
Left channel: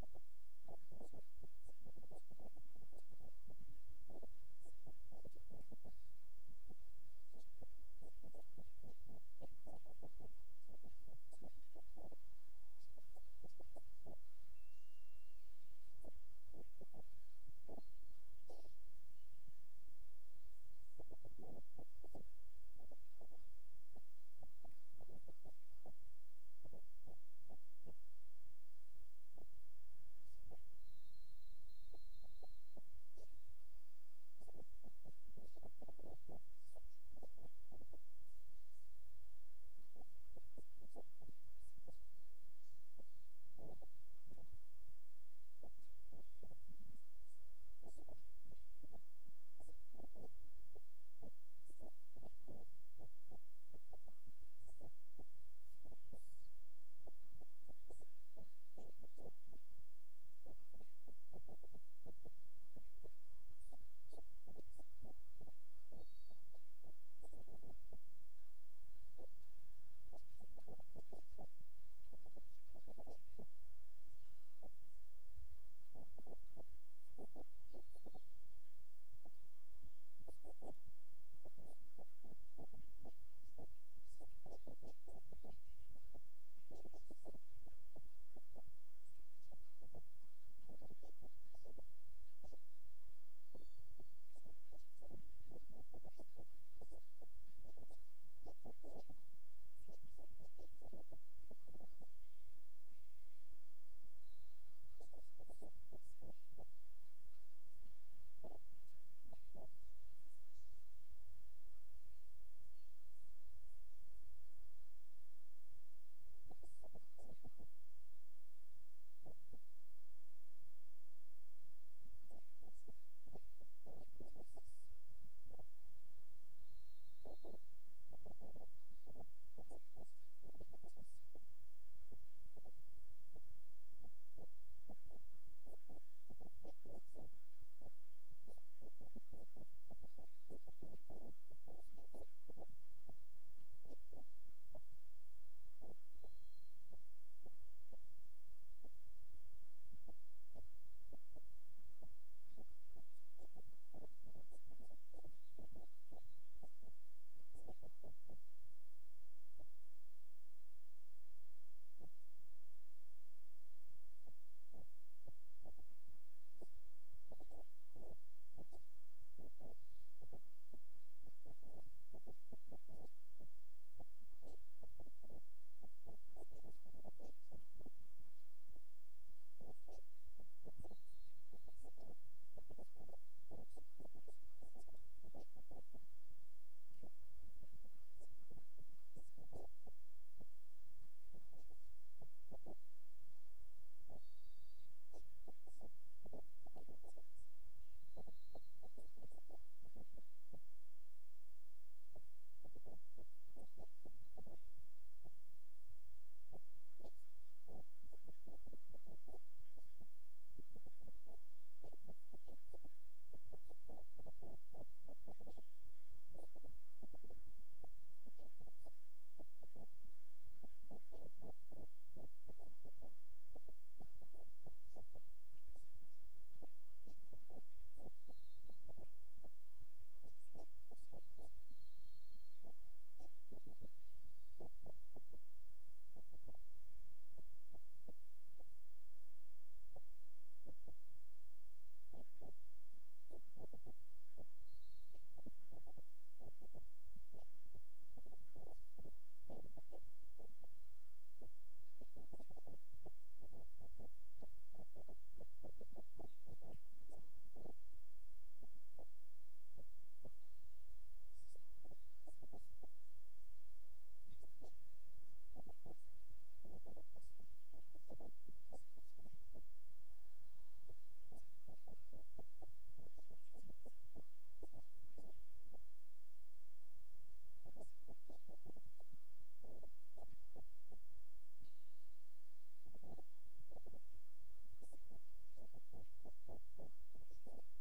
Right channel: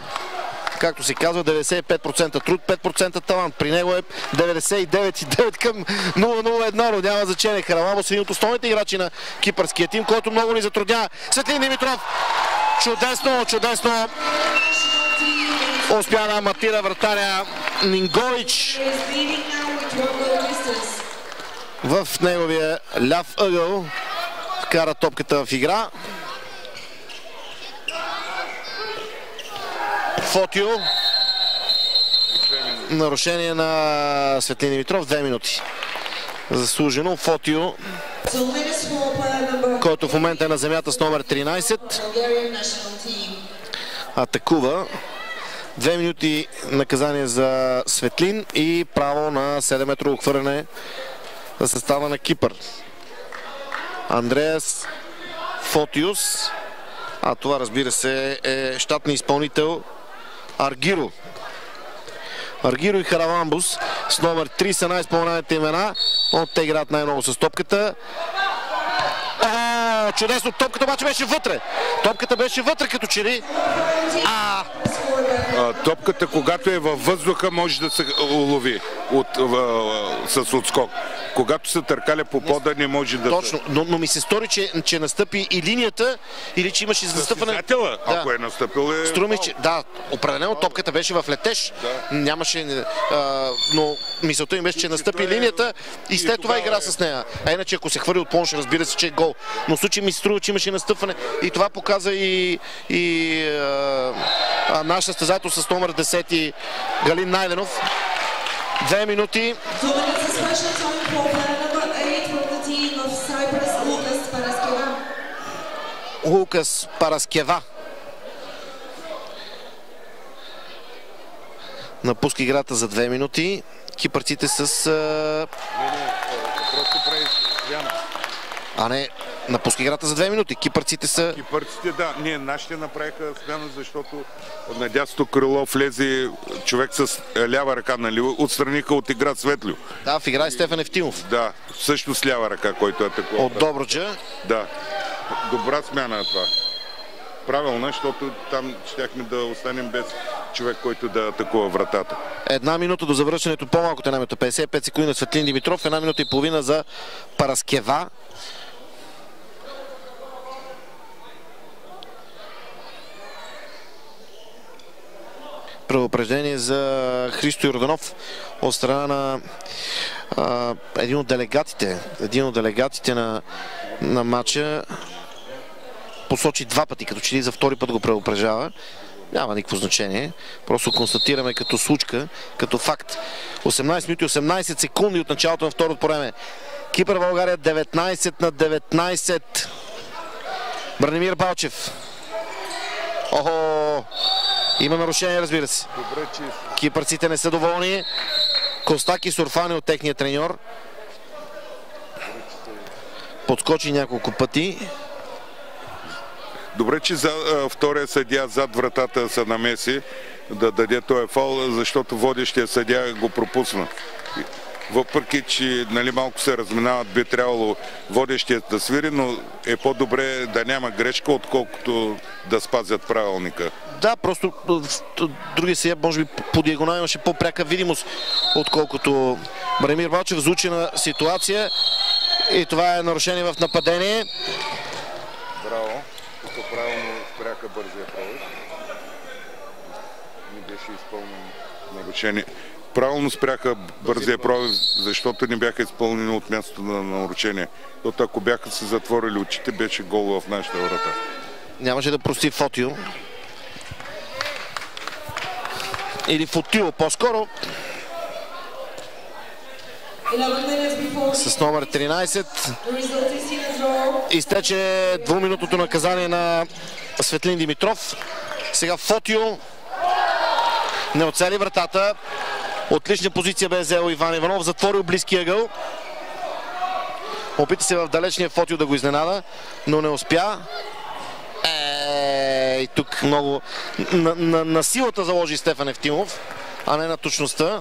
Както се казва, 95% труд, 5% талант. При него е 99,9 към 0-0-1, но няма значение. Хараламбос е един от основните играчи на кипърския тим, който много ни затруднява. Светлин Димитров, чудесно успя да аматира вратаря Нингоич в неговия ляв ъгъл. Вкара топката в игра. Фотио. Нарушение на Светлин Димитров. 2 минути. Заслужено. Фотио, който в момента е на земята с номер 13. Атакува. 2 минути наказание за Светлин и право на 7-метрово хвърляне за състава на Кипър. Андреас Фотиус. А това, разбира се, е щатния изпълнител Аргиро. Аргиро и Харавамбус с номер 3 са най-изпълнените имена, но те играят най-много с топката. Чудесно, топката обаче беше вътре. Топката беше вътре като че ли. Топката, когато е във въздуха, може да се улови с отскок. Когато се търкаля по пода, не може да... Точно, но ми се стори, че настъпи и линията, или че имаше настъпване... Да. Ако е настъпил е... Струми, че... Да, определено топката беше в летеж. Да. Нямаше... но мисълта им беше, че настъпи линията и след това игра с нея. А иначе, ако се хвърли от плонш, разбира се, че е гол. Но в случай ми се струва, че имаше настъпване. И това показа и наш състезател с номер 10 Галин Найденов. 2 минути. Лукас Параскева напуска играта за 2 минути. Кипърците с... не, напуска играта за 2 минути. Кипърците са... Кипърците, да. Ние нашите направиха смяна, защото на дясното крило влезе човек с лява ръка, нали? Отстраниха от игра Светлю. Да, в игра е Стефан Евтимов. Да, също с лява ръка, който е такова. От Добруджа. Да. Добра смяна е това. Правилно, защото там щяхме да останем без човек, който да атакува вратата. 1 минута до завършването, по-малко от 1 минута. 55 секунди на Светлин Димитров, 1 минута и половина за Параскева. Предупреждение за Христо Йорданов от страна на един от делегатите на матча. Посочи 2 пъти, като че ли за втори път го предупреждава. Няма никакво значение. Просто констатираме като случка, като факт. 18 минути 18 секунди от началото на второто време. Кипър България 19-19. Бранимир Балчев. Охо! Има нарушение, разбира се. Кипърците не са доволни. Костаки Сурфани от техния треньор. Подскочи няколко пъти. Добре, че втория съдия зад вратата се намеси да даде този фаул, защото водещия съдия го пропусна. Въпреки, че малко се разминават, би трябвало водещият да свири, но е по-добре да няма грешка, отколкото да спазят правилника. Да, просто другия съдия, може би по диагонал имаше по-пряка видимост, отколкото Бранимир Балчев. Звучена ситуация и това е нарушение в нападение. Браво. Тук правилно спряха бързия пробив. Не беше изпълнено нарушение. Правилно спряха бързия пробив, защото не бяха изпълнени от мястото на нарушение. Защото ако бяха се затворили очите, беше гол в нашата врата. Нямаше да прости Фотио. Или Фотио по-скоро. С номер 13. Изтече 2-минутното наказание на Светлин Димитров. Сега Фотио не оцели вратата. Отлична позиция бе взел Иван Иванов. Затворил близкия ъгъл. Опита се в далечния Фотио да го изненада, но не успя. И тук много на силата заложи Стефан Евтимов, а не на точността.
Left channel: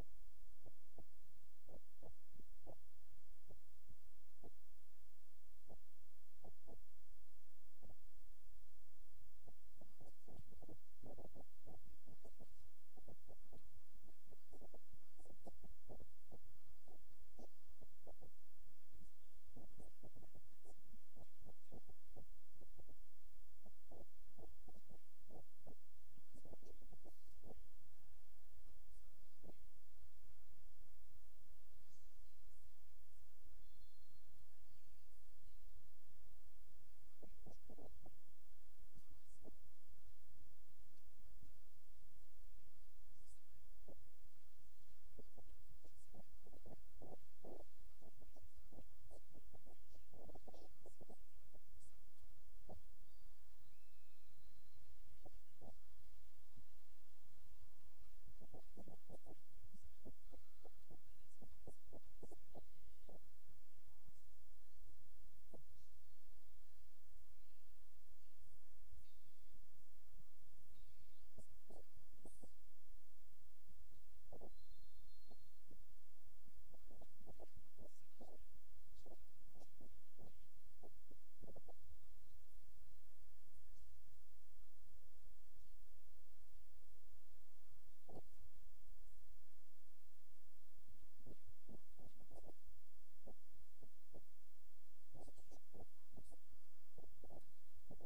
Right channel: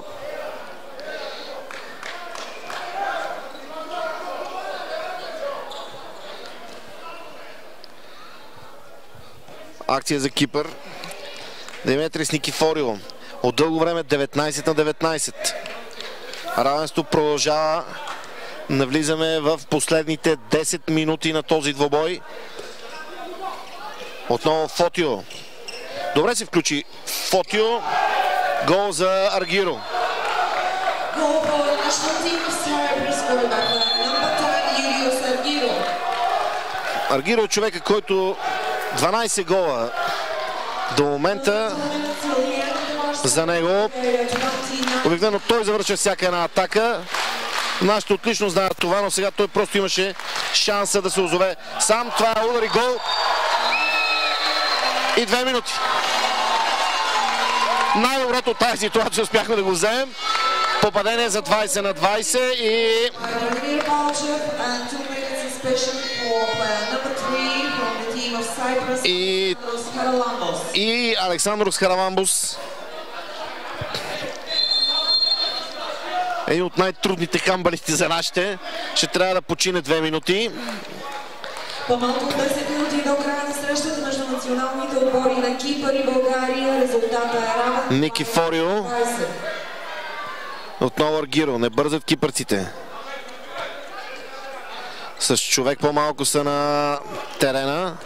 Акция за Кипър. Диметрис Никифорио. От дълго време 19-19. Равенство продължава. Навлизаме в последните 10 минути на този двобой. Отново Фотио. Добре се включи Фотио. Гол за Аргиро. Аргиро е човека, който 12 гола До момента за него. Обикновено той завършва всяка една атака. Нашите отлично знаят това, но сега той просто имаше шанса да се озове сам. Това е удар и гол. И 2 минути. Най-доброто от тази ситуация успяхме да го вземем. Попадение за 20 на 20 и... И Александрос Хараламбус. Един от най-трудните хамбалисти за нашите. Ще трябва да почине 2 минути. По-малко от 10 минути до края на срещата между националните отбори на Кипър и България. Резултата е равен. Никифорио. Отново Аргиро. Не бързат кипърците. С човек по-малко са на терена.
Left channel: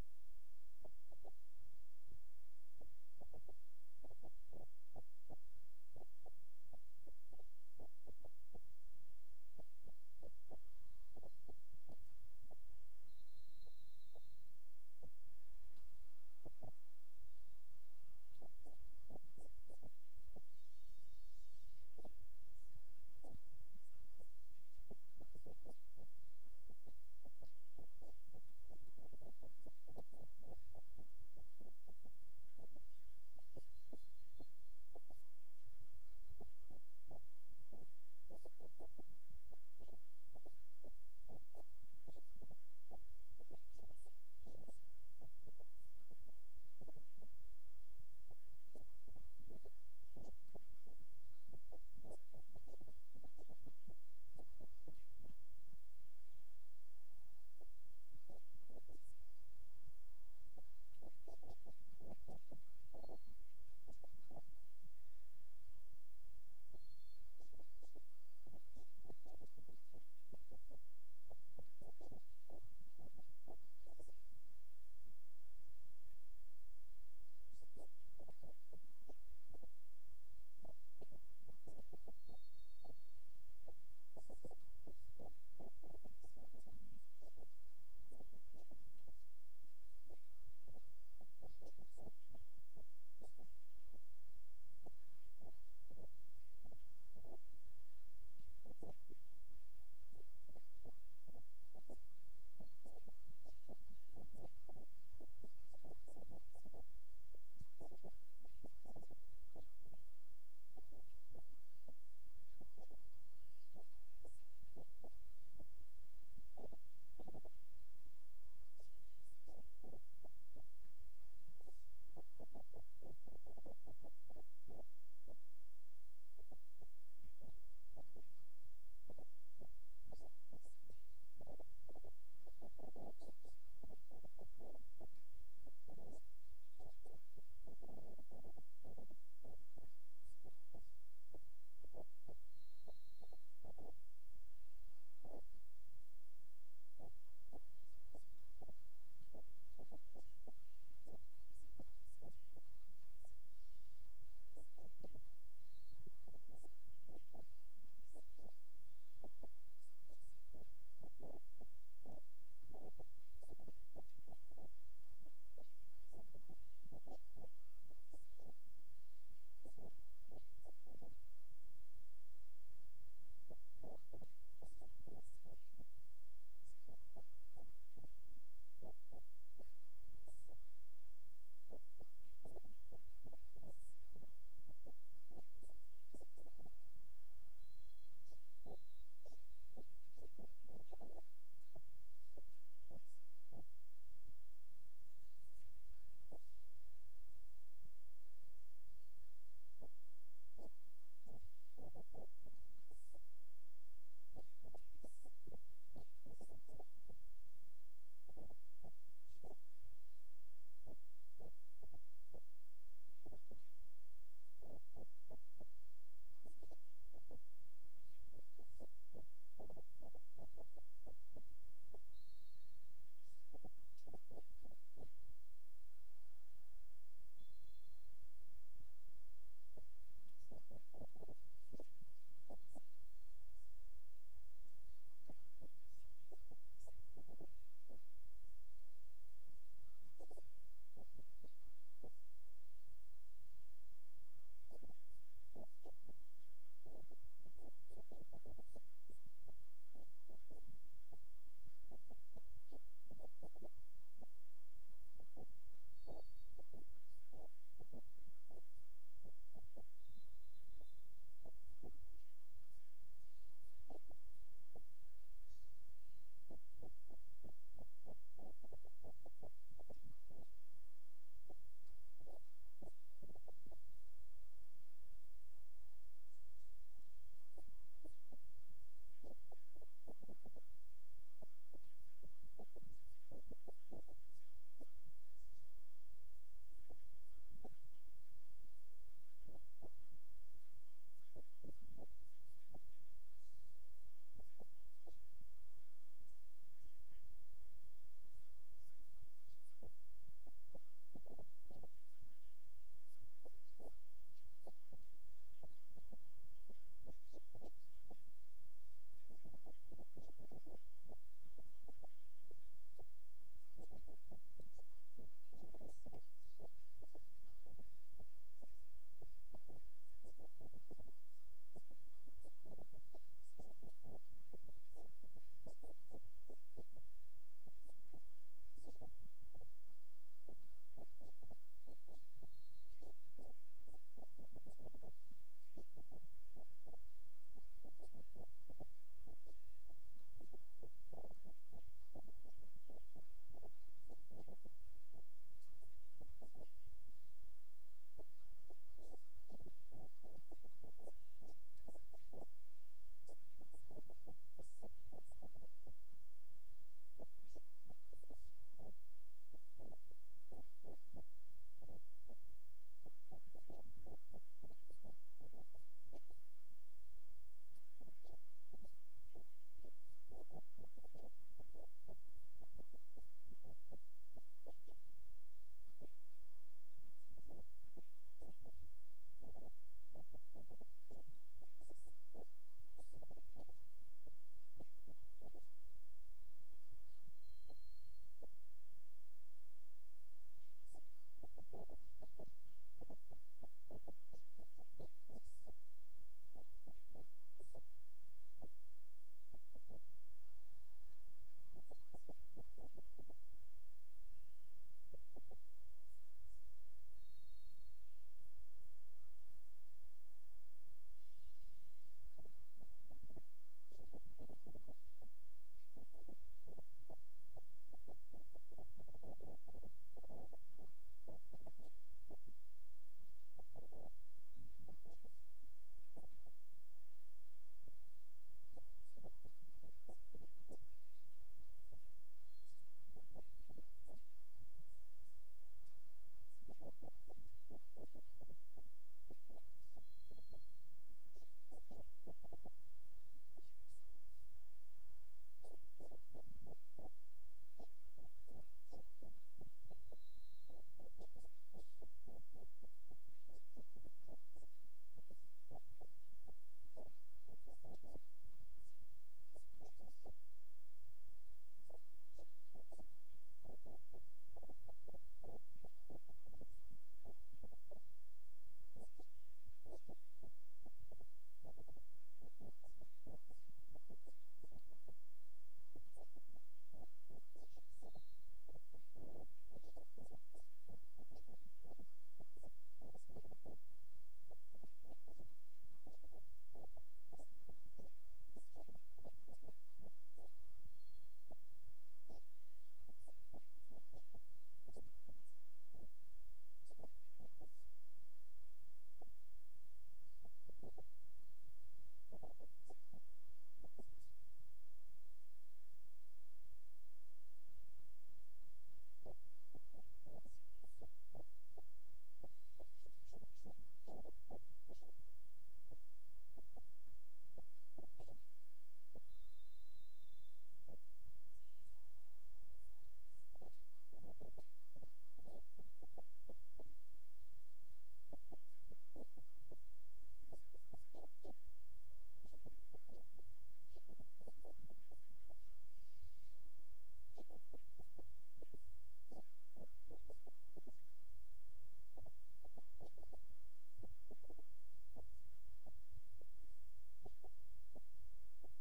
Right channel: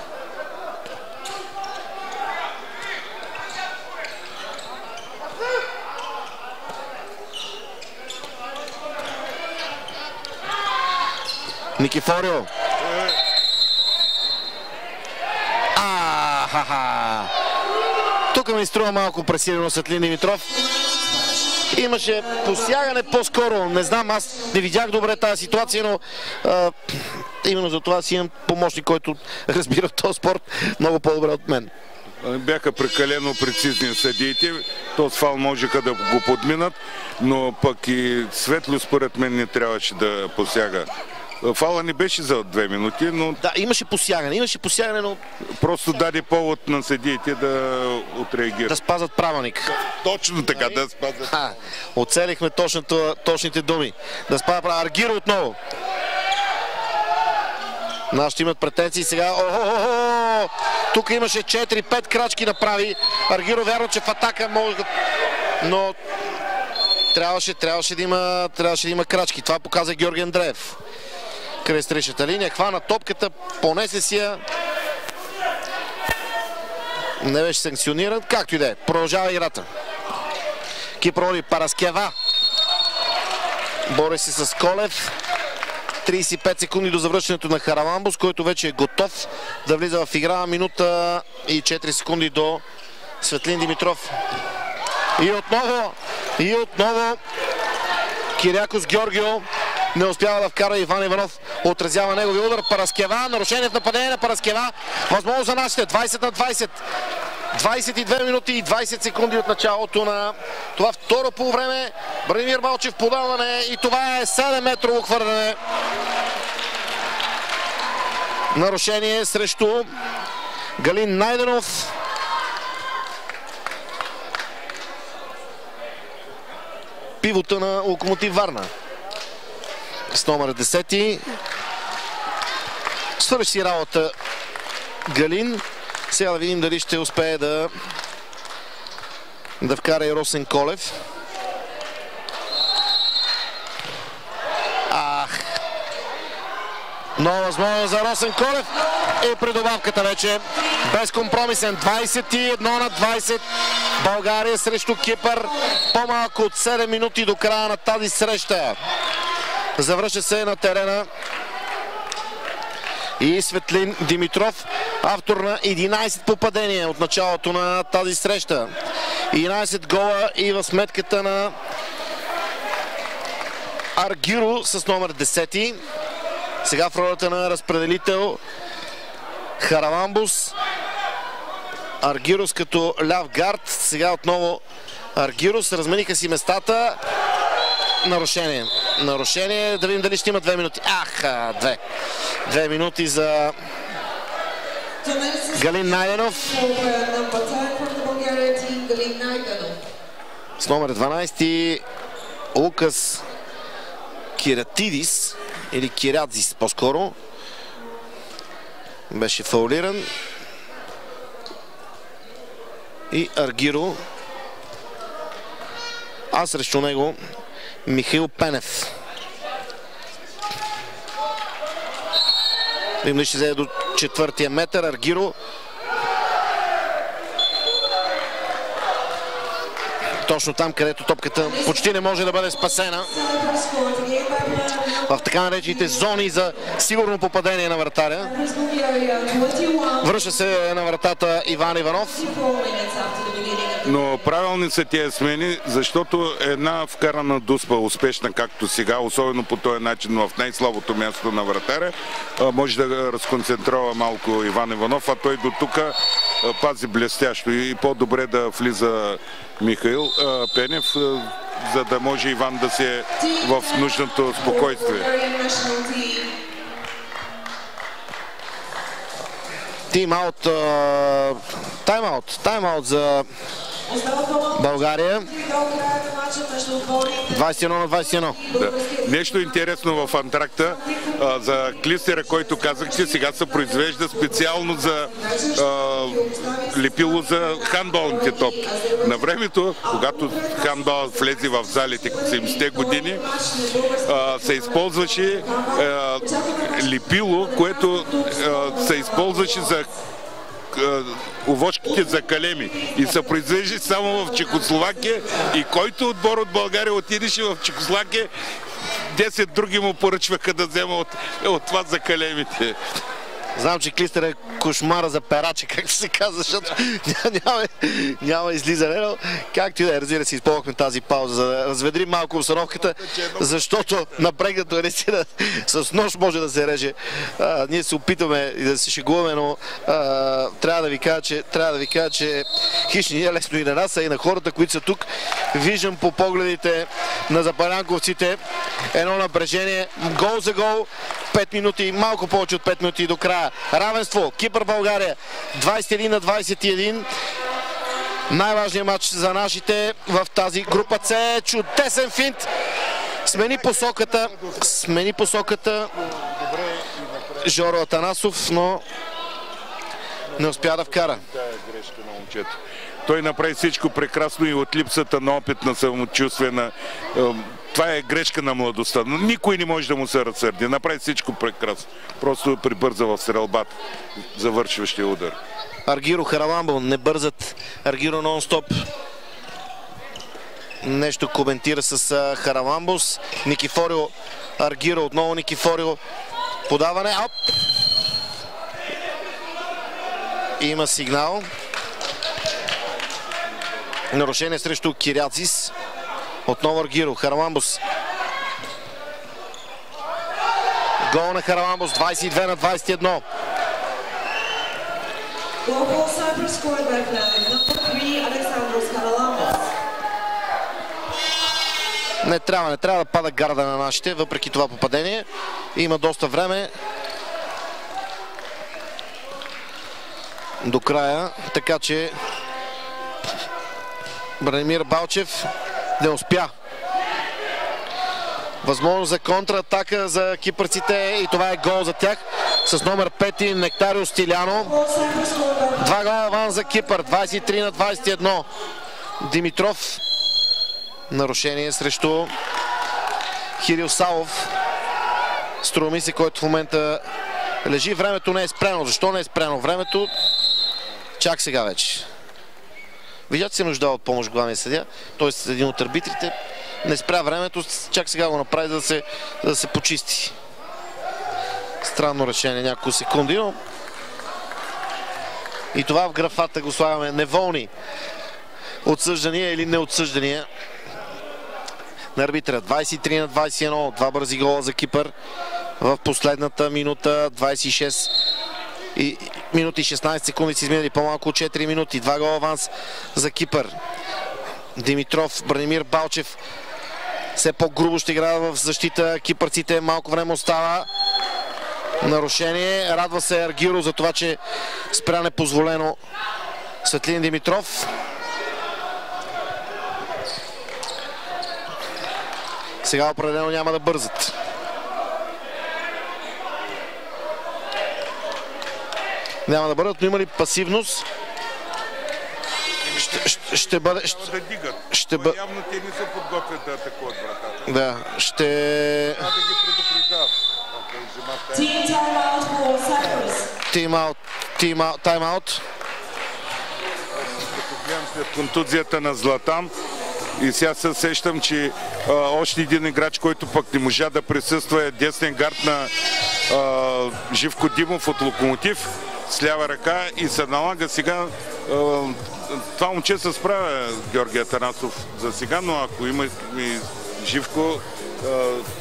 Никифорио. Тук ми струва малко пресилено Светлин Димитров. Имаше посягане по-скоро. Не знам, аз не видях добре тази ситуация, но именно за това си имам помощник, който разбира този спорт много по-добре от мен. Бяха прекалено прецизни съдиите. Този фал можеха да го подминат, но пък и Светло според мен не трябваше да посяга. Фала не беше за 2 минути, но... Да, имаше посягане, но... Просто даде повод на съдиите да отреагират. Да спазват правилник. Точно така, да спазват. Оцелихме точните думи. Да спазва правилник. Аргиро отново. Нашите имат претенции сега. Тук имаше 4-5 крачки направи. Аргиро вярно, че в атака може да... Но... Трябваше да има крачки. Това показа Георги Андреев. Край срещата линия, хвана топката, понесе си я. Не беше санкциониран, както и да е. Продължава играта. Кипър води Параскева. Бори се с Колев. 35 секунди до завръщането на Хараламбус, който вече е готов да влиза в игра. Минута и 4 секунди до Светлин Димитров. И отново Кирякос Георгио не успява да вкара Иван Иванов. Отразява негови удар. Параскева. Нарушение в нападение на Параскева. Възможно за нашите. 20 на 20. 22 минути и 20 секунди от началото на това второ полувреме. Бранимир Балчев подаване и това е 7-метрово хвърляне. Нарушение срещу Галин Найденов. Пивота на Локомотив Варна. С номер 10. Свърши си работа Галин. Сега да видим дали ще успее да вкара и Росен Колев. Нова възможност за Росен Колев. И при добавката вече безкомпромисен. 21 на 20. България срещу Кипър. По-малко от 7 минути до края на тази среща. Завръща се на терена и Светлин Димитров, автор на 11 попадения от началото на тази среща. 11 гола и в сметката на Аргиро с номер 10. Сега в ролята на разпределител Хараламбус. Аргирос като ляв гард. Сега отново Аргирос. Размениха си местата. Нарушение. Да видим дали ще има 2 минути. 2 минути за Галин Найденов. С номер 12 Лукас Киратидис или Кирадзис по-скоро. Беше фаулиран. И Аргиро. А срещу него Михаил Пенев. Видим ли ще взе до 4-тия метър. Аргиро. точно там, където топката почти не може да бъде спасена. В така наречените зони за сигурно попадение на вратаря. Връща се на вратата Иван Иванов. Но правилни са тия смени, защото една вкарана дуспа, успешна както сега, особено по този начин в най-слабото място на вратаря, може да разконцентрова малко Иван Иванов, а той до тук пази блестящо и по-добре да влиза Михаил Пенев, за да може Иван да се в нужното спокойствие. Тайм-аут за България. 21 на 21. Да. Нещо интересно в антракта за клистера, който казахте, сега се произвежда специално за лепило за хандболните топки. На времето, когато хандбол влезе в залите 70-те години, се използваше лепило, което се използваше за овошките за калеми и се произвежда само в Чехословакия и който отбор от България отидеше в Чехословакия, 10 други му поръчваха да взема от това за калемите. Знам, че клистер е кошмара за пераче, както се казва, защото няма излизане, но както и да е, разбира се, използвахме тази пауза, за да разведрим малко обстановката, защото напрегнато е наистина с нож може да се реже. Ние се опитваме и да се шегуваме, но трябва да ви кажа, че хищни е лесно и на нас, а и на хората, които са тук. Виждам по погледите на запалянковците едно напрежение, гол за гол, 5 минути, малко повече от 5 минути до края. Равенство, Кипър България, 21 на 21. Най-важният матч за нашите в тази група С. Чудесен финт. Смени посоката Жоро Атанасов, но не успя да вкара. Той направи всичко прекрасно и от липсата на опит, на самочувствие, това е грешка на младостта. Но никой не може да му се разсърди. Направи всичко прекрасно. Просто прибърза в стрелбата. Завършващия удар. Аргиро, Хараламбо, не бързат. Аргиро нон-стоп. Нещо коментира с Хараламбос. Никифорио, Аргиро, отново Никифорио. Подаване. Оп! Има сигнал. Нарушение срещу Киряцис. Отново Аргиро, Хараламбос. Гол на Хараламбос, 22 на 21. Не трябва да пада гарда на нашите, въпреки това попадение. Има доста време до края, така че Бранимир Балчев не успя. Възможност за контратака за кипърците и това е гол за тях с номер 5 Нектарио Стиляно. 2 гола аванс за Кипър, 23 на 21. Димитров. Нарушение срещу Хирил Савов. Струва ми се, който в момента лежи. Времето не е спряно. Защо не е спряно времето? Чак сега вече. Видят се нужда от помощ главния съдия, т.е. един от арбитрите. Не спря времето, чак сега го направи, за да се почисти. Странно решение, няколко секунди, но и това в графата го слагаме неволни отсъждания или неотсъждания на арбитра. 23 на 21, два бързи гола за Кипър в последната минута, 26 и минути 16 секунди си изминали по-малко от 4 минути. 2 гола аванс за Кипър. Димитров, Бранимир Балчев все по-грубо ще играе в защита. Кипърците малко време остава. Нарушение. Радва се Аргиро за това, че спря непозволено Светлин Димитров. Сега определено няма да бързат. Няма да бъдат, но има ли пасивност? Ще бъде... Явно те не се подготвят да атакуват вратата. Да, ще... Трябва да ги предупреждават. Тайм-аут. Като гледам след контузията на Златан, И сега се сещам, че още един играч, който пък не можа да присъства, е десен гард на Живко Димов от Локомотив с лява ръка и се налага сега. Това момче се справя, Георги Атанасов, за сега, но ако има и Живко,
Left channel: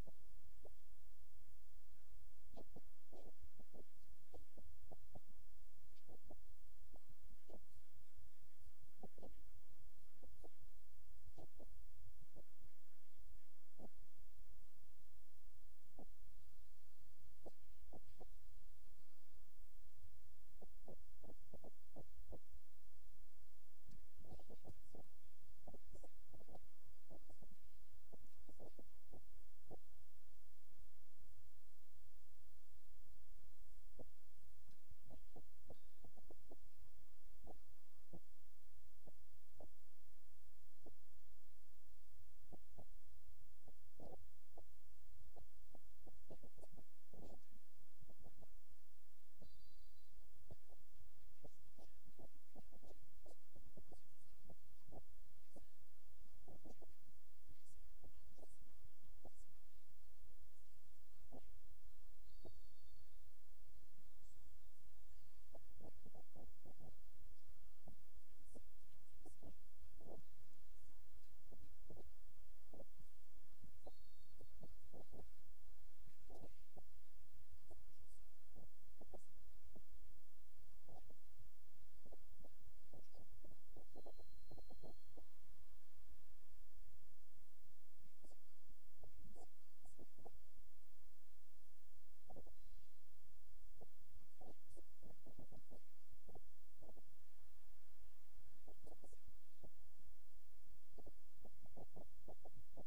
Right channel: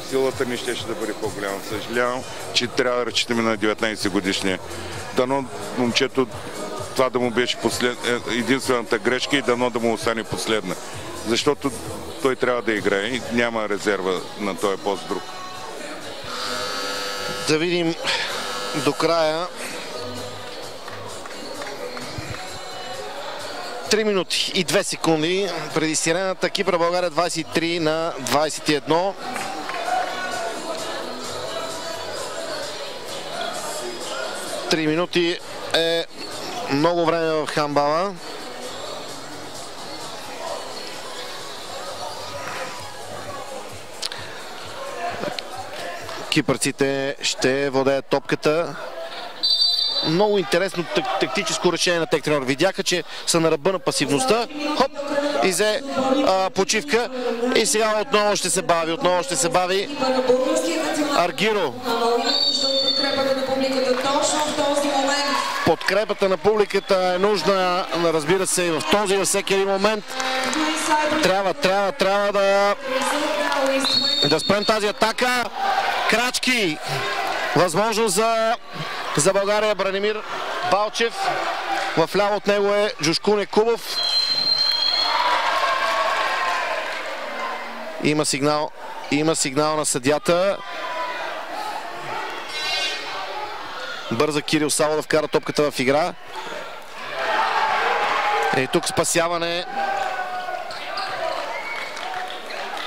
силата ни ще да бъде по-голяма. Съжалявам, че трябва да разчитаме на 19 годишния. Дано момчето това да му беше единствената грешка и дано да му остане последна. Защото той трябва да играе и няма резерва на този пост друг. Да видим до края. 3 минути и 2 секунди преди сирената. Кипър България 23 на 21. Три минути е много време в хандбала. Кипърците ще владеят топката. Много интересно тактическо решение на тех треньор. Видяха, че са на ръба на пасивността. Хоп! И взе почивка. И сега отново ще се бави. Аргиро. Подкрепата на публиката е нужна, разбира се, и в този и във всеки един момент. Трябва да спрем тази атака. Крачки. Възможност за България. Бранимир Балчев. В ляво от него е Джушкун Екубов. Има сигнал на съдията. Бърза Кирил Сало да вкара топката в игра. И тук спасяване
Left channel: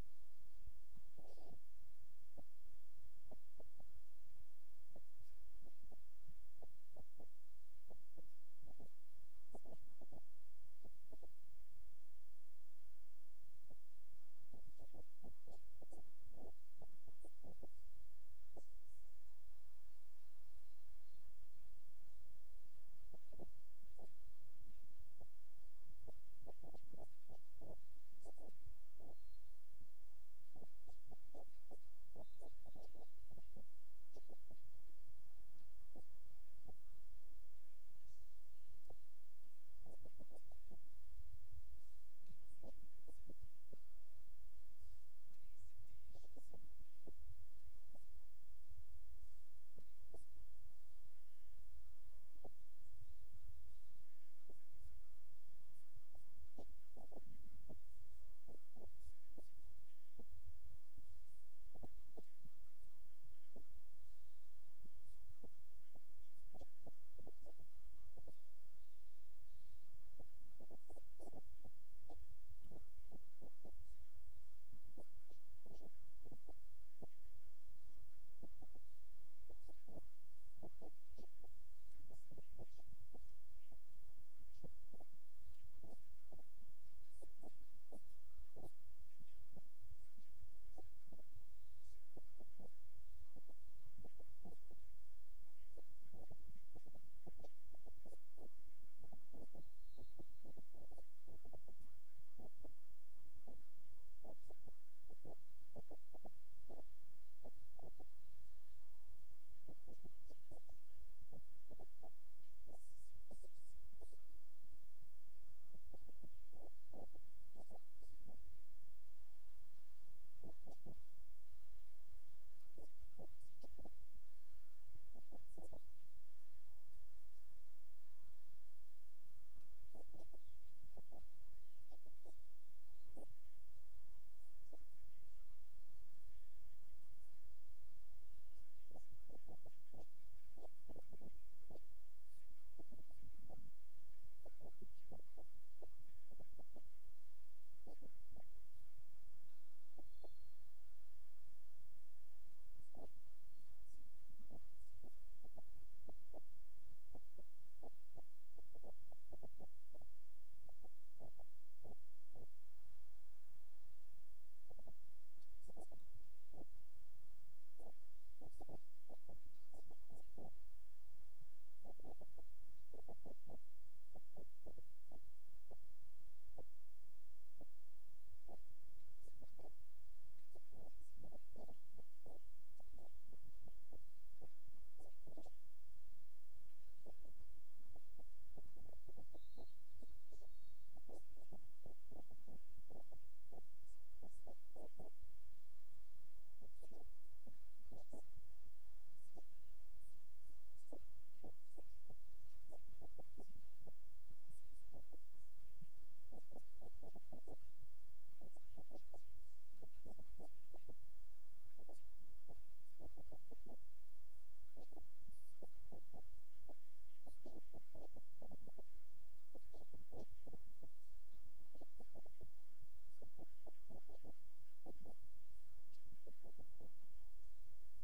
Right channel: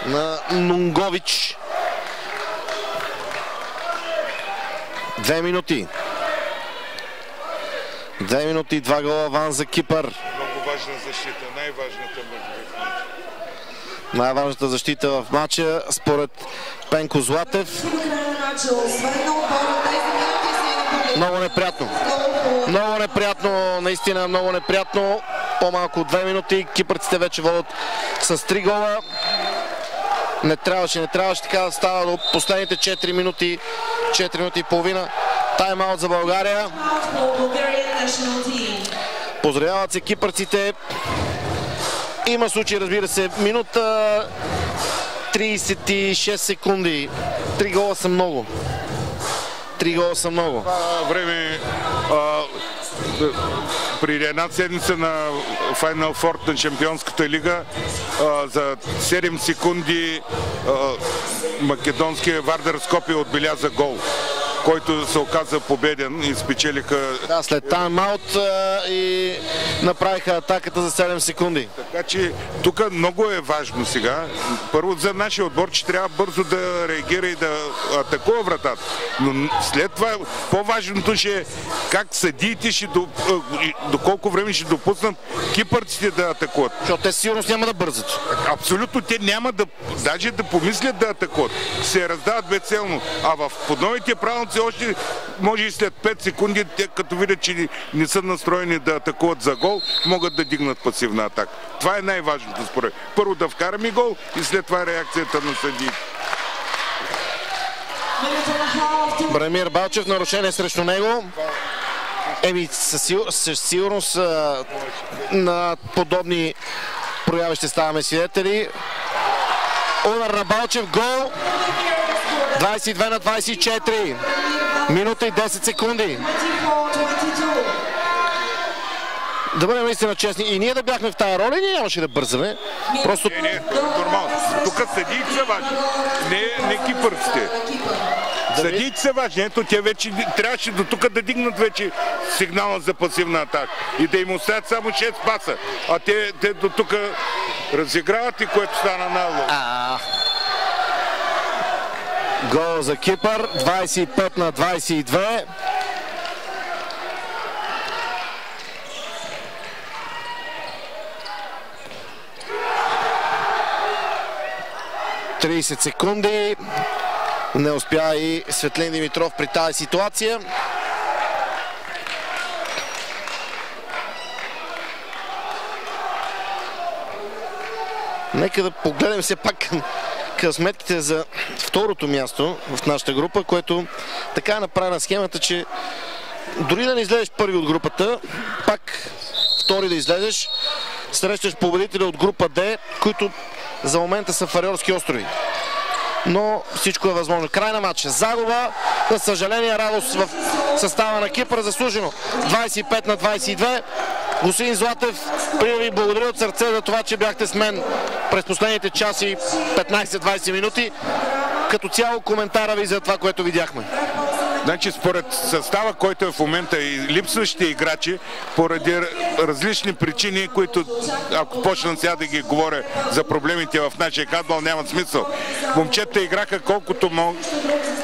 на Нунгович. 2 минути. 2 минути и 2 гола аванс за Кипър. Много важна защита, най-важната защита в матча според Пенко Златев. Много неприятно, наистина много неприятно. По-малко от 2 минути. Кипърците вече водят с 3 гола. Не трябваше така да става до последните 4 минути. 4 минути и половина. Тайм-аут за България. Поздравяват се кипърците. Има случай, разбира се, минута 36 секунди. 3 гола са много. Това време при една седмица на Final Four на Шампионската лига за 7 секунди македонския Вардар Скопие отбеляза гол, който се оказа победен и спечелиха... Да, след тайм-аут и направиха атаката за 7 секунди. Така че тук много е важно сега. Първо за нашия отбор, че трябва бързо да реагира и да атакува вратата. Но след това по-важното ще е как съдиите до колко време ще допуснат кипърците да атакуват. Защото те сигурно няма да бързат. Абсолютно, те няма да, даже да помислят да атакуват. Se раздават безцелно. А в подновите правилници още може и след 5 секунди, те като видят, че не са настроени да атакуват за гол, могат да дигнат пасивна атака. Това е най-важното според. Първо да вкараме гол и след това реакцията на съдиите. Бранимир Балчев, нарушение срещу него. Със сигурност на подобни прояви ще ставаме свидетели. Удар на Балчев, гол. 22 на 24. Минута и 10 секунди. Да бъдем наистина честни. И ние да бяхме в тая роля, и ние нямаше да бързаме. Просто... Не, нормално. Тук съдиите са важни. Не кипърците. Съдиите са важни. Ето, те вече трябваше до тук да дигнат вече сигнала за пасивна атака. И да им оставят само 6 паса. А те до тук разиграват и което стана нагло. Гол за Кипър. 25 на 22. ...30 секунди. Не успя и Светлин Димитров при тази ситуация. Нека да погледнем все пак към сметките за второто място в нашата група, което така е направена схемата, че дори да не излезеш първи от групата, пак втори да излезеш, срещаш победителя от група Д, които за момента са Фариорски острови. Но всичко е възможно. Край на матча. Загуба, за съжаление, радост в състава на Кипър, заслужено. 25-22. Господин Златев, преди ви благодаря от сърце за това, че бяхте с мен през последните часи 15-20 минути. Като цяло коментара ви за това, което видяхме. Значи според състава, който е в момента и липсващите играчи, поради различни причини, които ако почна сега да ги говоря за проблемите в нашия хандбал, нямат смисъл. Момчета играха колкото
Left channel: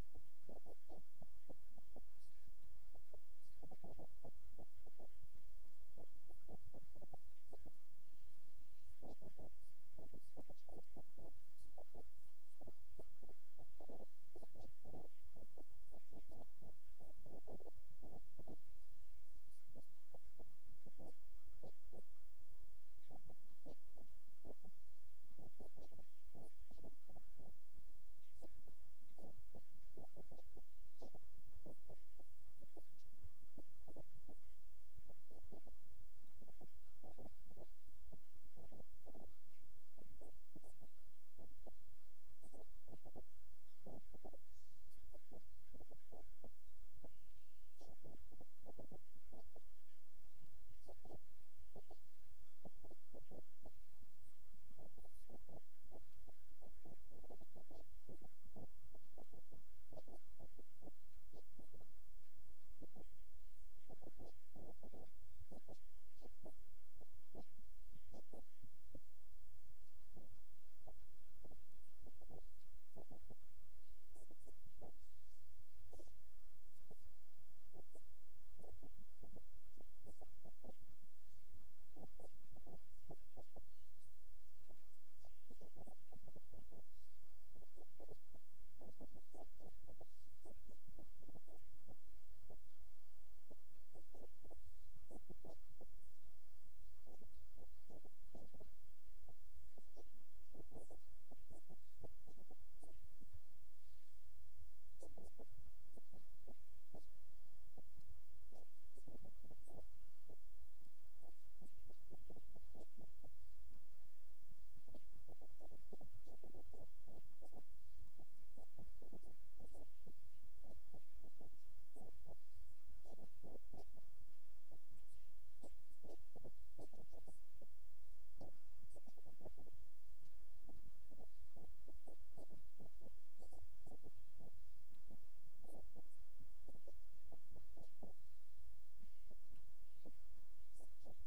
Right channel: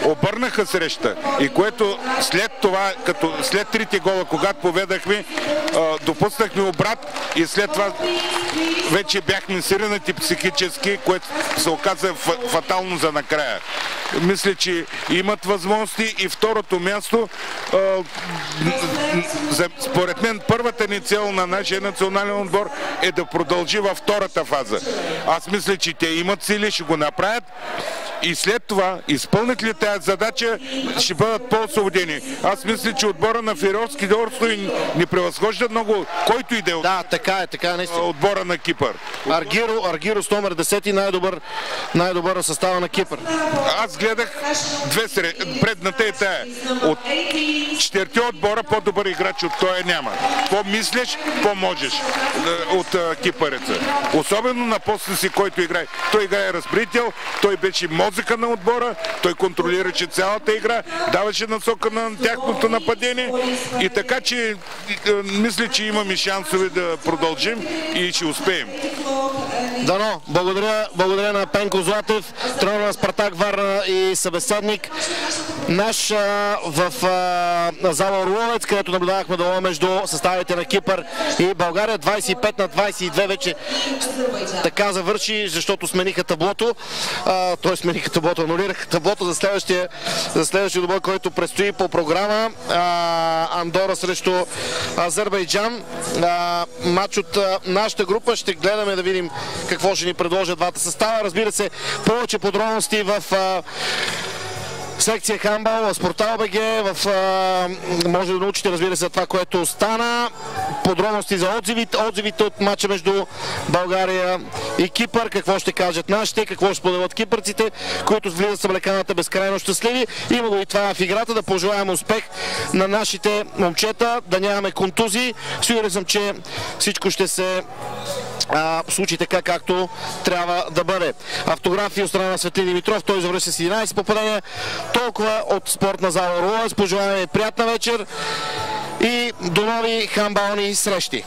обърнаха среща и което след това, като след трите гола, когато поведахме, допуснахме обрат и след това вече бяхме сиренати психически, което се оказа фатално за накрая. Мисля, че имат възможности и второто място, според мен първата ни цел на нашия национален отбор е да продължи във втората фаза. Аз мисля, че те имат сили, ще го направят и след това, изпълнят ли тази задача, ще бъдат по-освободени. Аз мисля, че отбора на Фариорски острови не превъзхожда много, който и да е отбора на Кипър. Аргирос номер 10, най-добър на състава на Кипър. Аз гледах предната е тая. От 4 отбора по-добър играч от той няма. По-мислиш, по-можеш от кипъреца. Особено на поста си, който играе. Той играе разпределител, той беше мозъка на отбора, той контролираше цялата игра, даваше насока на тяхното нападение и така, че мисля, че имаме шансове да продължим и ще успеем. Дано, благодаря на Пенко Златев, тренер на Спартак Варна и събеседник наш в зала Орловец, където наблюдавахме дуела между съставите на Кипър и България. 25-22 вече така завърши, защото смениха таблото. Той смениха таблото, анулираха таблото за следващия добой, който предстои по програма. Андора срещу Азербайджан. Матч от нашата група. Ще гледаме да видим какво ще ни предложат двата състава. Разбира се, повече подробности в секция хандбал, в Спортал БГ, може да научите, разбира се, това, което стана. Подробности за отзивите от матча между България и Кипър, какво ще кажат нашите, какво ще споделят кипърците, които влизат с облеканата безкрайно щастливи. Има го и това в играта, да пожелаем успех на нашите момчета, да нямаме контузии. Сигурен съм, че всичко ще се случи така, както трябва да бъде. Автографии от страна на Светлин Димитров, той завърши с 11 попадения. Толкова от спортна зала Орловец. Пожелаваме приятна вечер и до нови хандбални срещи.